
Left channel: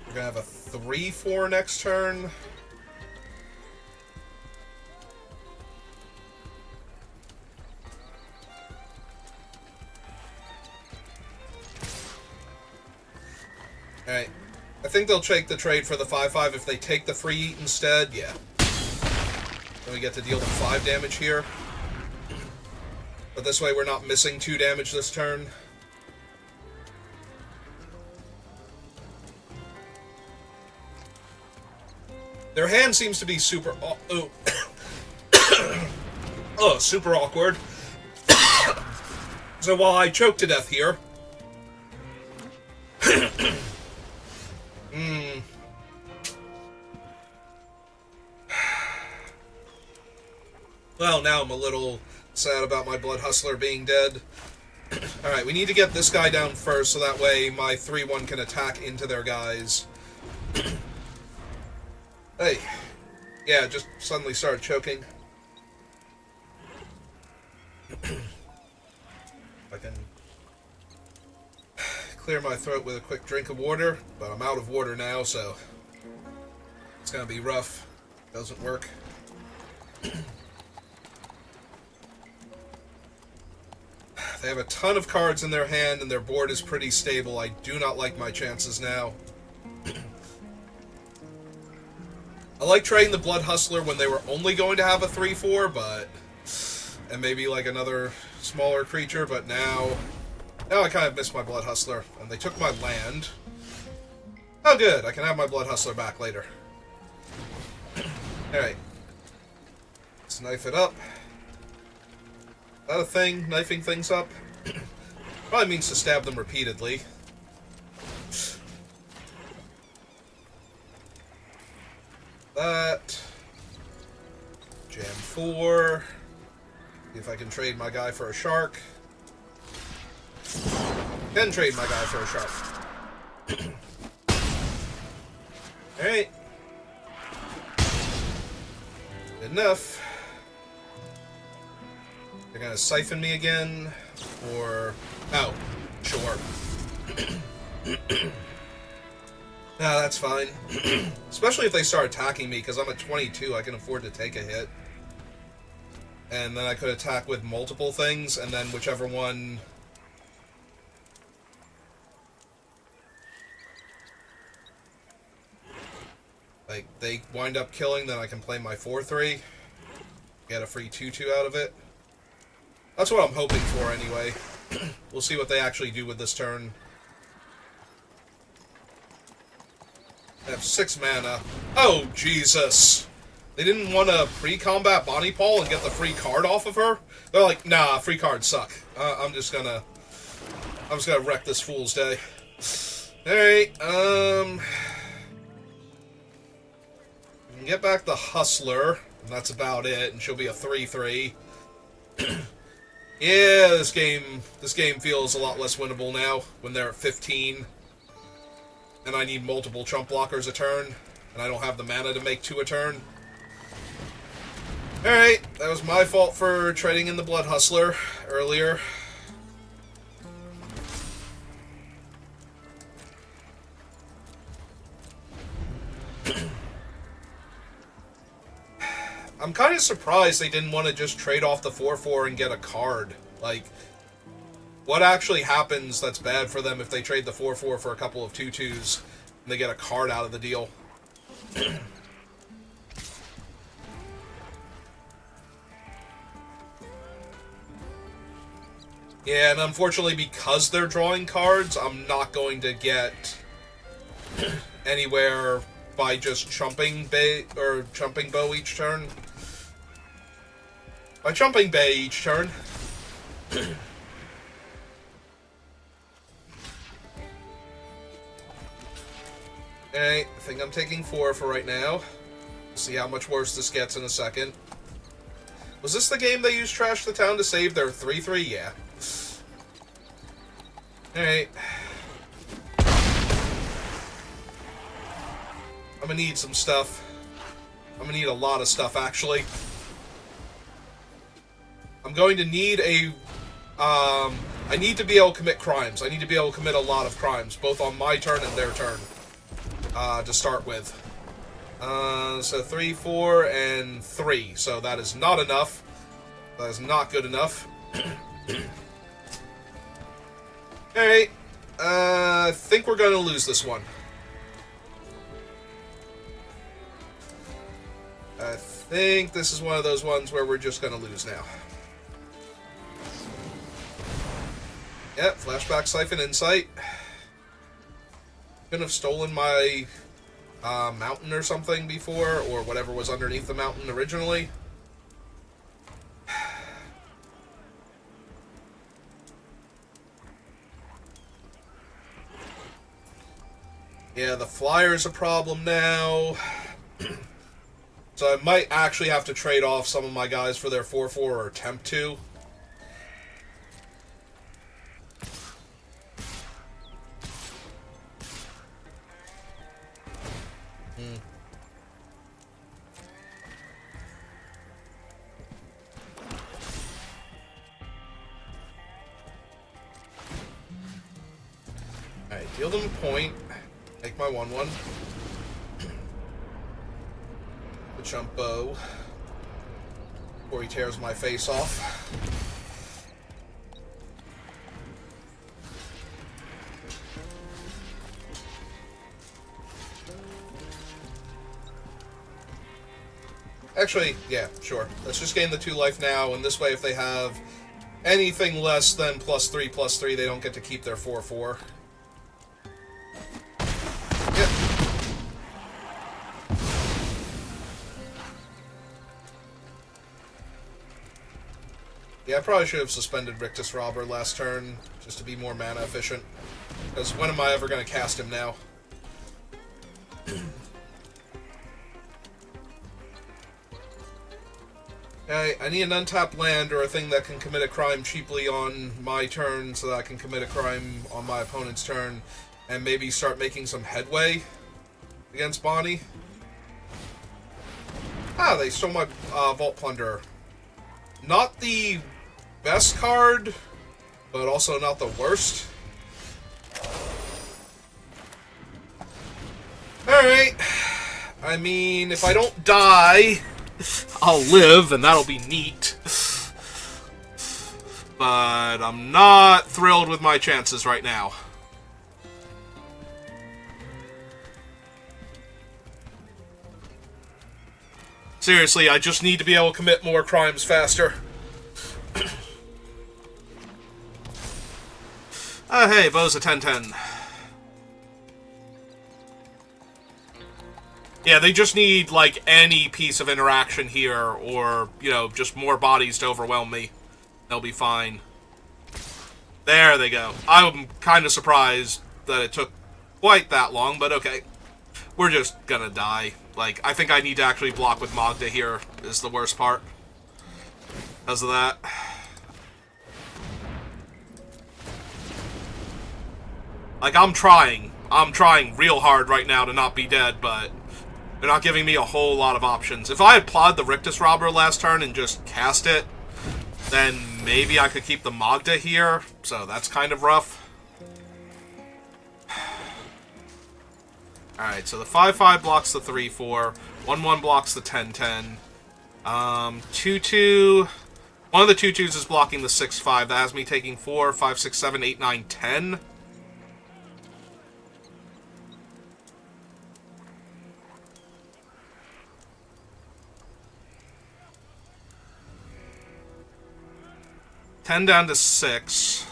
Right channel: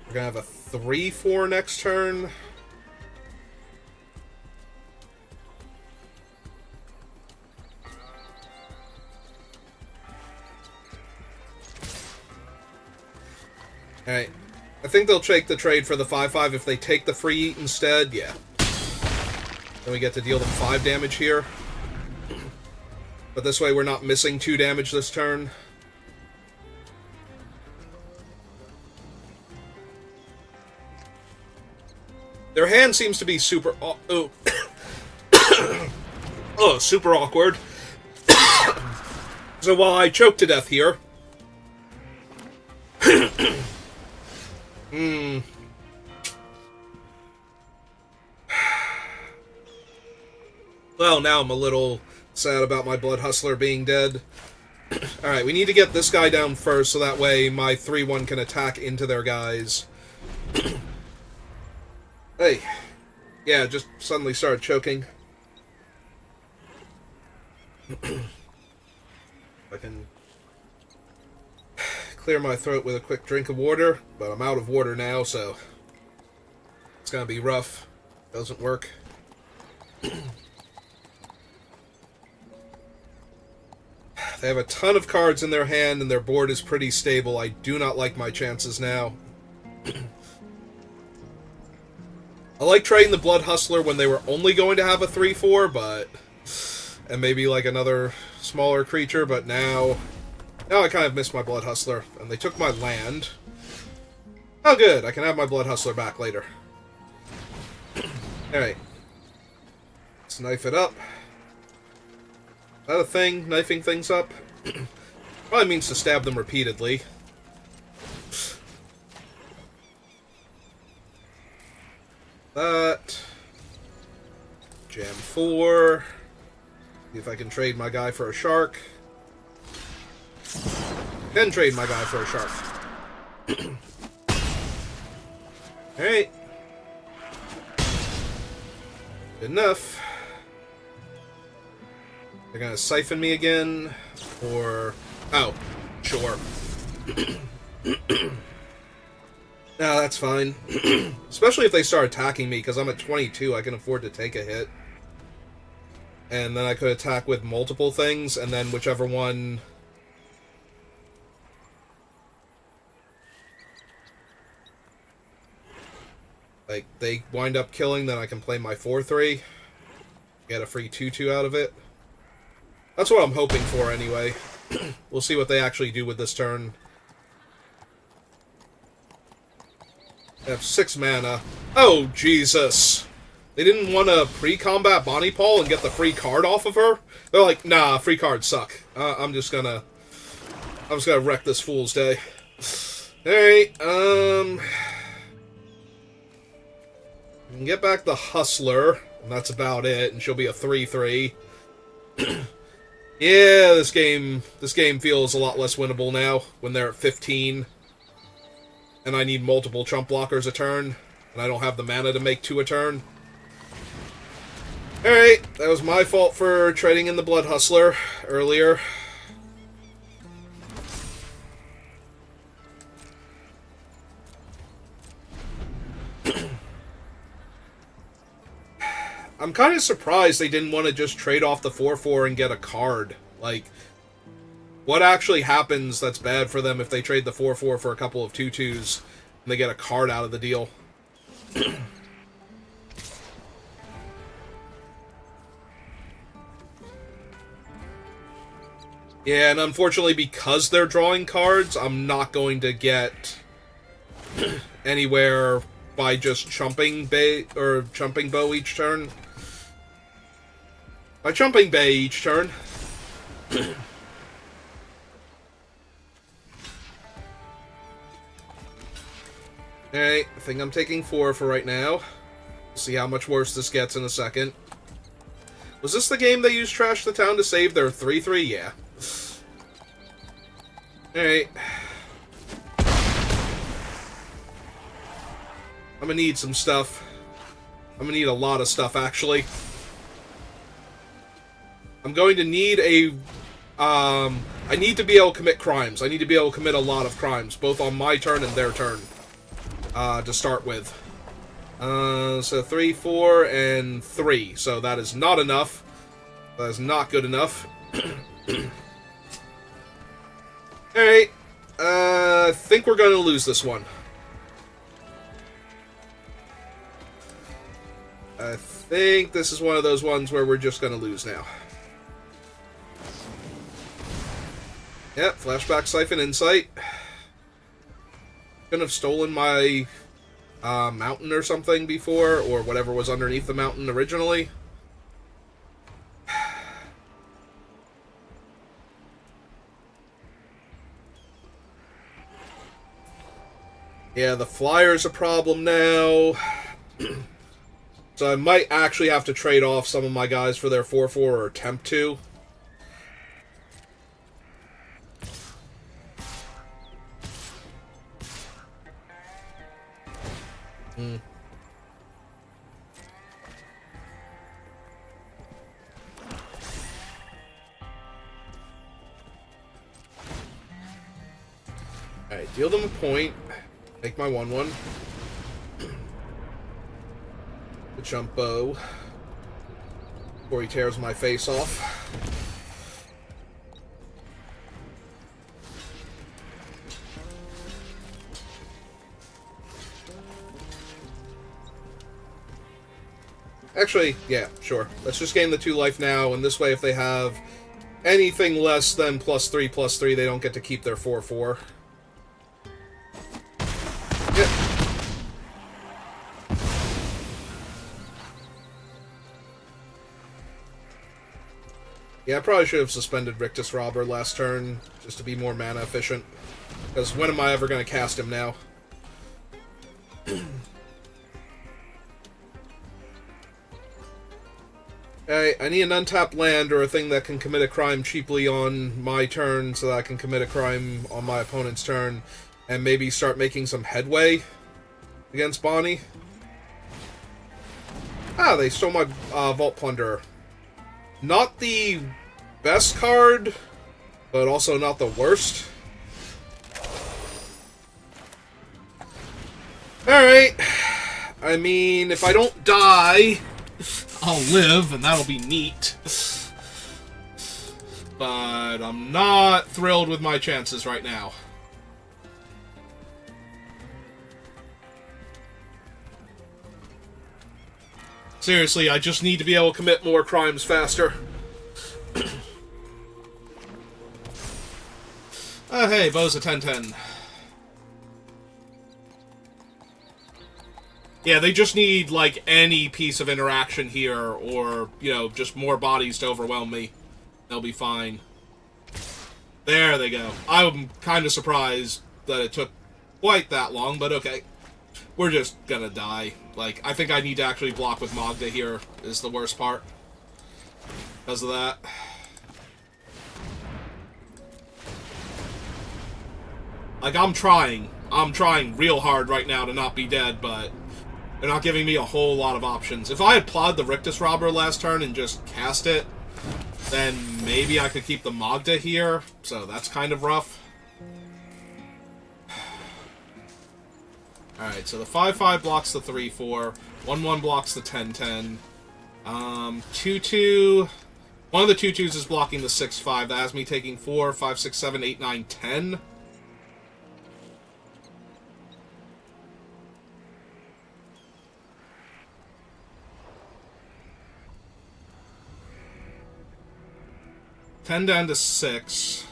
We're gonna have a 3/4 next turn. Alright. I think they'll take the trade for the 5/5 if they take the free eat instead. Yeah. Then we get to deal them 5 damage here. But this way we're not missing 2 damage this turn. Their hand seems to be super... Oh, super awkward. So while I choke to death here... Well, now I'm a little sad about my Blood Hustler being dead. Alright, we need to get this guy down first, so that way my 3/1 can attack into their guys. Hey. Yeah, just suddenly started choking. I can clear my throat with a quick drink of water, but I'm out of water now, so it's gonna be rough. Doesn't work. They have a ton of cards in their hand, and their board is pretty stable. I do not like my chances now. I like trading the Blood Hustler when they were only going to have a 3/4, but... And maybe, like, another smaller creature, but now... Now I kind of miss my Blood Hustler, and they took my land. Oh, good. I can have my Blood Hustler back later. Alright. Let's knife it up. Is that a thing? Knifing things up? Probably means to stab them repeatedly. That. Jam 4. See if I can trade my guy for a shark. Can trade my guy for a shark. Alright. Good enough. They're gonna siphon me again, or... Oh, sure. Nah, that's fine. Especially if they start attacking me, because I'm at 22, I can afford to take a hit. And then I could attack with multiple things, and then whichever one... Like, they wind up killing, then I can play my 4/3. Get a free 2/2 out of it. That's what I'm hoping for, anyway. We'll see what they actually do with this turn. I have 6 mana. Oh, Jesus. They didn't want to pre-combat Bonnie Paul and get the free card off of her? They're like, nah, free cards suck. I'm just gonna wreck this fool's day. Alright, we can get back the Hustler, and that's about it, and she'll be a 3/3. Yeah, this game feels a lot less winnable now when they're at 15. And I need multiple chump blockers a turn, and I don't have the mana to make 2 a turn. Alright, that was my fault for trading in the Blood Hustler earlier. I'm kind of surprised they didn't want to just trade off the 4/4 and get a card. Like, what actually happens that's bad for them if they trade the 4/4 for a couple of 2/2s and they get a card out of the deal? Yeah, and unfortunately, because they're drawing cards, I'm not going to get anywhere by just chumping Bo each turn. By chumping Bay each turn. Okay, I think I'm taking 4 for right now. See how much worse this gets in a second. Was this the game they used Trash the Town to save their 3/3? Yeah. Alright. I'm gonna need some stuff. I'm gonna need a lot of stuff, actually. I'm going to need a... I need to be able to commit crimes. I need to be able to commit a lot of crimes, both on my turn and their turn, to start with. So 3, 4, and 3. So that is not enough. That is not good enough. Alright. I think we're going to lose this one. I think this is one of those ones where we're just going to lose now. Yep, Flashback, Siphon, Insight. Couldn't have stolen my mountain or something before, or whatever was underneath the mountain originally. Yeah, the flyer's a problem now. So I might actually have to trade off some of my guys for their 4/4 or attempt to. Alright, deal them a point. Make my 1/1. The jump Bo. Before he tears my face off. Actually, yeah, sure. Let's just gain the 2 life now, and this way if they have anything less than +3/+3, they don't get to keep their 4/4. Yeah, I probably should have suspended Rictus Robber last turn, just to be more mana efficient. Because when am I ever going to cast him now? Hey, I need an untapped land or a thing that can commit a crime cheaply on my turn so that I can commit a crime on my opponent's turn and maybe start making some headway against Bonnie. Ah, they stole my Vault Plunderer. Not the best card, but also not the worst. Alright. I mean, if I don't die, I'll live, and that'll be neat. But I'm not thrilled with my chances right now. Seriously, I just need to be able to commit more crimes faster. Hey, Bo's a 10-10. Yeah, they just need, like, any piece of interaction here, or, you know, just more bodies to overwhelm me. They'll be fine. There they go. I'm kind of surprised that it took quite that long, but okay. We're just gonna die. Like, I think I need to actually block with Magda here, is the worst part. Because of that. Like, I'm trying. I'm trying real hard right now to not be dead, but they're not giving me a whole lot of options. If I had plowed the Rictus Robber last turn and just cast it, then maybe I could keep the Magda here, so that's kind of rough. Alright, so the 5/5 blocks the 3/4, 1/1 blocks the 10/10. 2-2. One of the 2-2s is blocking the 6-5. That has me taking 4, 5, 6, 7, 8, 9, 10. Ten down to 6.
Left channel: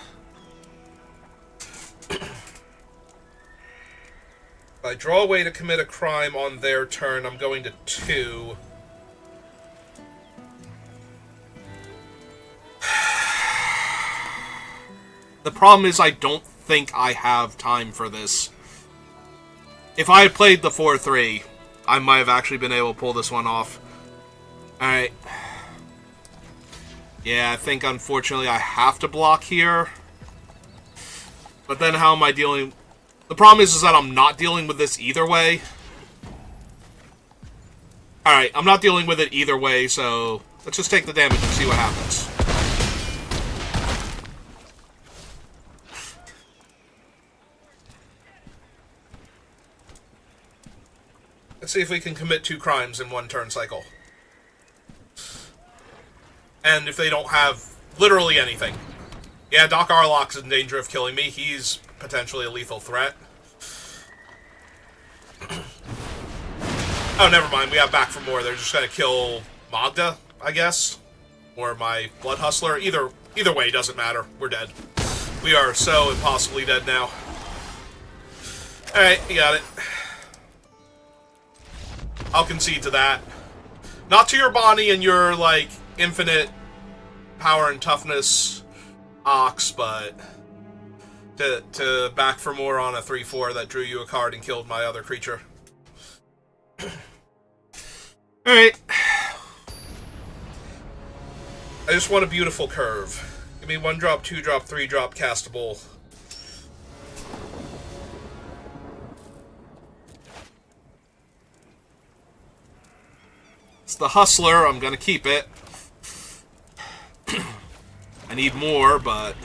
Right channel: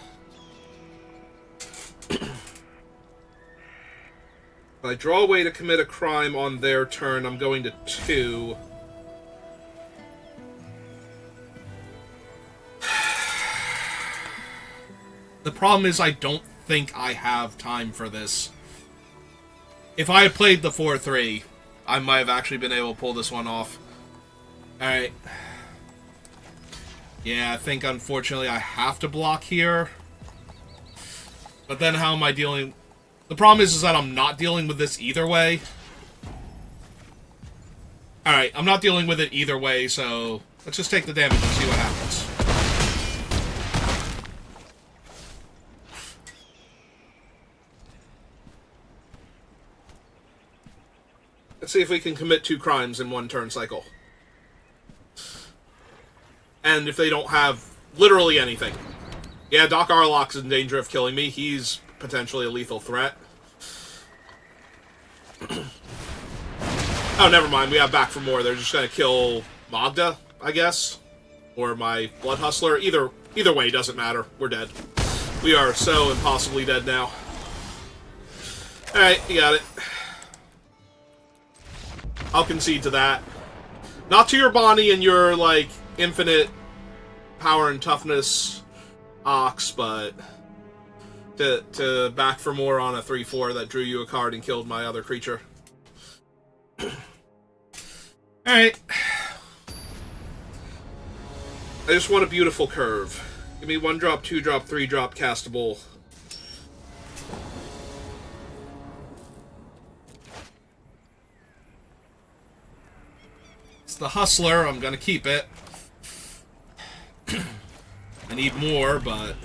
If I draw a way to commit a crime on their turn, I'm going to 2. The problem is I don't think I have time for this. If I had played the 4-3, I might have actually been able to pull this one off. Alright. Yeah, I think unfortunately I have to block here. But then how am I dealing... The problem is that I'm not dealing with this either way. Alright, I'm not dealing with it either way, so let's just take the damage and see what happens. Let's see if we can commit 2 crimes in one turn cycle. And if they don't have literally anything. Yeah, Doc Arlock's in danger of killing me. He's potentially a lethal threat. Oh, never mind. We have back for more. They're just going to kill Magda, I guess. Or my Blood Hustler. Either way, doesn't matter. We're dead. We are so impossibly dead now. Alright, you got it. I'll concede to that. Not to your Bonnie and your, like, infinite power and toughness Ox, but to back for more on a 3-4 that drew you a card and killed my other creature. Alright. I just want a beautiful curve. Give me 1-drop, 2-drop, 3-drop castable. It's the Hustler. I'm gonna keep it. I need more, but...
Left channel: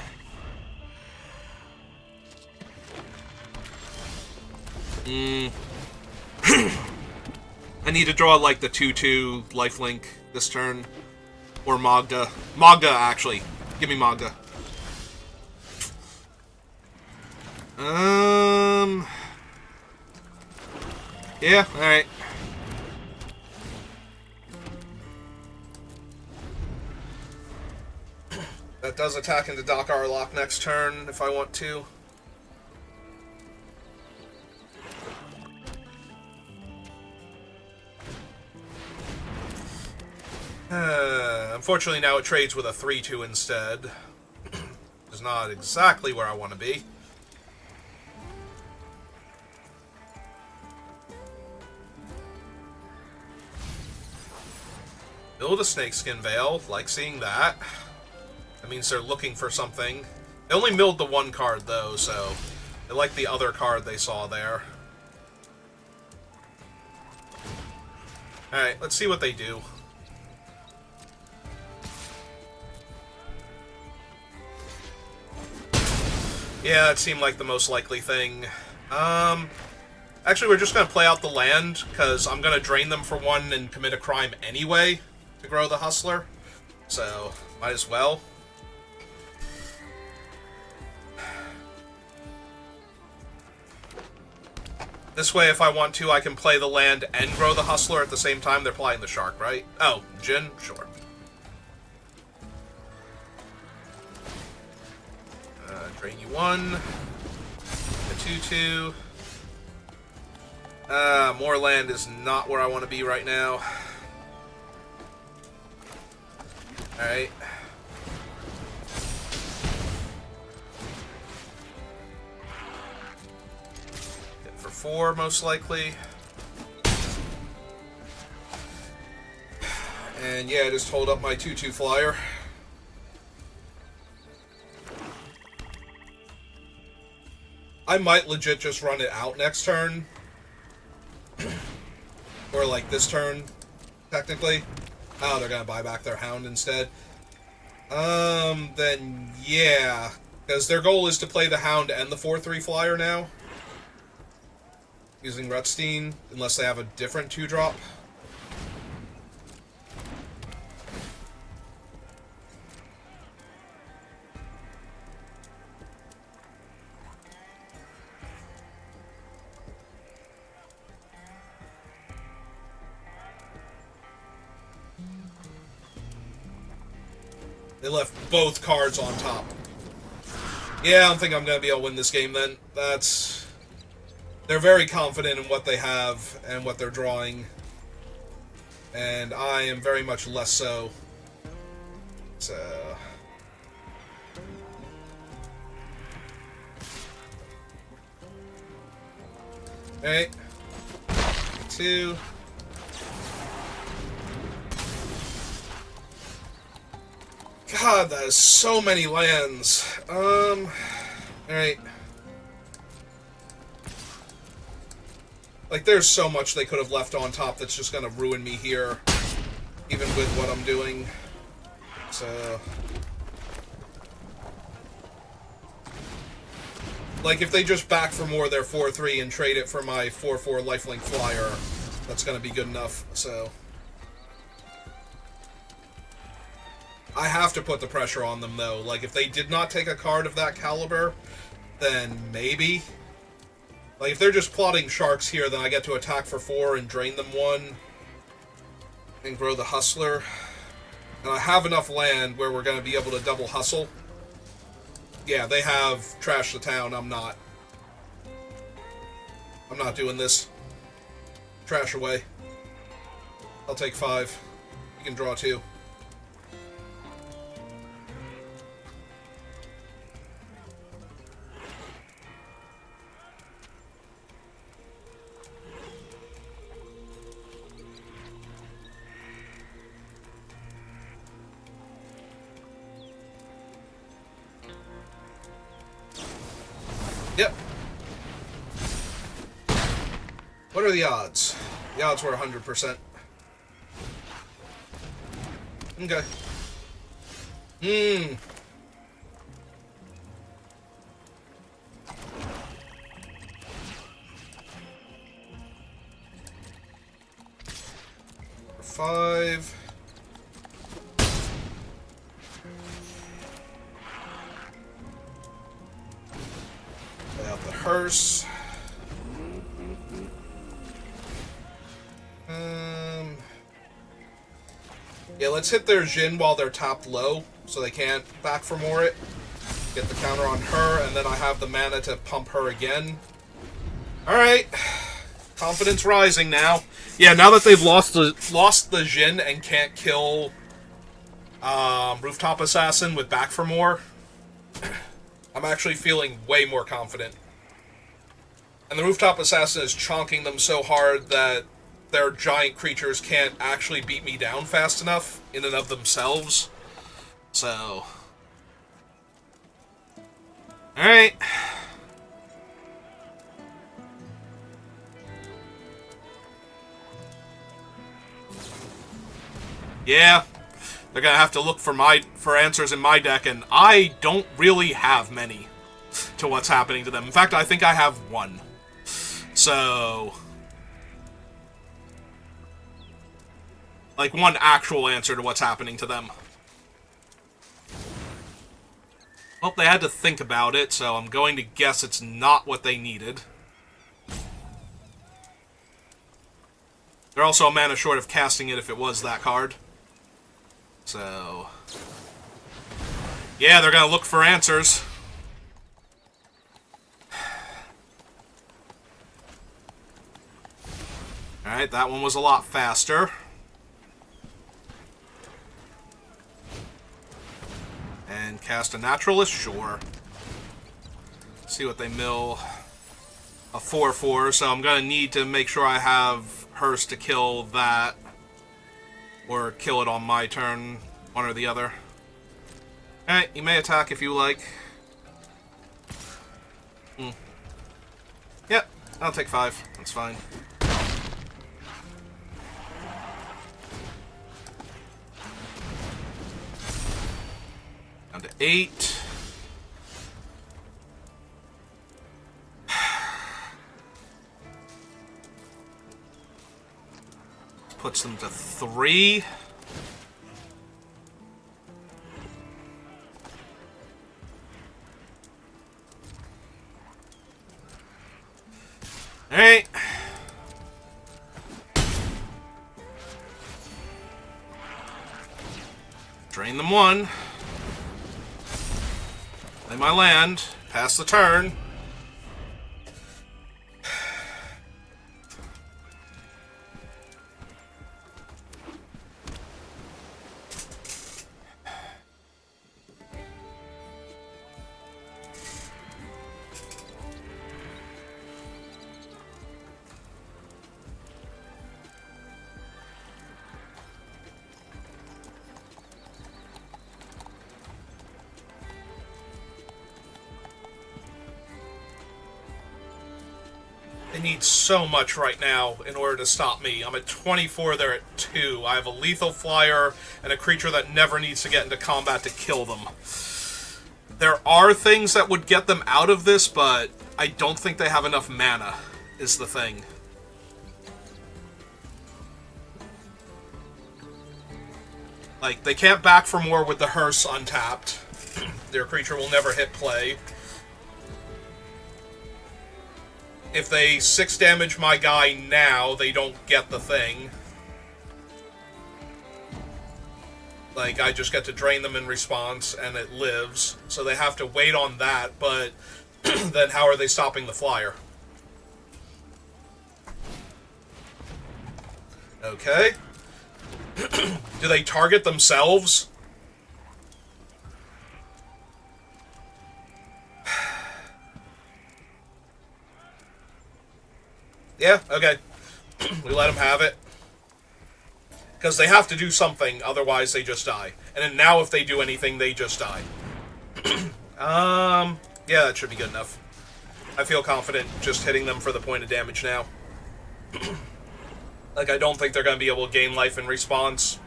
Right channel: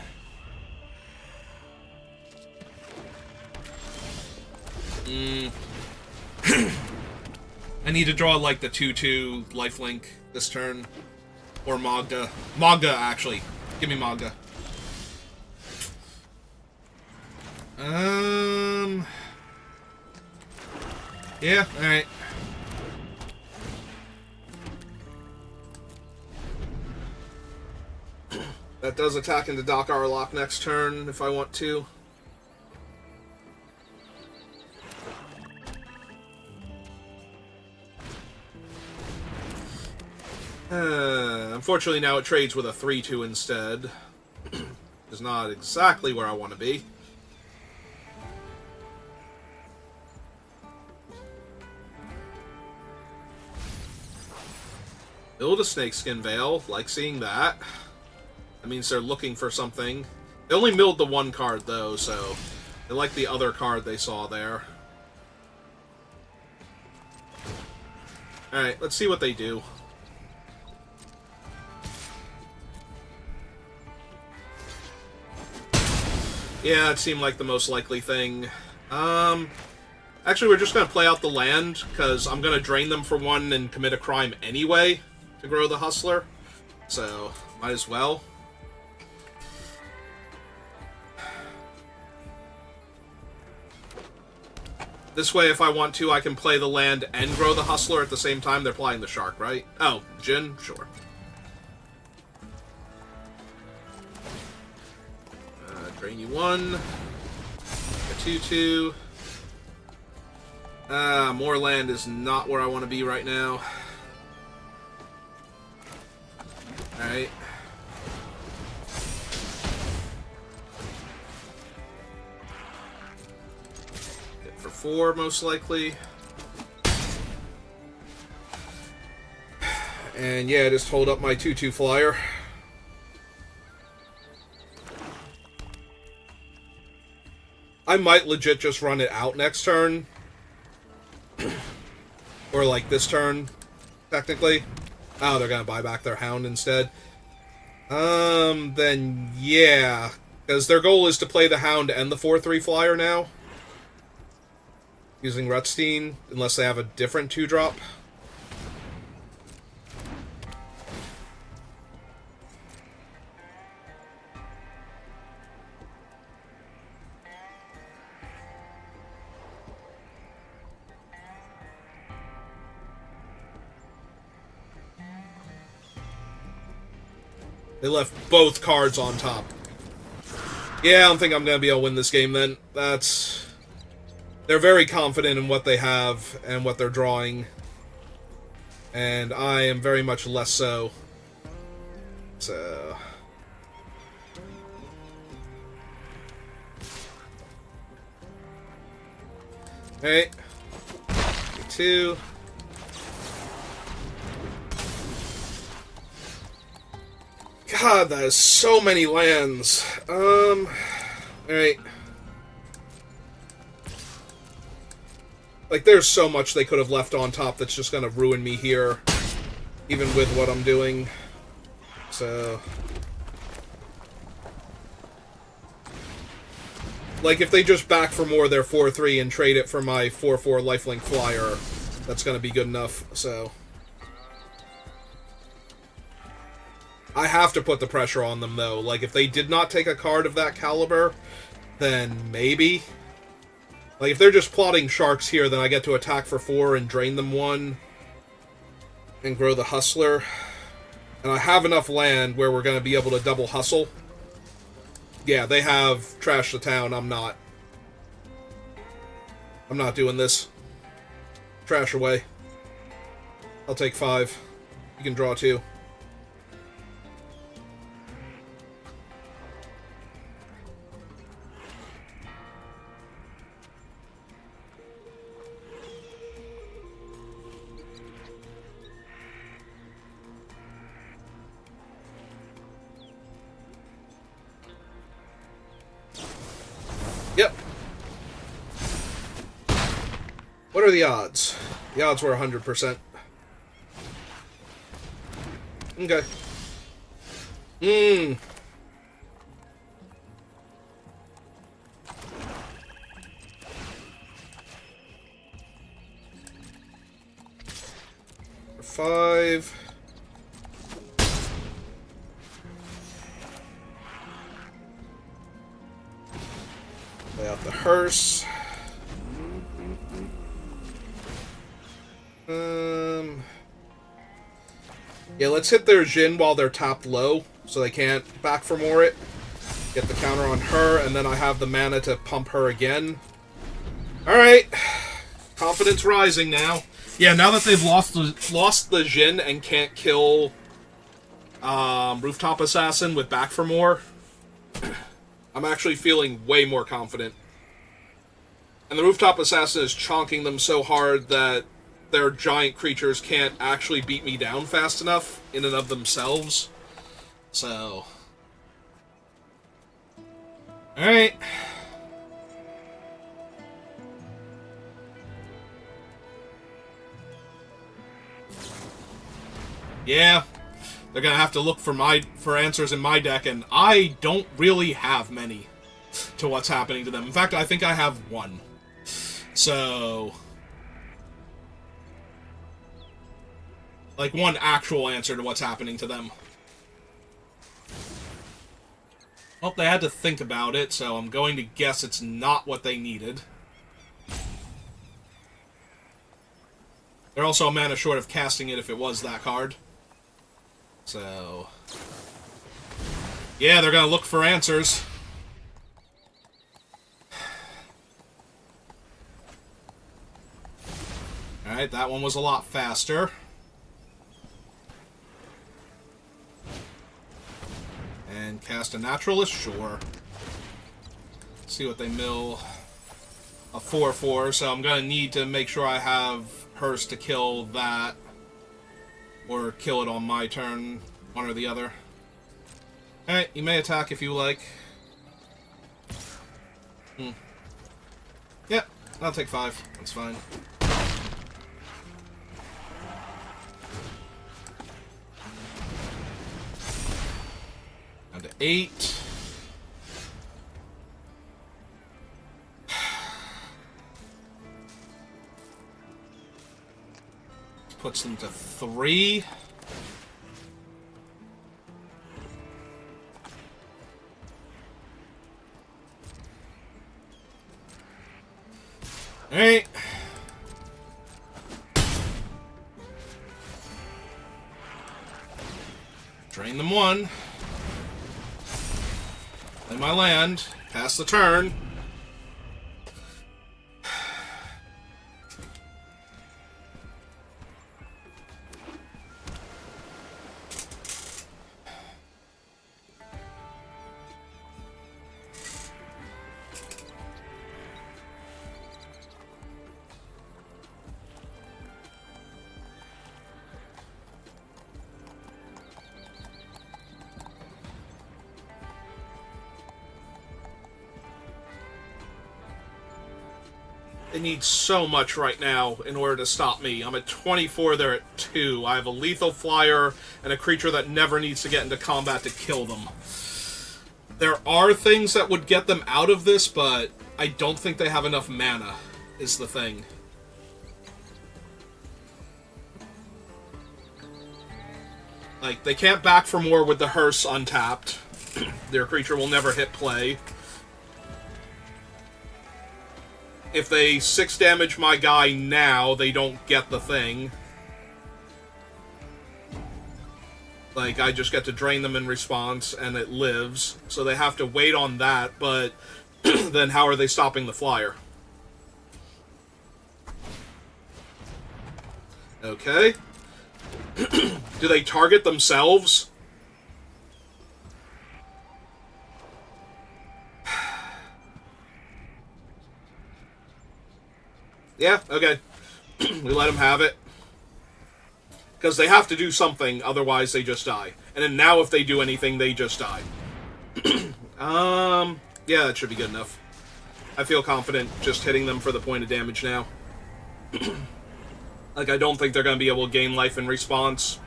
I need to draw, like, the 2-2 lifelink this turn. Or Magda. Magda, actually. Give me Magda. Yeah, alright. That does attack into Doc Arlock next turn, if I want to. Unfortunately, now it trades with a 3-2 instead. Which is not exactly where I want to be. Build a Snakeskin Veil. Like seeing that. That means they're looking for something. They only milled the 1 card, though, so... They like the other card they saw there. Alright, let's see what they do. Yeah, it seemed like the most likely thing. Actually, we're just going to play out the land, because I'm going to drain them for 1 and commit a crime anyway to grow the Hustler. So, might as well. This way, if I want to, I can play the land and grow the Hustler at the same time. They're playing the Shark, right? Oh, Jin? Sure. Drain you 1. A 2-2. More land is not where I want to be right now. Alright. Hit for 4, most likely. And yeah, just hold up my 2-2 flyer. I might legit just run it out next turn. Or like this turn, technically. Oh, they're gonna buy back their Hound instead. Then yeah. Because their goal is to play the Hound and the 4-3 flyer now. Using Rutstein, unless they have a different 2-drop. They left both cards on top. Yeah, I don't think I'm going to be able to win this game then. That's... They're very confident in what they have and what they're drawing. And I am very much less so. So... Okay. 2. God, that is so many lands. Alright. Like, there's so much they could have left on top that's just gonna ruin me here. Even with what I'm doing. So... Like, if they just back for more their 4-3 and trade it for my 4-4 lifelink flyer, that's gonna be good enough, so... I have to put the pressure on them, though. Like, if they did not take a card of that caliber, then maybe. Like, if they're just plotting sharks here, then I get to attack for 4 and drain them 1. And grow the Hustler. And I have enough land where we're going to be able to double hustle. Yeah, they have trashed the town. I'm not. I'm not doing this. Trash away. I'll take 5. You can draw 2. Yep. What are the odds? The odds were 100%. Okay. Mmm. Five. Lay out the hearse. Yeah, let's hit their Jin while they're tapped low, so they can't back for more it. Get the counter on her, and then I have the mana to pump her again. Alright. Confidence rising now. Yeah, now that they've lost the Jin and can't kill Rooftop Assassin with back for more, I'm actually feeling way more confident. And the Rooftop Assassin is chonking them so hard that their giant creatures can't actually beat me down fast enough in and of themselves. So... Alright. Yeah. They're gonna have to look for answers in my deck, and I don't really have many to what's happening to them. In fact, I think I have one. So... like, one actual answer to what's happening to them. Well, they had to think about it, so I'm going to guess it's not what they needed. They're also a mana short of casting it if it was that card. So... yeah, they're gonna look for answers. Alright, that one was a lot faster. And cast a Naturalist? Sure. See what they mill. A 4-4, so I'm going to need to make sure I have Hearst to kill that. Or kill it on my turn. One or the other. Alright, you may attack if you like. Yep, I'll take 5. That's fine. Down to 8. Puts them to 3. Alright. Drain them 1. Play my land. Pass the turn. They need so much right now in order to stop me. I'm at 24, they're at 2. I have a lethal flyer and a creature that never needs to get into combat to kill them. There are things that would get them out of this, but I don't think they have enough mana, is the thing. Like, they can't back for more with the Hearse untapped. Their creature will never hit play. If they 6 damage my guy now, they don't get the thing. Like, I just get to drain them in response, and it lives. So they have to wait on that, but then how are they stopping the flyer? Okay. Do they target themselves? Yeah, okay. We let them have it. Because they have to do something, otherwise they just die. And then now if they do anything, they just die. Yeah, that should be good enough. I feel confident just hitting them for the point of damage now. Like, I don't think they're going to be able to gain life in response.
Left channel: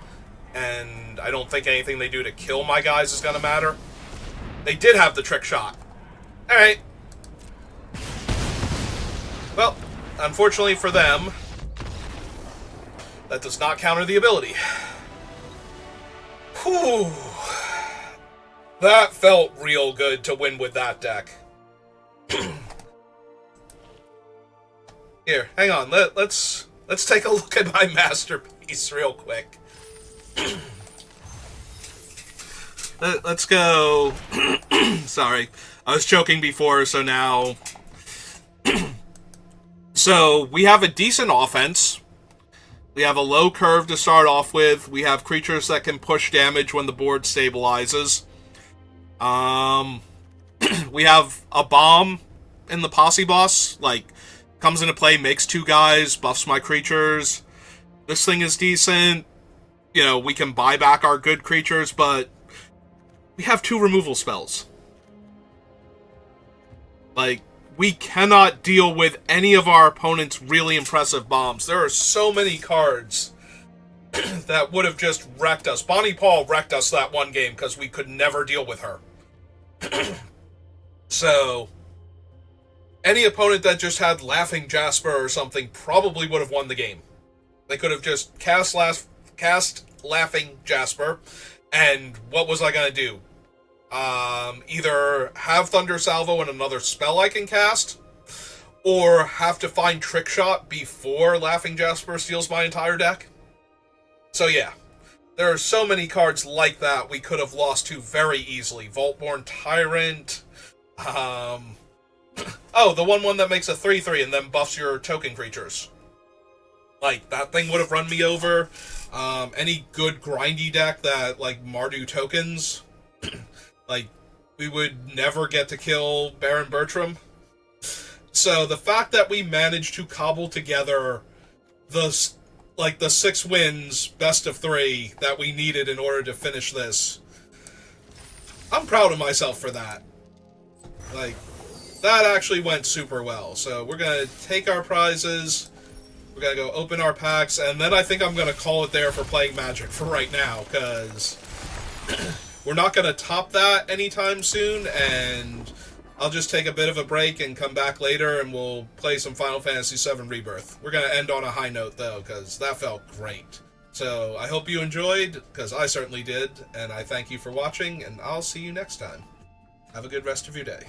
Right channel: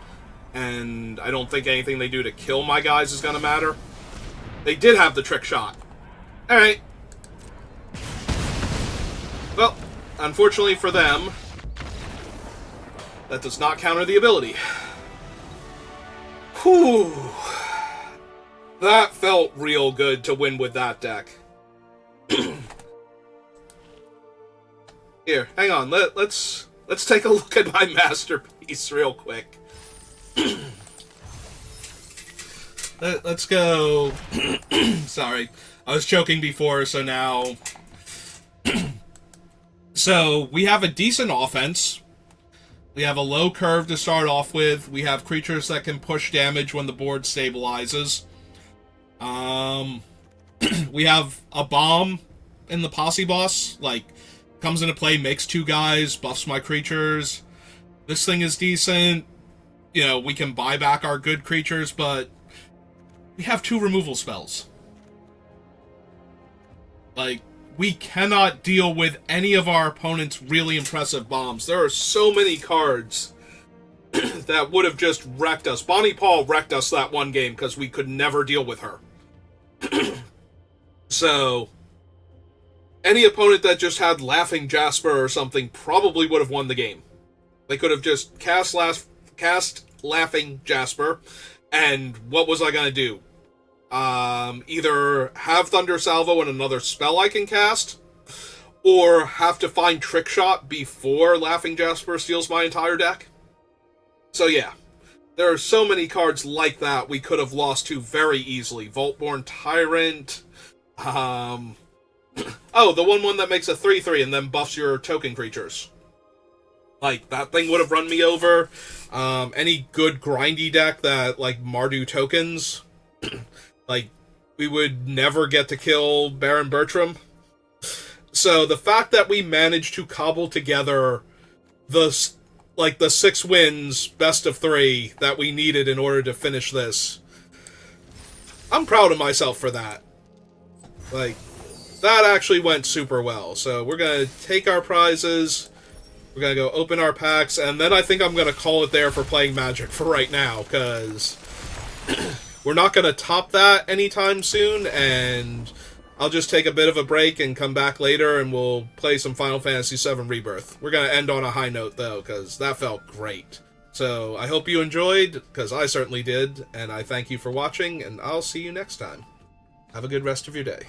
And I don't think anything they do to kill my guys is going to matter. They did have the trick shot. Alright. Well, unfortunately for them, that does not counter the ability. Whew. That felt real good to win with that deck. Here, hang on. Let's take a look at my masterpiece real quick. Let's go. Sorry. I was choking before, so now... So, we have a decent offense. We have a low curve to start off with. We have creatures that can push damage when the board stabilizes. We have a bomb in the Posse Boss. Like, comes into play, makes 2 guys, buffs my creatures. This thing is decent. You know, we can buy back our good creatures, but we have 2 removal spells. Like, we cannot deal with any of our opponent's really impressive bombs. There are so many cards that would have just wrecked us. Bonnie Paul wrecked us that one game because we could never deal with her. So, any opponent that just had Laughing Jasper or something probably would have won the game. They could have just cast Laughing Jasper, and what was I going to do? Either have Thunder Salvo and another spell I can cast, or have to find Trick Shot before Laughing Jasper steals my entire deck. So yeah, there are so many cards like that we could have lost to very easily. Vaultborn Tyrant, oh, the 1/1 that makes a 3/3 and then buffs your token creatures. Like, that thing would have run me over. Any good grindy deck that, like, Mardu tokens... Like, we would never get to kill Baron Bertram. So the fact that we managed to cobble together the 6 wins, best of 3, that we needed in order to finish this, I'm proud of myself for that. Like, that actually went super well. So we're going to take our prizes, we're going to go open our packs, and then I think I'm going to call it there for playing Magic for right now, because... We're not going to top that anytime soon, and I'll just take a bit of a break and come back later, and we'll play some Final Fantasy VII Rebirth. We're going to end on a high note, though, because that felt great. So I hope you enjoyed, because I certainly did, and I thank you for watching, and I'll see you next time. Have a good rest of your day.